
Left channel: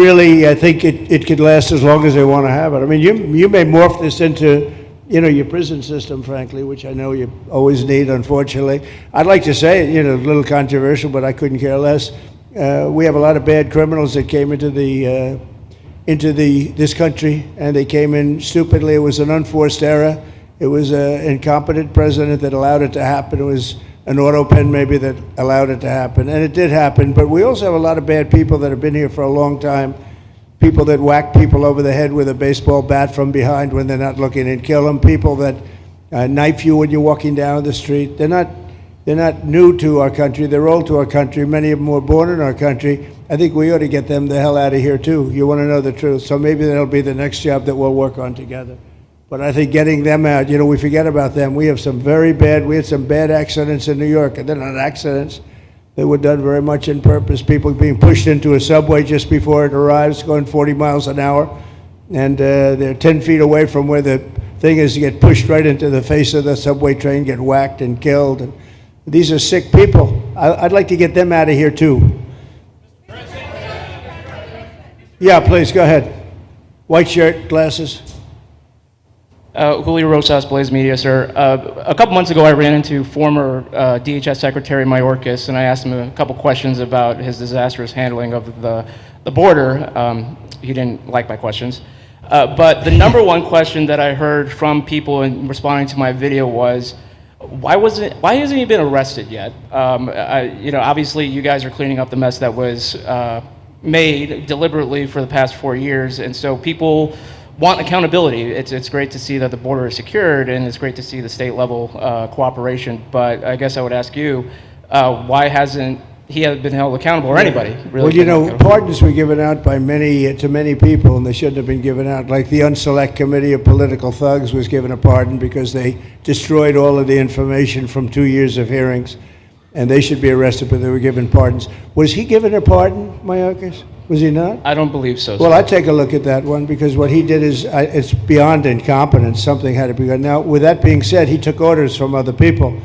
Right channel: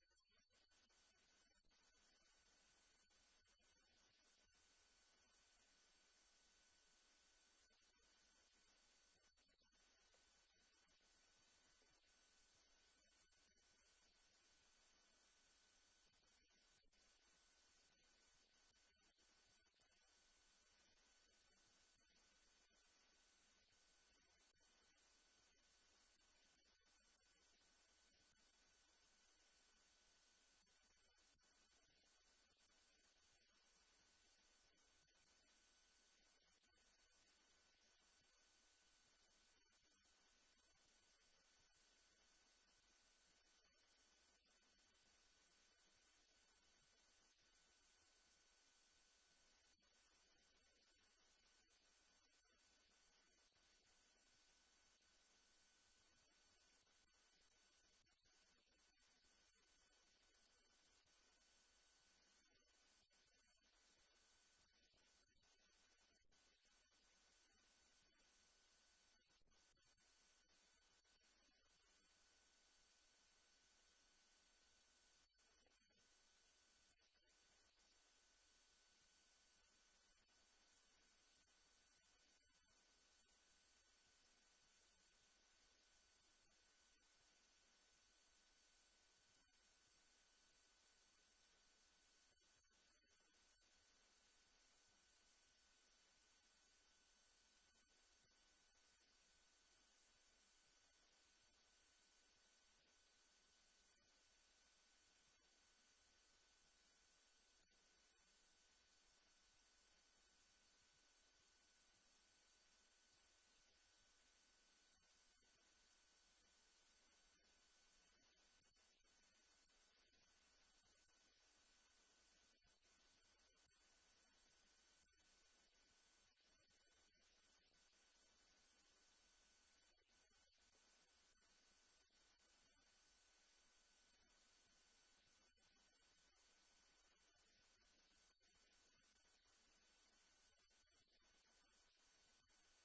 think it could last as long as they want to have it. I mean, you may morph this into, you know, your prison system, frankly, which I know you always need, unfortunately. I'd like to say, you know, a little controversial, but I couldn't care less. We have a lot of bad criminals that came into this country, and they came in stupidly. It was an unforced error. It was an incompetent president that allowed it to happen. It was an auto pen maybe that allowed it to happen, and it did happen. But we also have a lot of bad people that have been here for a long time, people that whack people over the head with a baseball bat from behind when they're not looking and kill them, people that knife you when you're walking down the street. They're not new to our country. They're old to our country. Many of them were born in our country. I think we ought to get them the hell out of here, too. You want to know the truth. So maybe that'll be the next job that we'll work on together. But I think getting them out, you know, we forget about them. We had some bad accidents in New York. And they're not accidents. They were done very much on purpose. People being pushed into a subway just before it arrives, going 40 miles an hour. And they're 10 feet away from where the thing is, to get pushed right into the face of the subway train, get whacked and killed. And these are sick people. I'd like to get them out of here, too. Yeah, please, go ahead. White shirt, glasses. Julio Rosas, Blaze Media, sir. A couple months ago, I ran into former DHS Secretary Mayorkas, and I asked him a couple questions about his disastrous handling of the border. He didn't like my questions. But the number one question that I heard from people in responding to my video was, why hasn't he been arrested yet? You know, obviously, you guys are cleaning up the mess that was made deliberately for the past 4 years, and so people want accountability. It's great to see that the border is secured, and it's great to see the state level cooperation. But I guess I would ask you, why hasn't he been held accountable, or anybody really? Well, you know, pardons were given out by to many people, and they shouldn't have been given out. Like the Unselect Committee of Political Thugs was given a pardon because they destroyed all of the information from 2 years of hearings, and they should be arrested, but they were given pardons. Was he given a pardon, Mayorkas? Was he not? I don't believe so. Well, I'd take a look at that one, because what he did is, it's beyond incompetence. Something had to be done. Now, with that being said, he took orders from other people,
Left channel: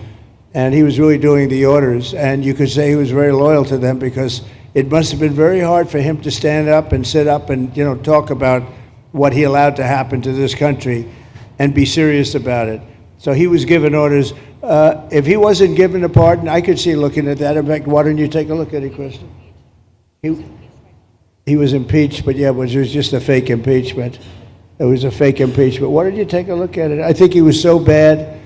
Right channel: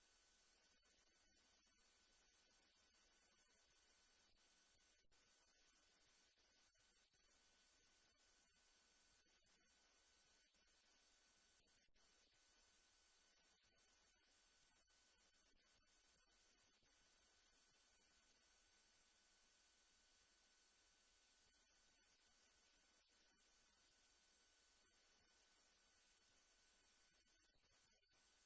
and he was really doing the orders, and you could say he was very loyal to them, because it must have been very hard for him to stand up and sit up and, you know, talk about what he allowed to happen to this country and be serious about it. So he was given orders. If he wasn't given a pardon, I could see looking at that. In fact, why don't you take a look at it, Kristen? He was impeached, but yeah, it was just a fake impeachment. It was a fake impeachment. Why don't you take a look at it? I think he was so bad.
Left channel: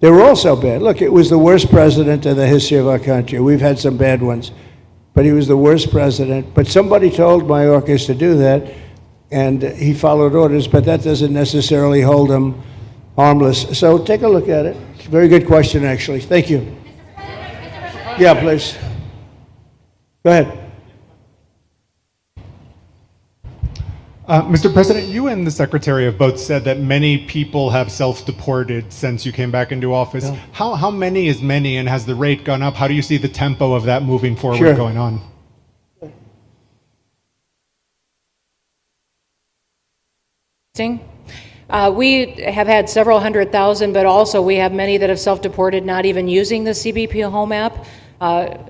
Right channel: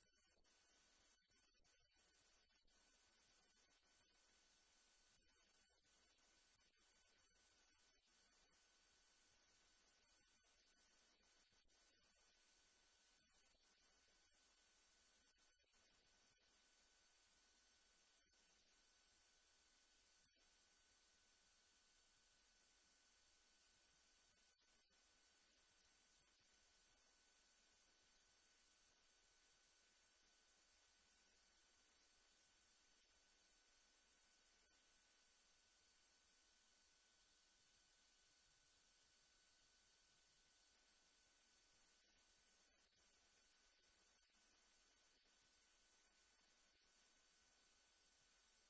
They were all so bad. Look, it was the worst president in the history of our country. We've had some bad ones, but he was the worst president. But somebody told Mayorkas to do that, and he followed orders, but that doesn't necessarily hold him harmless. So take a look at it. It's a very good question, actually. Thank you. Yeah, please. Go ahead. Mr. President, you and the Secretary have both said that many people have self-deported since you came back into office. Yeah. How many is many, and has the rate gone up? How do you see the tempo of that moving forward going on? We have had several 100,000, but also we have many that have self-deported not even using the CBP Home app.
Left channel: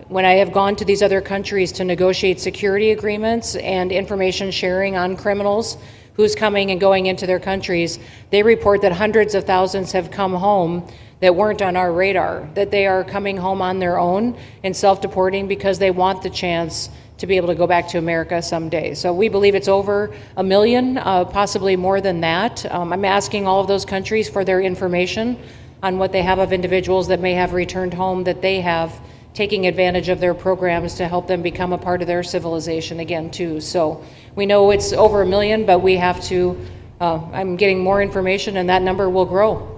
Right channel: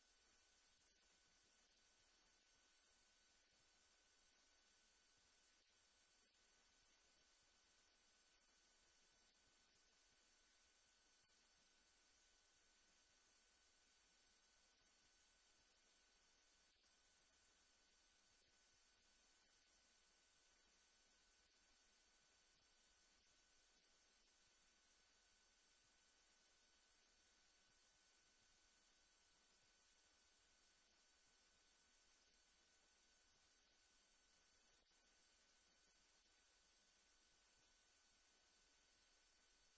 When I have gone to these other countries to negotiate security agreements and information sharing on criminals, who's coming and going into their countries, they report that hundreds of thousands have come home that weren't on our radar, that they are coming home on their own and self-deporting because they want the chance to be able to go back to America someday. So we believe it's over 1 million, possibly more than that. I'm asking all of those countries for their information on what they have of individuals that may have returned home, that they have taking advantage of their programs to help them become a part of their civilization again too. So we know it's over 1 million, but we have to, I'm getting more information and that number will grow.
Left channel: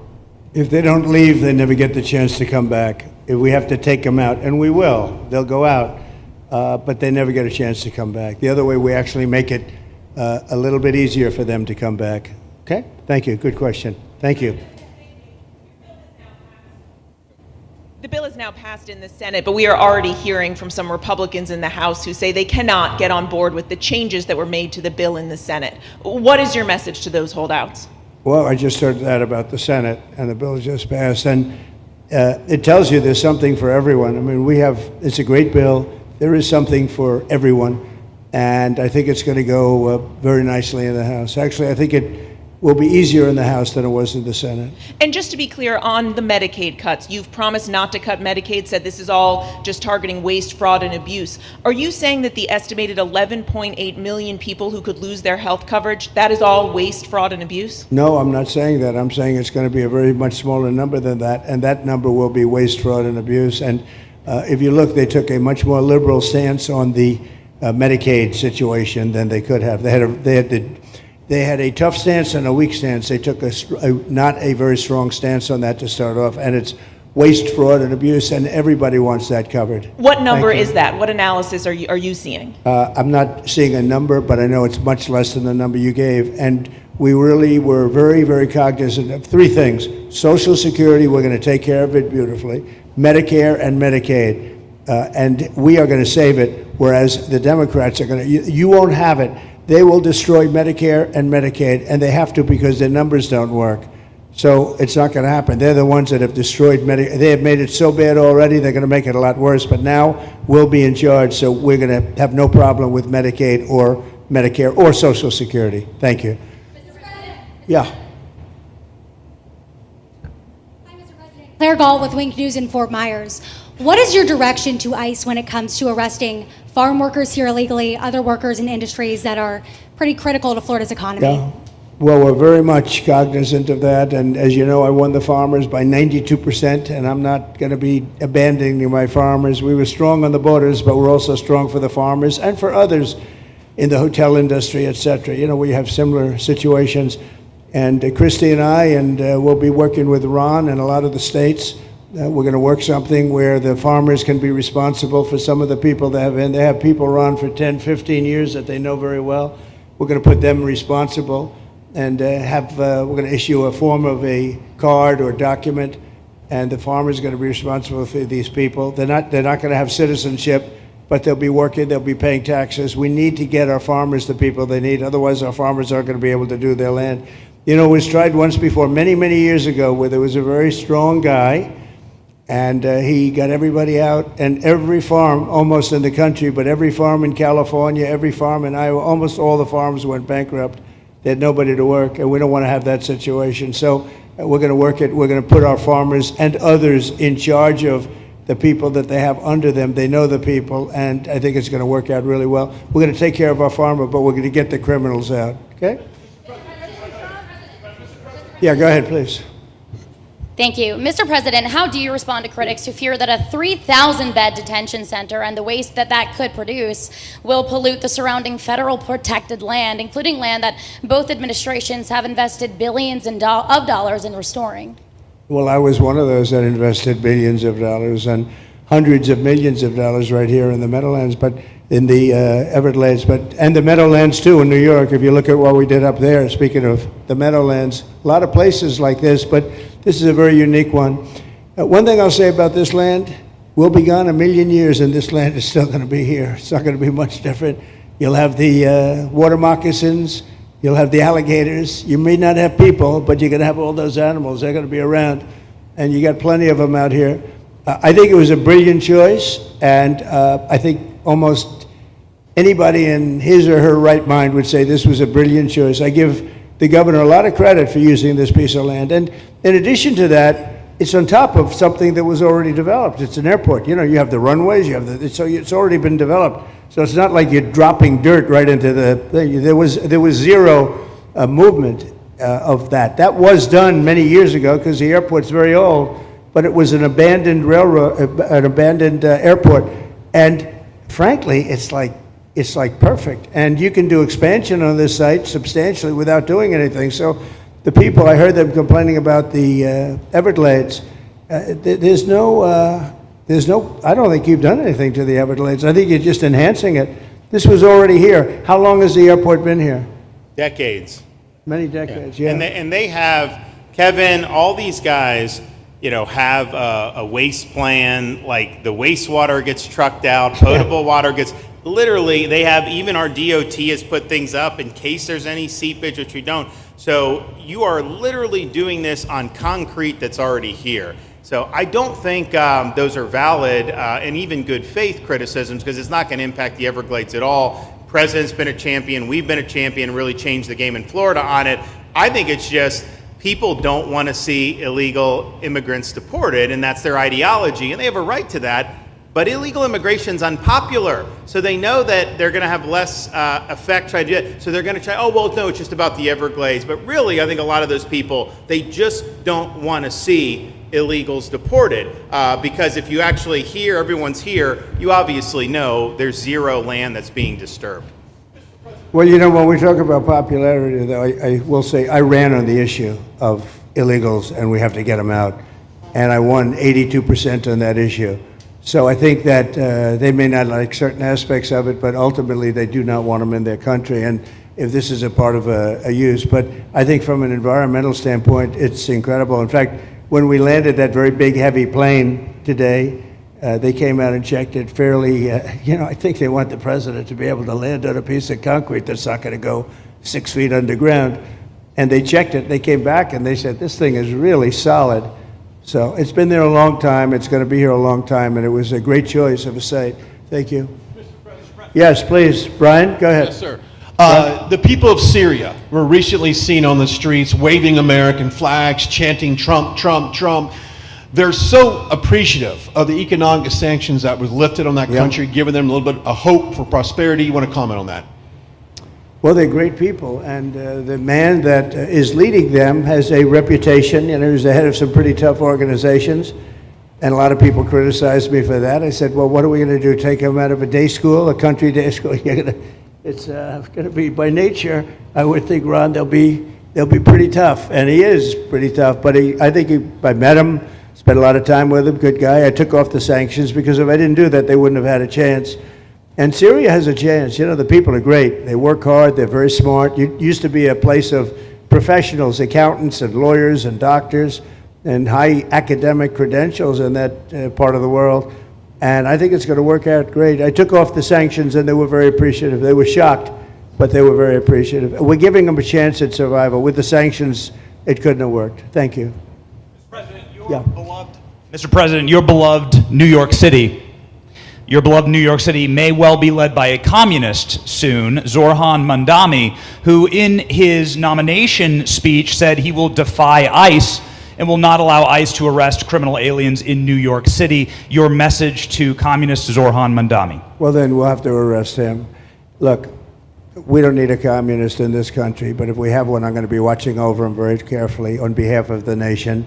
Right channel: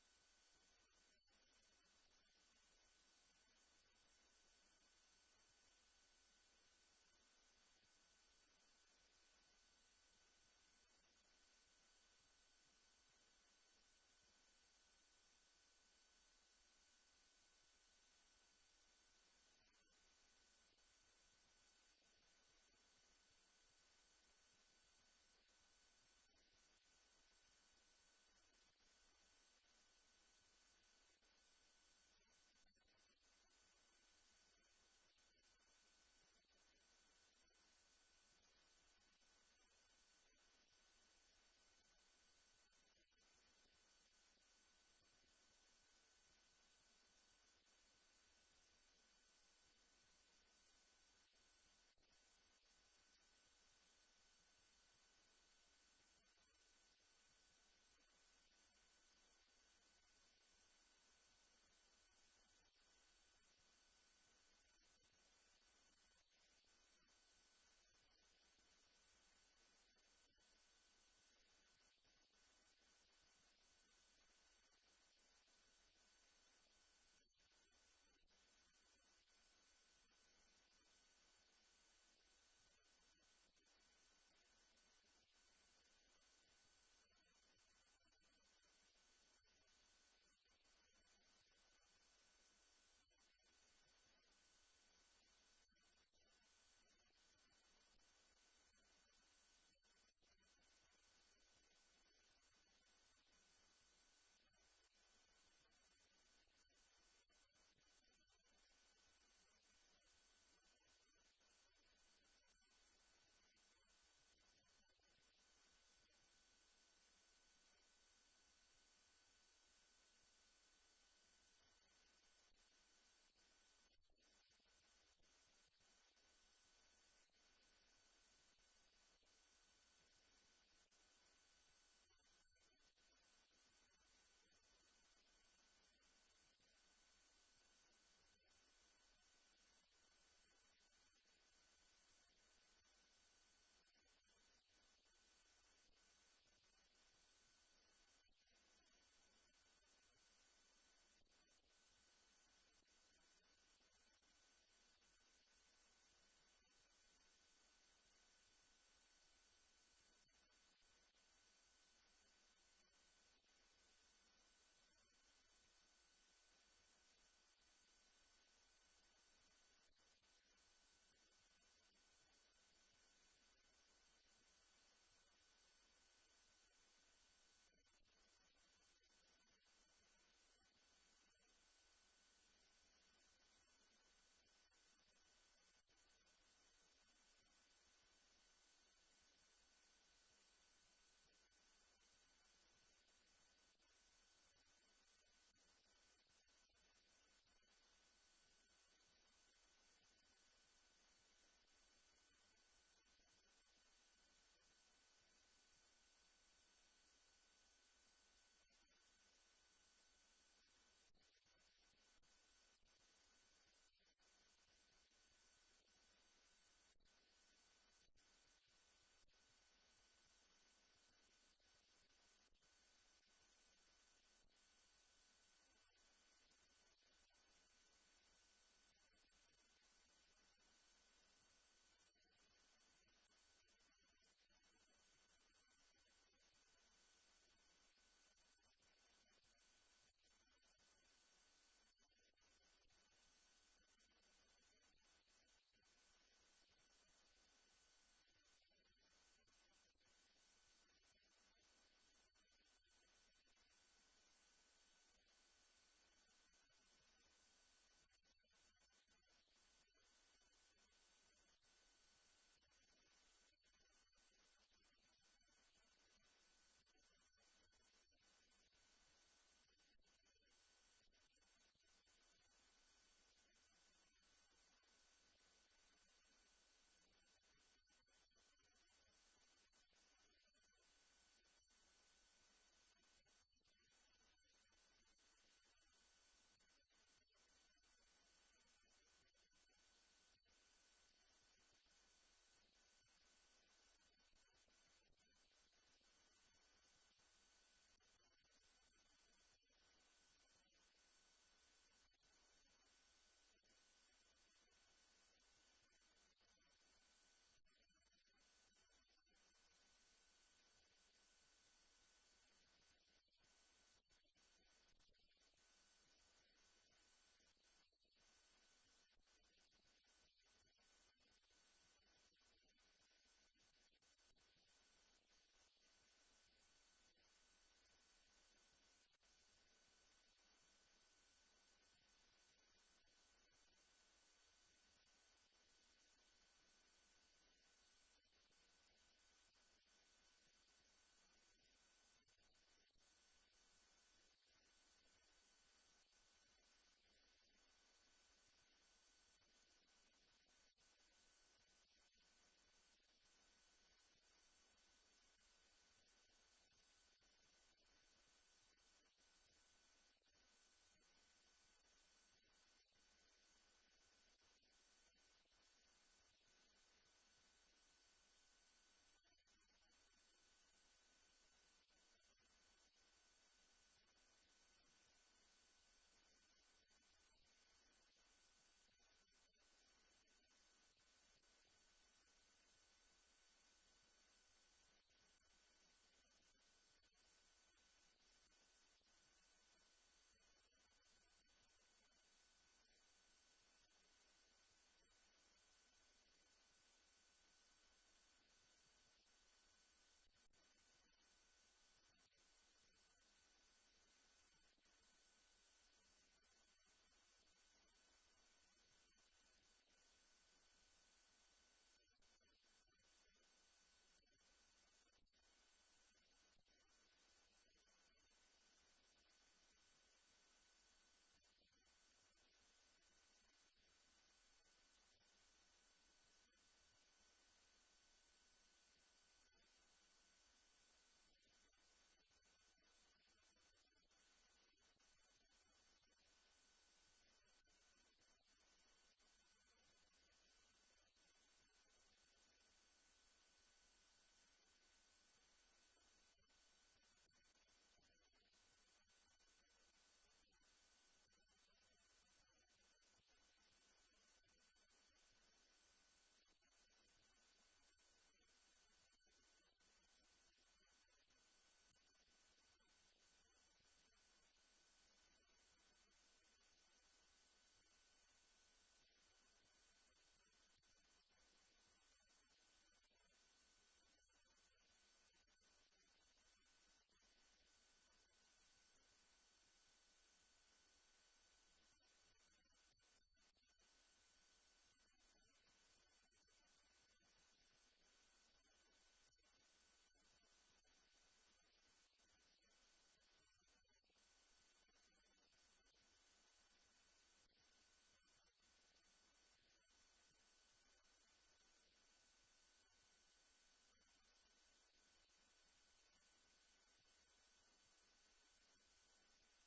If they don't leave, they never get the chance to come back. If we have to take them out, and we will, they'll go out, but they never get a chance to come back. The other way, we actually make it a little bit easier for them to come back. Okay? Thank you. Good question. Thank you. The bill is now passed in the Senate, but we are already hearing from some Republicans in the House who say they cannot get on board with the changes that were made to the bill in the Senate. What is your message to those holdouts? Well, I just heard that about the Senate, and the bill just passed, and it tells you there's something for everyone. I mean, it's a great bill. There is something for everyone, and I think it's going to go very nicely in the House. Actually, I think it will be easier in the House than it was in the Senate. And just to be clear, on the Medicaid cuts, you've promised not to cut Medicaid, said this is all just targeting waste, fraud, and abuse. Are you saying that the estimated 11.8 million people who could lose their health coverage, that is all waste, fraud, and abuse? No, I'm not saying that. I'm saying it's going to be a very much smaller number than that, and that number will be waste, fraud, and abuse. And if you look, they took a much more liberal stance on the Medicaid situation than they could have. They had a tough stance and a weak stance. They took not a very strong stance on that to start off, and it's waste, fraud, and abuse, and everybody wants that covered. What number is that? What analysis are you seeing? I'm not seeing a number, but I know it's much less than the number you gave, and we really were very, very cognizant of three things. Social Security, we're going to take care of it beautifully. Medicare and Medicaid, and we are going to save it, whereas the Democrats are going to, you won't have it. They will destroy Medicare and Medicaid, and they have to because their numbers don't work. So it's not going to happen. They're the ones that have destroyed Medicare. They have made it so bad already, they're going to make it a lot worse. But now we'll be in charge, so we're going to have no problem with Medicaid or Medicare or Social Security. Thank you. Yeah. Claire Gall with Wink News in Fort Myers. What is your direction to ICE when it comes to arresting farm workers here illegally, other workers in industries that are pretty critical to Florida's economy? Yeah. Well, we're very much cognizant of that, and as you know, I won the farmers by 92%, and I'm not going to be abandoning my farmers. We were strong on the borders, but we're also strong for the farmers and for others in the hotel industry, et cetera. You know, we have similar situations, and Christy and I, and we'll be working with Ron and a lot of the states. We're going to work something where the farmers can be responsible for some of the people they have people run for 10, 15 years that they know very well. We're going to put them responsible and we're going to issue a form of a card or document, and the farmer's going to be responsible for these people. They're not going to have citizenship, but they'll be working, they'll be paying taxes. We need to get our farmers the people they need, otherwise our farmers aren't going to be able to do their land. You know, it was tried once before, many, many years ago, where there was a very strong guy, and he got everybody out, and every farm almost in the country, but every farm in California, every farm in Iowa, almost all the farms went bankrupt. They had nobody to work, and we don't want to have that situation. So we're going to work it. We're going to put our farmers and others in charge of the people that they have under them. They know the people, and I think it's going to work out really well. We're going to take care of our farmer, but we're going to get the criminals out, okay? Yeah, go ahead, please. Thank you. Mr. President, how do you respond to critics who fear that a 3,000-bed detention center and the waste that could produce will pollute the surrounding federal protected land, including land that both administrations have invested billions of dollars in restoring? Well, I was one of those that invested billions of dollars and hundreds of millions of dollars right here in the Meadowlands, but in the Everglades, and the Meadowlands too in New York. If you look at what we did up there, speaking of the Meadowlands, a lot of places like this, but this is a very unique one. One thing I'll say about this land, we'll be gone a million years and this land is still going to be here. It's not going to be much different. You'll have the water moccasins, you'll have the alligators. You may not have people, but you're going to have all those animals. They're going to be around, and you got plenty of them out here. I think it was a brilliant choice, and I think almost anybody in his or her right mind would say this was a brilliant choice. I give the governor a lot of credit for using this piece of land. And in addition to that, it's on top of something that was already developed. It's an airport. You know, you have the runways, you have so it's already been developed. So it's not like you're dropping dirt right into the thing. There was zero movement of that. That was done many years ago because the airport's very old, but it was an abandoned railroad, an abandoned airport. And frankly, it's like perfect. And you can do expansion on this site substantially without doing anything. So the people, I heard them complaining about the Everglades. There's no, I don't think you've done anything to the Everglades. I think you're just enhancing it. This was already here. How long has the airport been here? Decades. Many decades, yeah. And they have, Kevin, all these guys, you know, have a waste plan, like the wastewater gets trucked out, potable water gets, literally, they have, even our DOT has put things up in case there's any seepage, which we don't. So you are literally doing this on concrete that's already here. So I don't think those are valid and even good faith criticisms, because it's not going to impact the Everglades at all. President's been a champion, we've been a champion, really changed the game in Florida on it. I think it's just people don't want to see illegal immigrants deported, and that's their ideology, and they have a right to that. But illegal immigration's unpopular, so they know that they're going to have less effect trying to do it. So they're going to try, oh, well, no, it's just about the Everglades. But really, I think a lot of those people, they just don't want to see illegals deported. Because if you actually hear everyone's here, you obviously know there's zero land that's being disturbed. Well, you know, when we talk about popularity, though, I will say I ran on the issue of illegals, and we have to get them out. And I won 82% on that issue. So I think that they may not like certain aspects of it, but ultimately they do not want them in their country. And if this is a part of a use, but I think from an environmental standpoint, it's incredible. In fact, when we landed that very big, heavy plane today, they came out and checked it fairly. I think they want the president to be able to land on a piece of concrete that's not going to go 6 feet underground. And they checked it. They came back and they said, this thing is really solid. So it's been there a long time. It's going to be here a long time, and it was a great choice of a site. Thank you. Yes, please. Brian, go ahead. Yes, sir. The people of Syria were recently seen on the streets waving American flags, chanting Trump, Trump, Trump. They're so appreciative of the economic sanctions that was lifted on that country, giving them a little bit of hope for prosperity. You want to comment on that? Well, they're great people, and the man that is leading them has a reputation. He was the head of some pretty tough organizations, and a lot of people criticized me for that. I said, well, what are we going to do, take him out of a day school, a country day school? It's going to be, by nature, I would think, Ron, they'll be pretty tough, and he is pretty tough, but I met him, spent a lot of time with him, good guy. I took off the sanctions because if I didn't do that, they wouldn't have had a chance. And Syria has a chance. The people are great. They work hard. They're very smart. It used to be a place of professionals, accountants and lawyers and doctors and high academic credentials in that part of the world. And I think it's going to work out great. I took off the sanctions, and they were very appreciative. They were shocked, but they were very appreciative. We're giving them a chance at survival. With the sanctions, it couldn't have worked. Thank you. Mr. President, your beloved New York City. Your beloved New York City may well be led by a communist soon, Zorhan Mandami, who in his nomination speech said he will defy ICE and will not allow ICE to arrest criminal aliens in New York City. Your message to communist Zorhan Mandami. Well, then we'll have to arrest him. Look, we don't need a communist in this country, but if we have one, I'm going to be watching over him very carefully on behalf of the nation.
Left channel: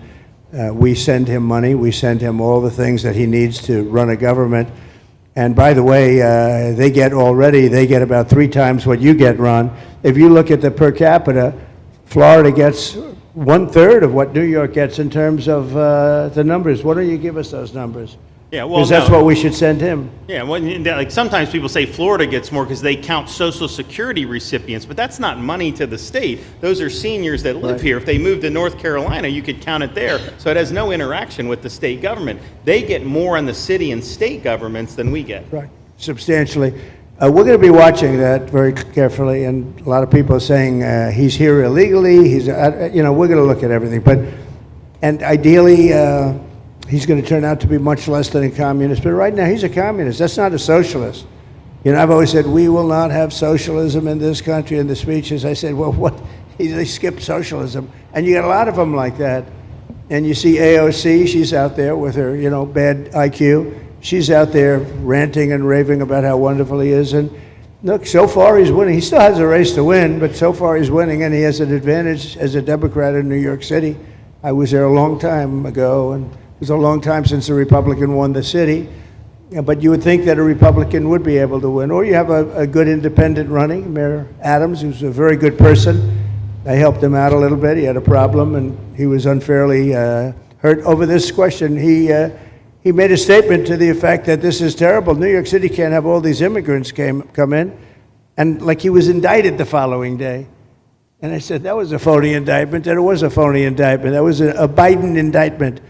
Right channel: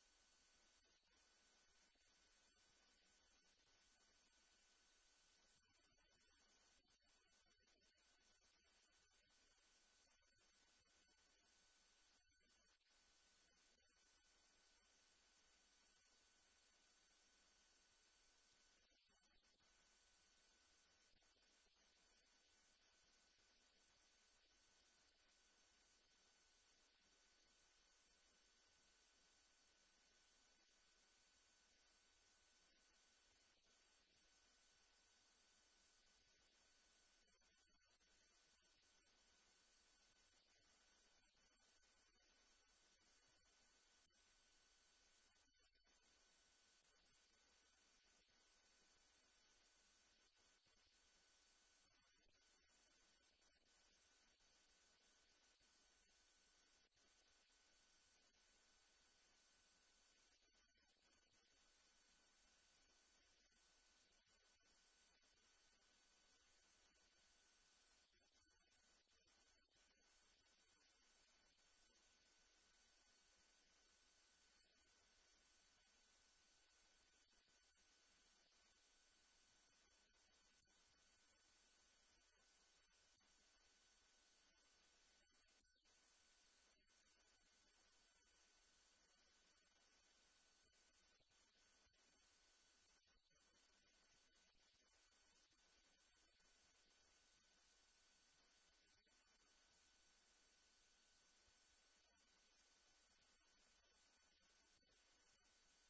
We send him money. We send him all the things that he needs to run a government. And by the way, they get about 3 times what you get, Ron. If you look at the per capita, Florida gets 1/3 of what New York gets in terms of the numbers. Why don't you give us those numbers? Yeah, well, because that's what we should send him. Yeah, well, like sometimes people say Florida gets more because they count Social Security recipients, but that's not money to the state. Those are seniors that live here. If they moved to North Carolina, you could count it there. So it has no interaction with the state government. They get more on the city and state governments than we get. Right, substantially. We're going to be watching that very carefully, and a lot of people are saying he's here illegally. We're going to look at everything, and ideally. He's going to turn out to be much less than a communist. But right now, he's a communist. That's not a socialist. I've always said, we will not have socialism in this country. In the speeches, I said, well, what? They skipped socialism. And you got a lot of them like that. And you see AOC, she's out there with her, bad IQ. She's out there ranting and raving about how wonderful he is. And look, so far he's winning. He still has a race to win, but so far he's winning, and he has an advantage as a Democrat in New York City. I was there a long time ago, and it was a long time since a Republican won the city, but you would think that a Republican would be able to win. Or you have a good independent running, Mayor Adams, who's a very good person. I helped him out a little bit. He had a problem, and he was unfairly hurt over this question. He made a statement to the effect that this is terrible. New York City can't have all these immigrants come in, and like he was indicted the following day. And I said, that was a phony indictment, and it was a phony indictment. That was a Biden indictment.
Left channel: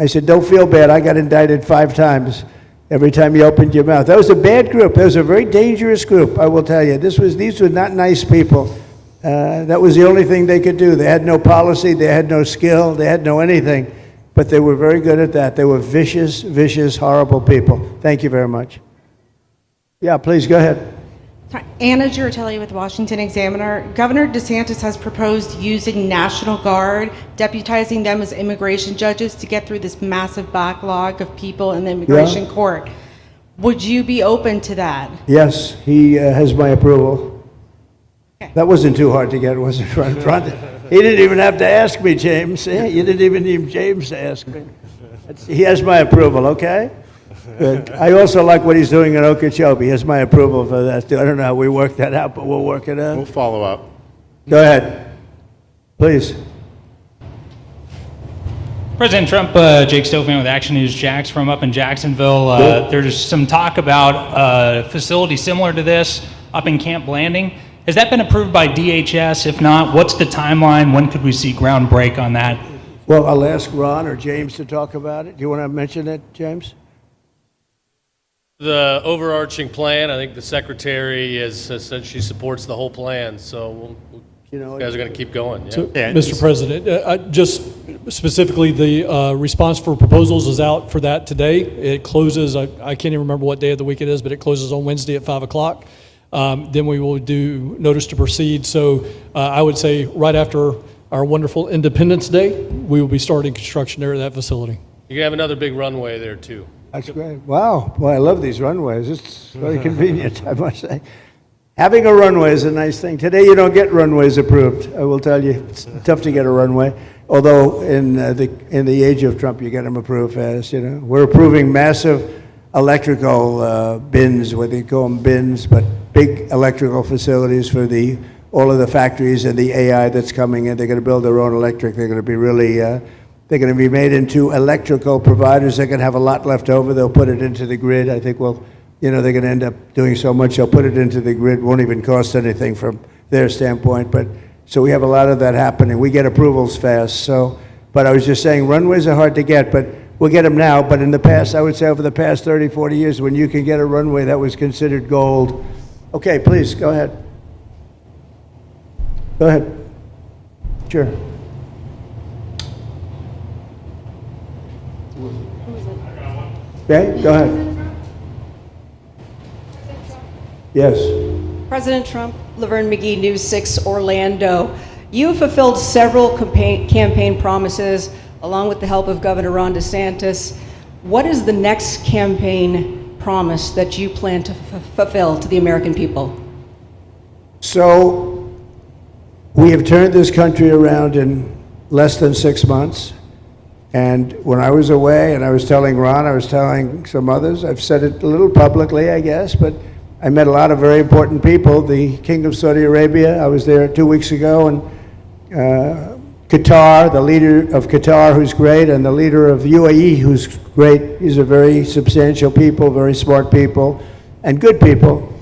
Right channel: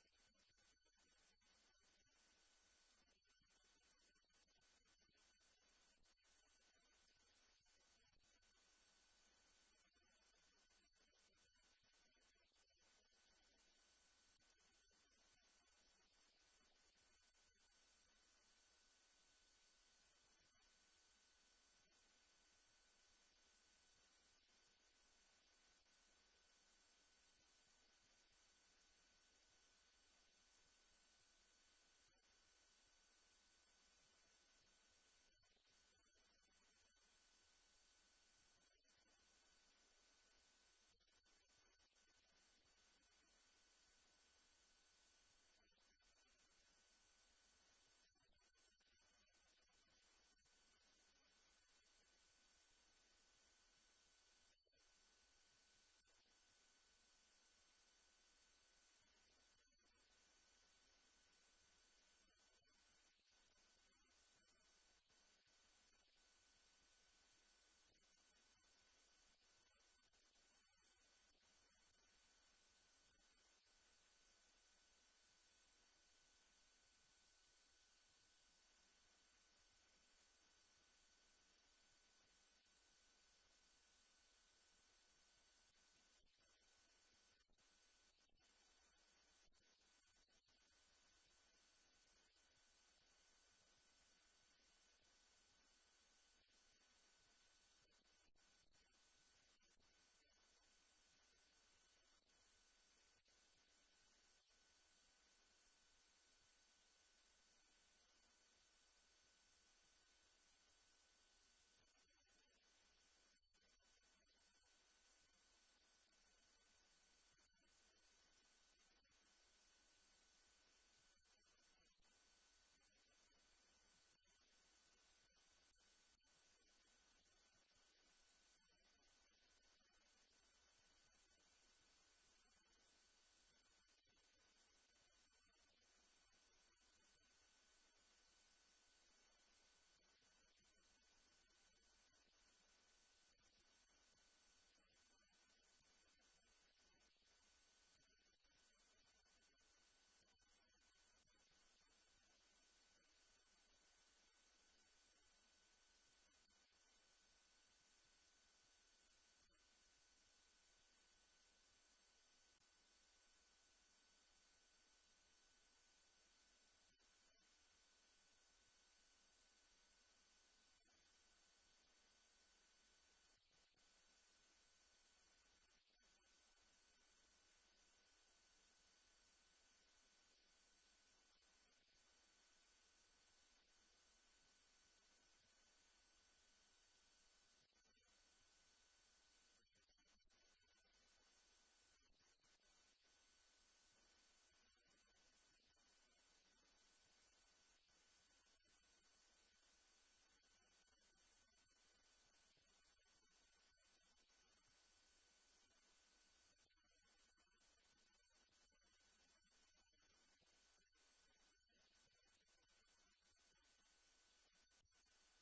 I said, don't feel bad. I got indicted 5 times every time you opened your mouth. That was a bad group. That was a very dangerous group, I will tell you. These were not nice people. That was the only thing they could do. They had no policy, they had no skill, they had no anything. But they were very good at that. They were vicious, vicious, horrible people. Thank you very much. Yeah, please go ahead. Anna Giratelli with Washington Examiner. Governor DeSantis has proposed using National Guard, deputizing them as immigration judges to get through this massive backlog of people in the immigration court. Would you be open to that? Yes, he has my approval. That wasn't too hard to get, was it, right in front? He didn't even have to ask me, James. You didn't even need James to ask me. He has my approval, okay? Good. I also like what he's doing in Ochopee. He has my approval for that, too. I don't know how we work that out, but we'll work it out. We'll follow up. Go ahead. Please. President Trump, Jake Stofan with Action News Jax from up in Jacksonville. There's some talk about a facility similar to this up in Camp Blanding. Has that been approved by DHS? If not, what's the timeline? When could we see ground break on that? Well, I'll ask Ron or James to talk about it. Do you want to mention it, James? The overarching plan, I think the secretary has said she supports the whole plan, so you guys are going to keep going. Yeah. So, Mr. President, just specifically, the response for proposals is out for that today. It closes, I can't even remember what day of the week it is, but it closes on Wednesday at 5 o'clock. Then we will do notice to proceed. So I would say right after our wonderful Independence Day, we will be starting construction there at that facility. You're going to have another big runway there, too. That's great. Wow. Boy, I love these runways. It's very convenient, I must say. Having a runway is a nice thing. Today, you don't get runways approved. I will tell you, it's tough to get a runway. Although in the age of Trump, you get them approved fast. You know, we're approving massive electrical bins, what they call them bins, but big electrical facilities for all of the factories and the AI that's coming in. They're going to build their own electric. They're going to be really. They're going to be made into electrical providers. They're going to have a lot left over. They'll put it into the grid. I think, they're going to end up doing so much. They'll put it into the grid. Won't even cost anything from their standpoint. But so we have a lot of that happening. We get approvals fast. So, but I was just saying, runways are hard to get, but we'll get them now. But in the past, I would say over the past 30, 40 years, when you can get a runway, that was considered gold. Okay, please, go ahead. Go ahead. Sure. Okay, go ahead. Yes. President Trump, Laverne McGee, News 6 Orlando. You have fulfilled several campaign promises along with the help of Governor Ron DeSantis. What is the next campaign promise that you plan to fulfill to the American people? So we have turned this country around in less than 6 months. And when I was away, and I was telling Ron, I was telling some others, I've said it a little publicly, I guess, but I met a lot of very important people. The King of Saudi Arabia, I was there 2 weeks ago, and Qatar, the leader of Qatar, who's great, and the leader of UAE, who's great. These are very substantial people, very smart people, and good people.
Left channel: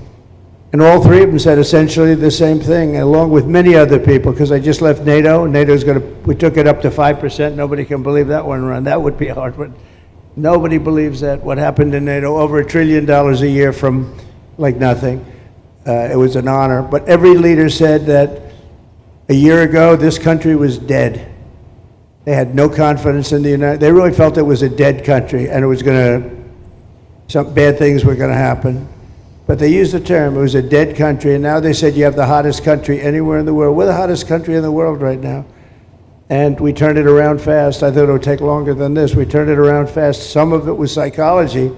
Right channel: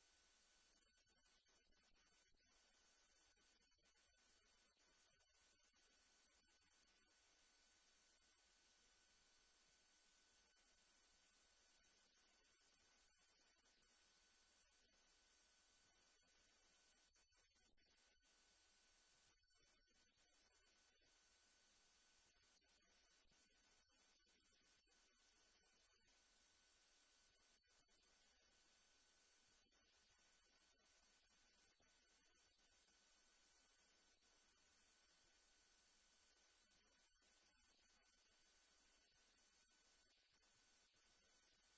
And all three of them said essentially the same thing, along with many other people, because I just left NATO. NATO's we took it up to 5%. Nobody can believe that one run. That would be hard, but nobody believes that. What happened in NATO, over $1 trillion a year from like nothing. It was an honor. But every leader said that a year ago, this country was dead. They had no confidence in the United. They really felt it was a dead country, and it was some bad things were going to happen. But they used the term, it was a dead country, and now they said you have the hottest country anywhere in the world. We're the hottest country in the world right now. And we turned it around fast. I thought it would take longer than this. We turned it around fast. Some of it was psychology,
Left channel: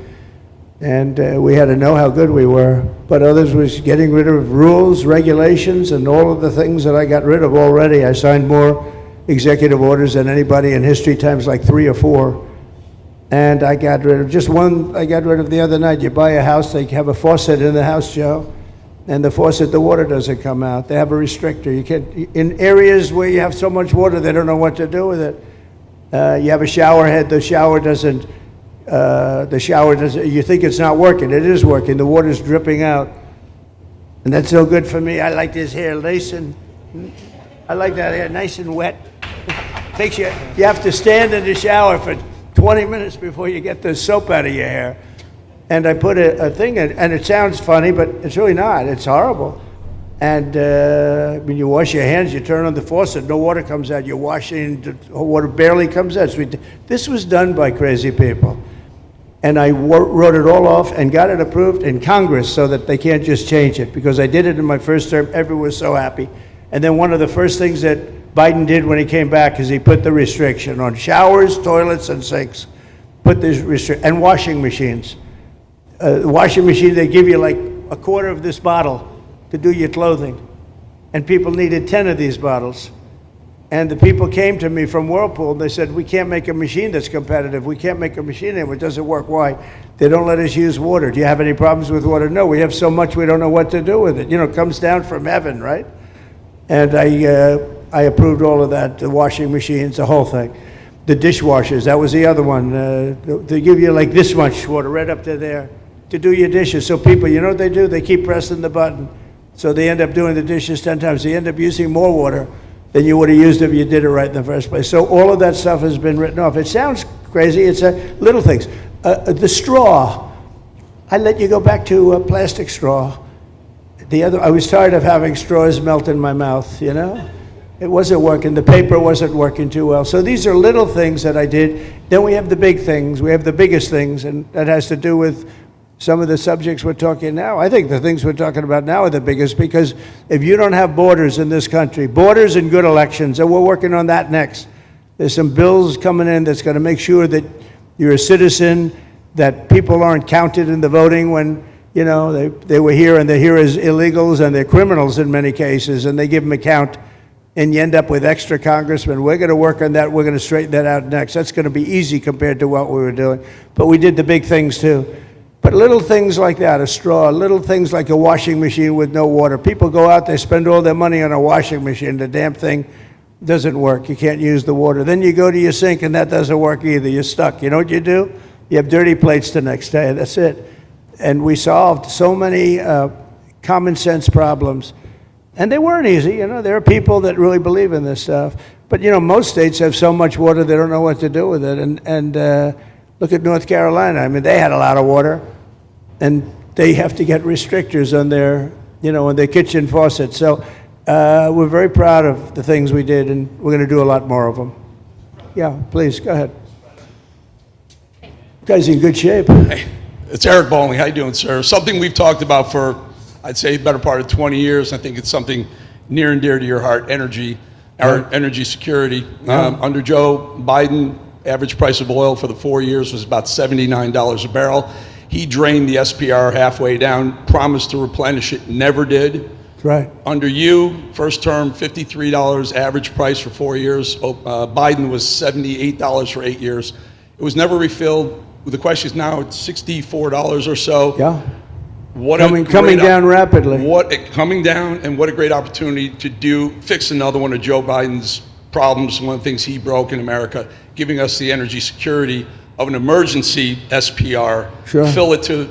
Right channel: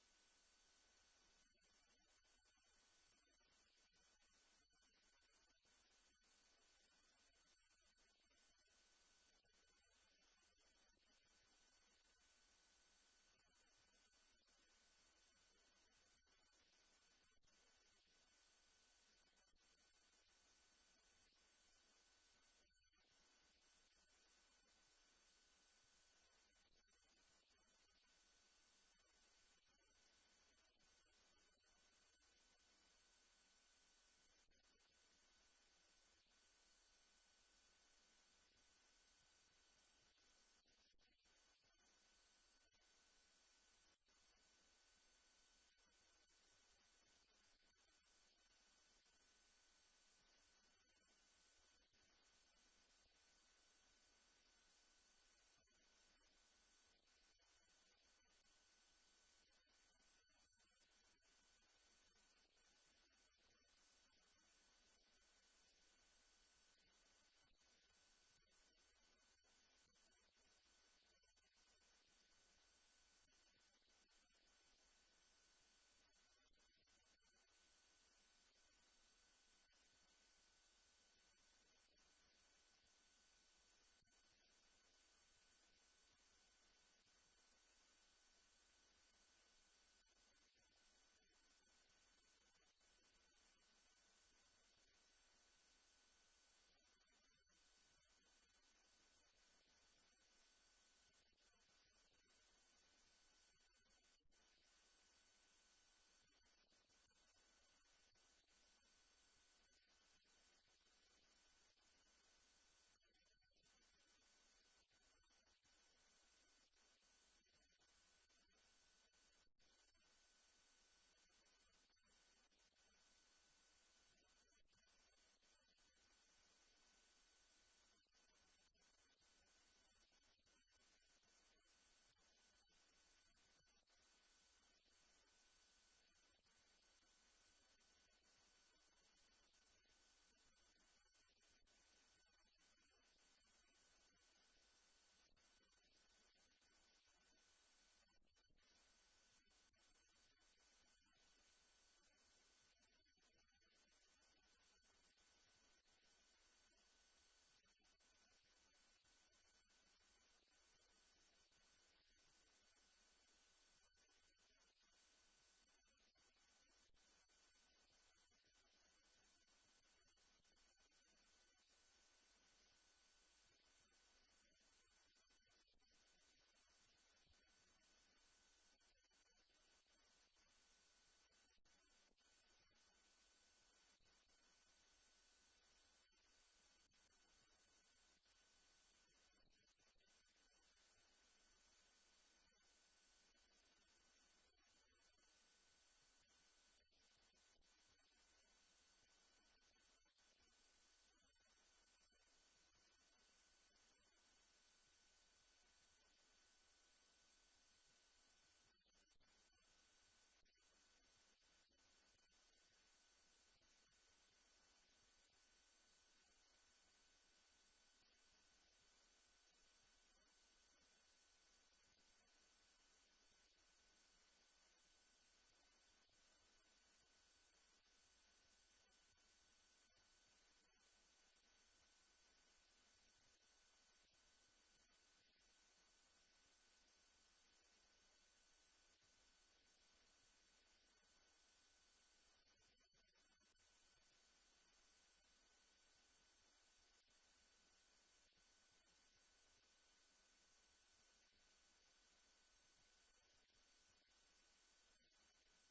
and we had to know how good we were. But others was getting rid of rules, regulations, and all of the things that I got rid of already. I signed more executive orders than anybody in history, times like 3 or 4. And I got rid of just one. I got rid of the other night. You buy a house, they have a faucet in the house, Joe, and the faucet, the water doesn't come out. They have a restrictor. You can't, in areas where you have so much water, they don't know what to do with it. You have a shower head, the shower doesn't, you think it's not working. It is working. The water's dripping out. And that's no good for me. I like this hair nice and, I like that hair nice and wet. Makes you have to stand in the shower for 20 minutes before you get the soap out of your hair. And I put a thing in, and it sounds funny, but it's really not. It's horrible. And when you wash your hands, you turn on the faucet, no water comes out. You're washing, the water barely comes out. This was done by crazy people. And I wrote it all off and got it approved in Congress so that they can't just change it, because I did it in my first term. Everyone was so happy. And then one of the first things that Biden did when he came back is he put the restriction on showers, toilets, and sinks. Put this restriction, and washing machines. The washing machine, they give you like a quarter of this bottle to do your clothing. And people needed 10 of these bottles. And the people came to me from Whirlpool, and they said, we can't make a machine that's competitive. We can't make a machine anymore. It doesn't work. Why? They don't let us use water. Do you have any problems with water? No, we have so much we don't know what to do with it. You know, it comes down from heaven, right? And I approved all of that, the washing machines, the whole thing. The dishwashers, that was the other one. They give you like this much water right up to there to do your dishes. So people, you know what they do? They keep pressing the button. So they end up doing the dishes 10 times. They end up using more water than you would have used if you did it right in the first place. So all of that stuff has been written off. It sounds crazy. It's little things. The straw, I let you go back to a plastic straw. I was tired of having straws melt in my mouth, you know? It wasn't working. The paper wasn't working too well. So these are little things that I did. Then we have the big things. We have the biggest things, and that has to do with some of the subjects we're talking now. I think the things we're talking about now are the biggest, because if you don't have borders in this country, borders and good elections, and we're working on that next. There's some bills coming in that's going to make sure that you're a citizen, that people aren't counted in the voting when, you know, they were here and they're here as illegals and they're criminals in many cases, and they give them a count, and you end up with extra congressmen. We're going to work on that. We're going to straighten that out next. That's going to be easy compared to what we were doing. But we did the big things too. But little things like that, a straw, little things like a washing machine with no water. People go out, they spend all their money on a washing machine. The damn thing doesn't work. You can't use the water. Then you go to your sink and that doesn't work either. You're stuck. You know what you do? You have dirty plates the next day. That's it. And we solved so many common sense problems. And they weren't easy. You know, there are people that really believe in this stuff. But, you know, most states have so much water they don't know what to do with it. And look at North Carolina. I mean, they had a lot of water, and they have to get restrictors on their, you know, on their kitchen faucets. So we're very proud of the things we did, and we're going to do a lot more of them. Yeah, please, go ahead. You guys in good shape. Hey, it's Eric Bowling. How you doing, sir? Something we've talked about for, I'd say, the better part of 20 years. I think it's something near and dear to your heart, energy, our energy security. Under Joe Biden, average price of oil for the 4 years was about $79 a barrel. He drained the SPR halfway down, promised to replenish it, never did. That's right. Under you, first term, $53 average price for 4 years. Biden was $78 for 8 years. It was never refilled. The question is now it's $64 or so. Yeah. Coming down rapidly. Coming down, and what a great opportunity to fix another one of Joe Biden's problems, one of the things he broke in America, giving us the energy security of an emergency SPR, Sure. Fill it to,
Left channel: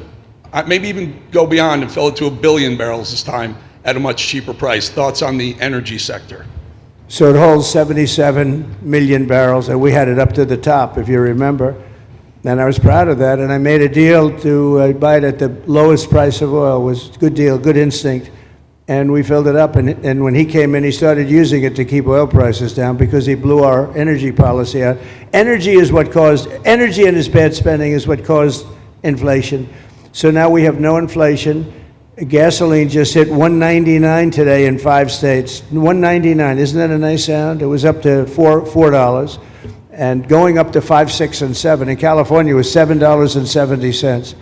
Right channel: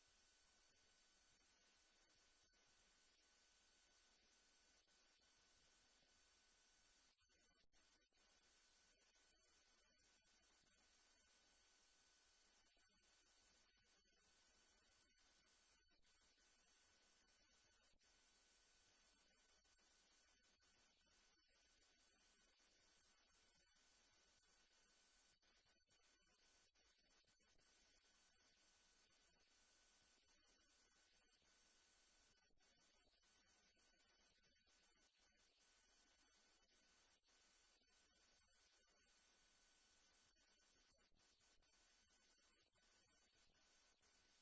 maybe even go beyond and fill it to 1 billion barrels this time at a much cheaper price. Thoughts on the energy sector? So it holds 77 million barrels, and we had it up to the top, if you remember. And I was proud of that, and I made a deal to buy it at the lowest price of oil. It was a good deal, good instinct. And we filled it up, and when he came in, he started using it to keep oil prices down because he blew our energy policy out. Energy and his bad spending is what caused inflation. So now we have no inflation. Gasoline just hit $1.99 today in 5 states. $1.99, isn't that a nice sound? It was up to $4, and going up to $5, $6, and $7. In California, it was $7.70.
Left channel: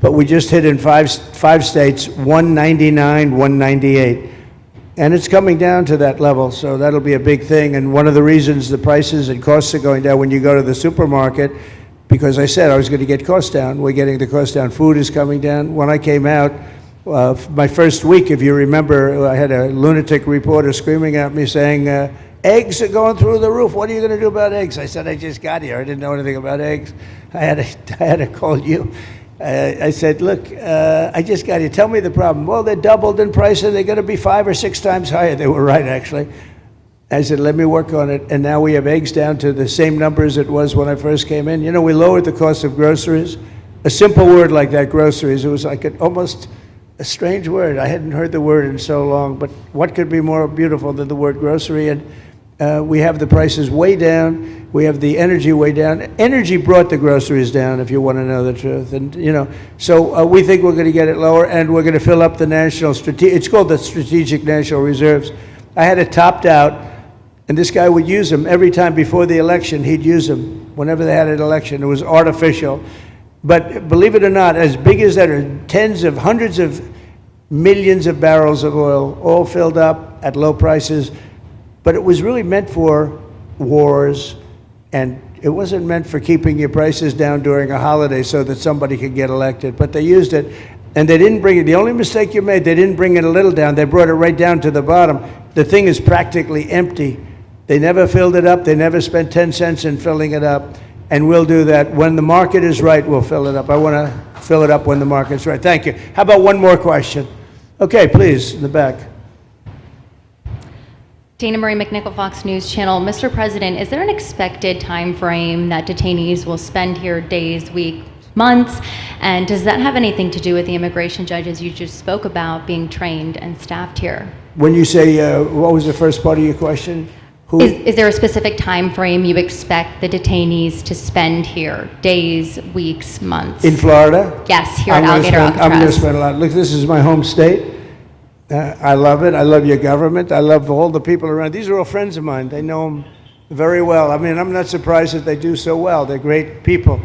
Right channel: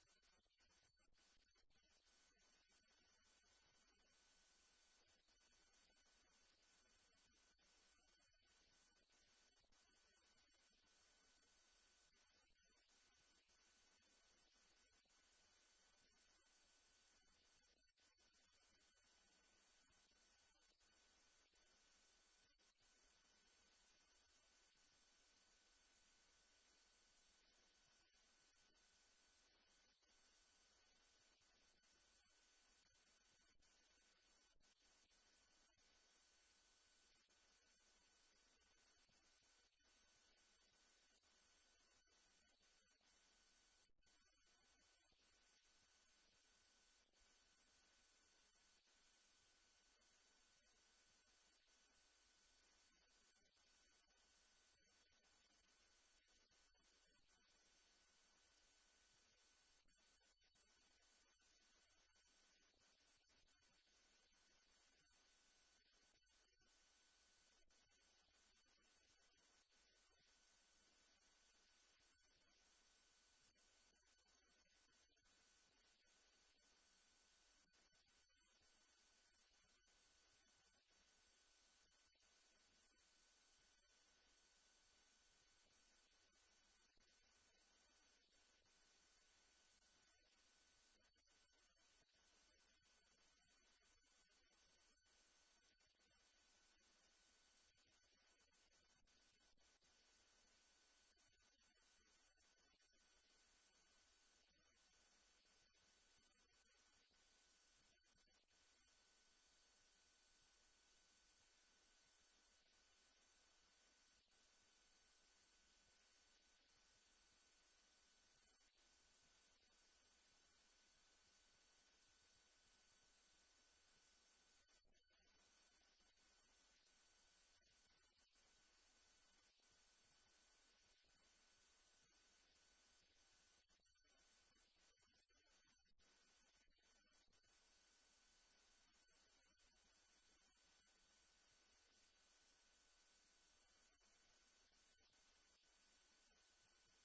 But we just hit in five states, $1.99, $1.98. And it's coming down to that level, so that'll be a big thing. And one of the reasons the prices and costs are going down when you go to the supermarket, because I said I was going to get costs down. We're getting the cost down. Food is coming down. When I came out, my first week, if you remember, I had a lunatic reporter screaming at me saying, eggs are going through the roof. What are you going to do about eggs? I said, I just got here. I didn't know anything about eggs. I had to call you. I said, look, I just got here. Tell me the problem. Well, they're doubled in price, and they're going to be 5 or 6 times higher. They were right, actually. I said, let me work on it. And now we have eggs down to the same numbers it was when I first came in. You know, we lowered the cost of groceries. A simple word like that, groceries, it was like almost a strange word. I hadn't heard the word in so long, but what could be more beautiful than the word grocery? And we have the prices way down. We have the energy way down. Energy brought the groceries down, if you want to know the truth. And, so we think we're going to get it lower, and we're going to fill up the it's called the Strategic National Reserves. I had it topped out, and this guy would use them every time before the election. He'd use them whenever they had an election. It was artificial. But believe it or not, as big as that are tens of hundreds of millions of barrels of oil, all filled up at low prices. But it was really meant for wars, and it wasn't meant for keeping your prices down during a holiday so that somebody could get elected. But they used it, and they didn't bring it. The only mistake you made, they didn't bring it a little down. They brought it right down to the bottom. The thing is practically empty. They never filled it up. They never spent 10 cents in filling it up. And we'll do that. When the market is right, we'll fill it up. I want to fill it up when the market's right. Thank you. How about one more question? Okay, please, in the back. Dana Marie McNichol, Fox News Channel. Mr. President, is there an expected time frame that detainees will spend here, days, weeks, months? And does that have anything to do with the immigration judges you just spoke about being trained and staffed here? When you say, what was the first part of your question? Is there a specific time frame you expect the detainees to spend here? Days, weeks, months? In Florida? Yes, here at Alligator Alcatraz. I'm going to spend a lot. Look, this is my home state. I love it. I love your government. I love all the people around. These are all friends of mine. They know them very well. I mean, I'm not surprised that they do so well. They're great people.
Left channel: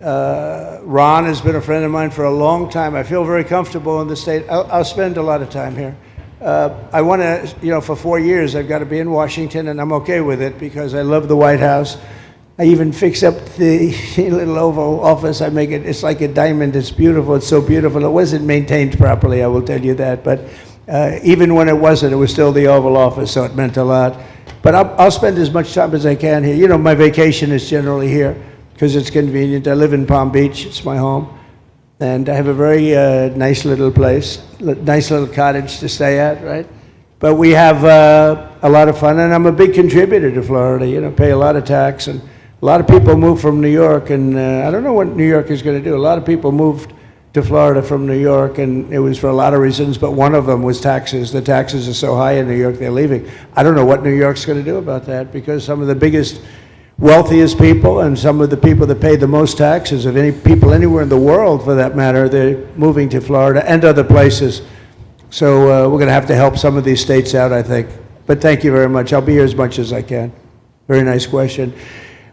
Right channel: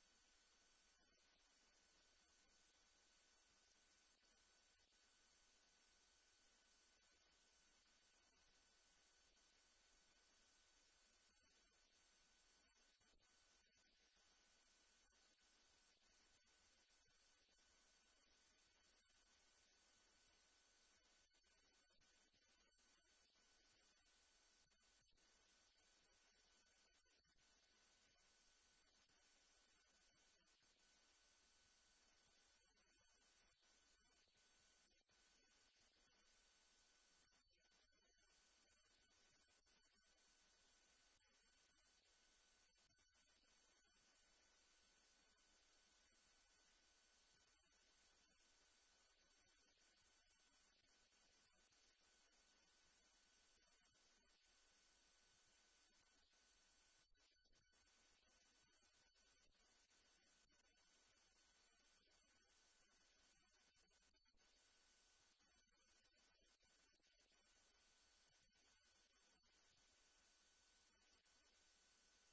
Ron has been a friend of mine for a long time. I feel very comfortable in the state. I'll spend a lot of time here. I want to, for 4 years, I've got to be in Washington, and I'm okay with it because I love the White House. I even fix up the little Oval Office. I make it, it's like a diamond. It's beautiful. It's so beautiful. It wasn't maintained properly, I will tell you that. But even when it wasn't, it was still the Oval Office, so it meant a lot. But I'll spend as much time as I can here. My vacation is generally here because it's convenient. I live in Palm Beach. It's my home. And I have a very nice little place, nice little cottage to stay at, right? But we have a lot of fun, and I'm a big contributor to Florida, pay a lot of tax. And a lot of people move from New York, and I don't know what New York is going to do. A lot of people moved to Florida from New York, and it was for a lot of reasons, but one of them was taxes. The taxes are so high in New York, they're leaving. I don't know what New York's going to do about that, because some of the biggest wealthiest people and some of the people that pay the most taxes of any people anywhere in the world, for that matter, they're moving to Florida and other places. So we're going to have to help some of these states out, I think. But thank you very much. I'll be here as much as I can. Very nice question.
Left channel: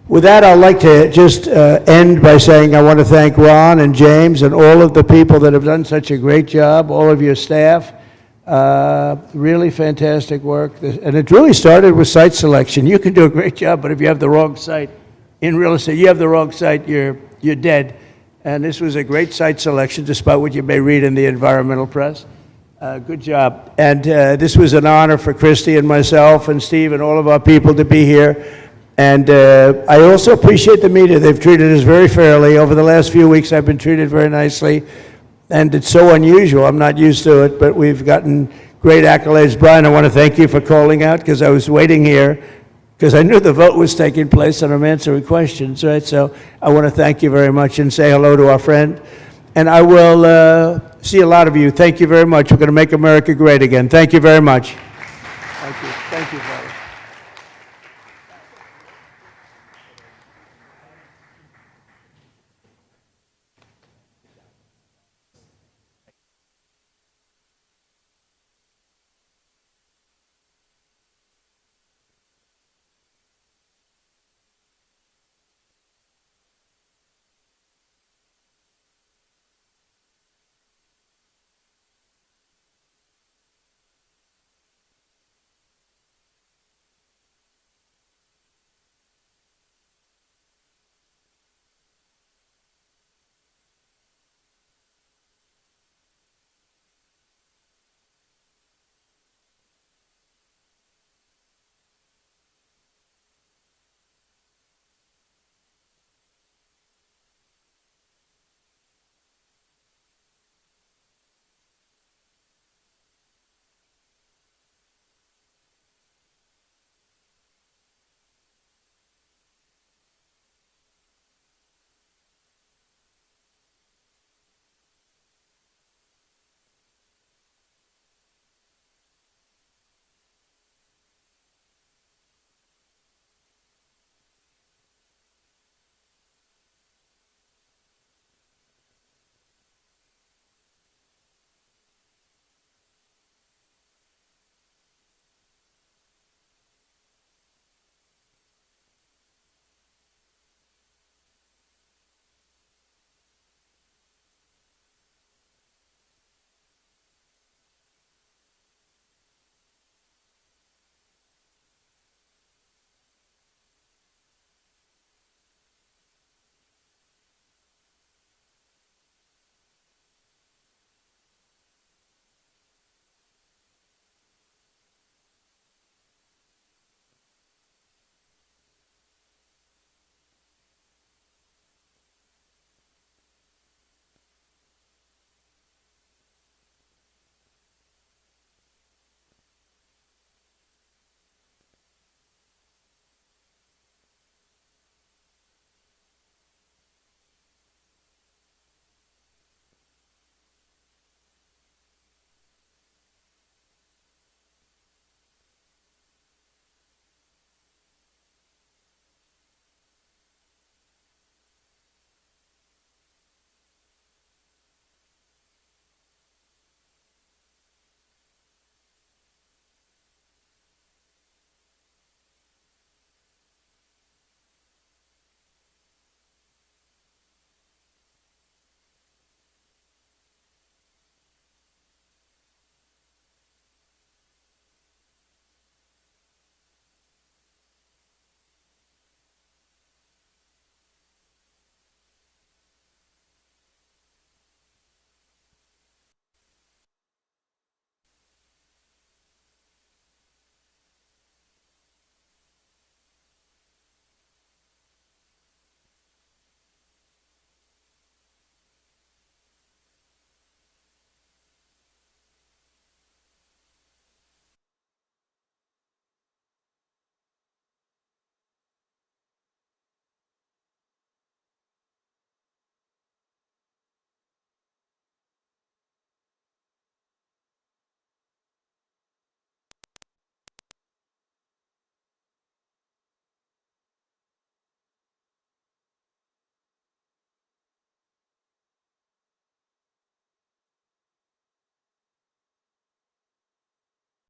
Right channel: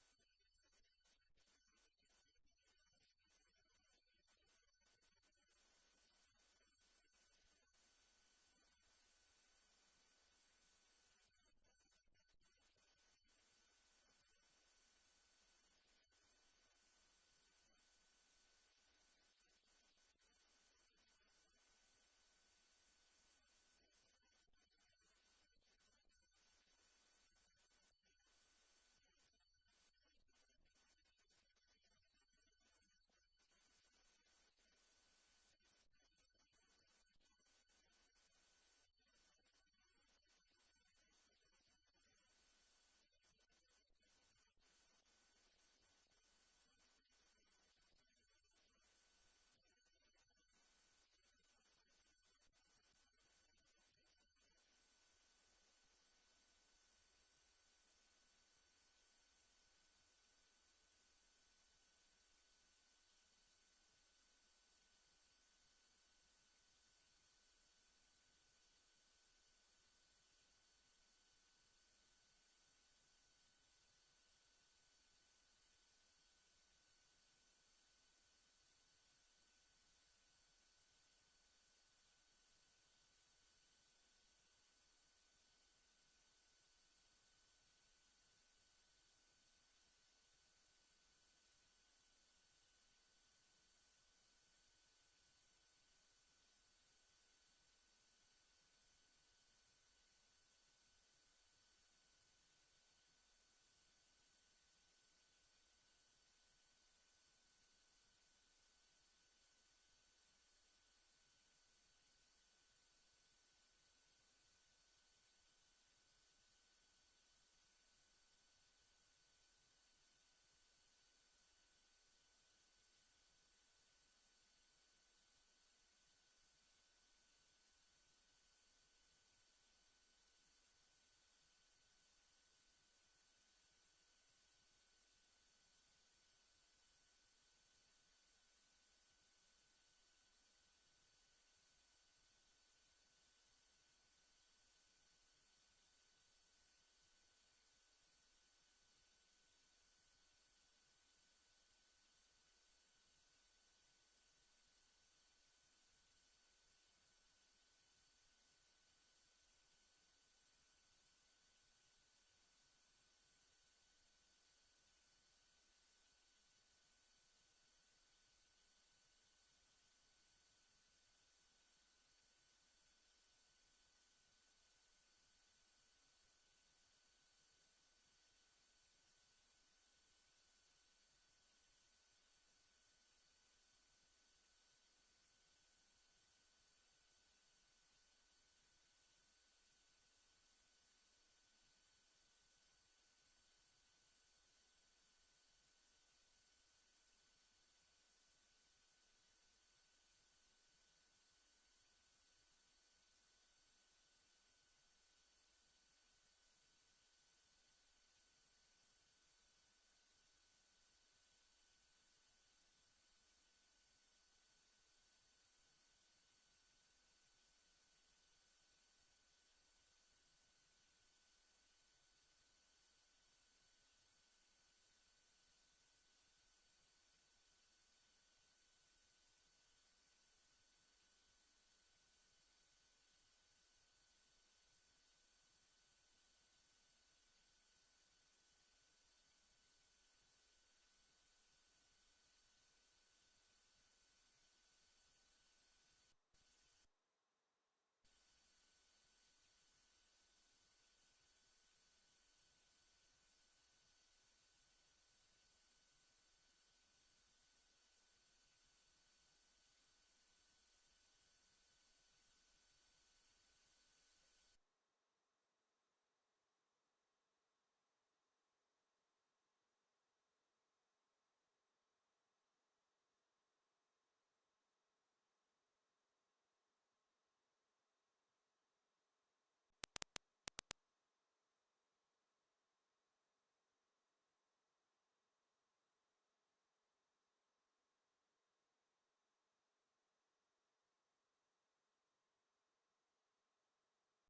With that, I'd like to just end by saying I want to thank Ron and James and all of the people that have done such a great job, all of your staff. Really fantastic work. And it really started with site selection. You can do a great job, but if you have the wrong site in real estate, you have the wrong site, you're dead. And this was a great site selection, despite what you may read in the environmental press. Good job. And this was an honor for Christy and myself and Steve and all of our people to be here. And I also appreciate the media. They've treated us very fairly. Over the last few weeks, I've been treated very nicely. And it's so unusual. I'm not used to it, but we've gotten great accolades. Brian, I want to thank you for calling out, because I was waiting here because I knew the vote was taking place and I'm answering questions, right? So I want to thank you very much and say hello to our friend. And I will see a lot of you. Thank you very much. We're going to make America great again. Thank you very much. Thank you. Thank you, Father.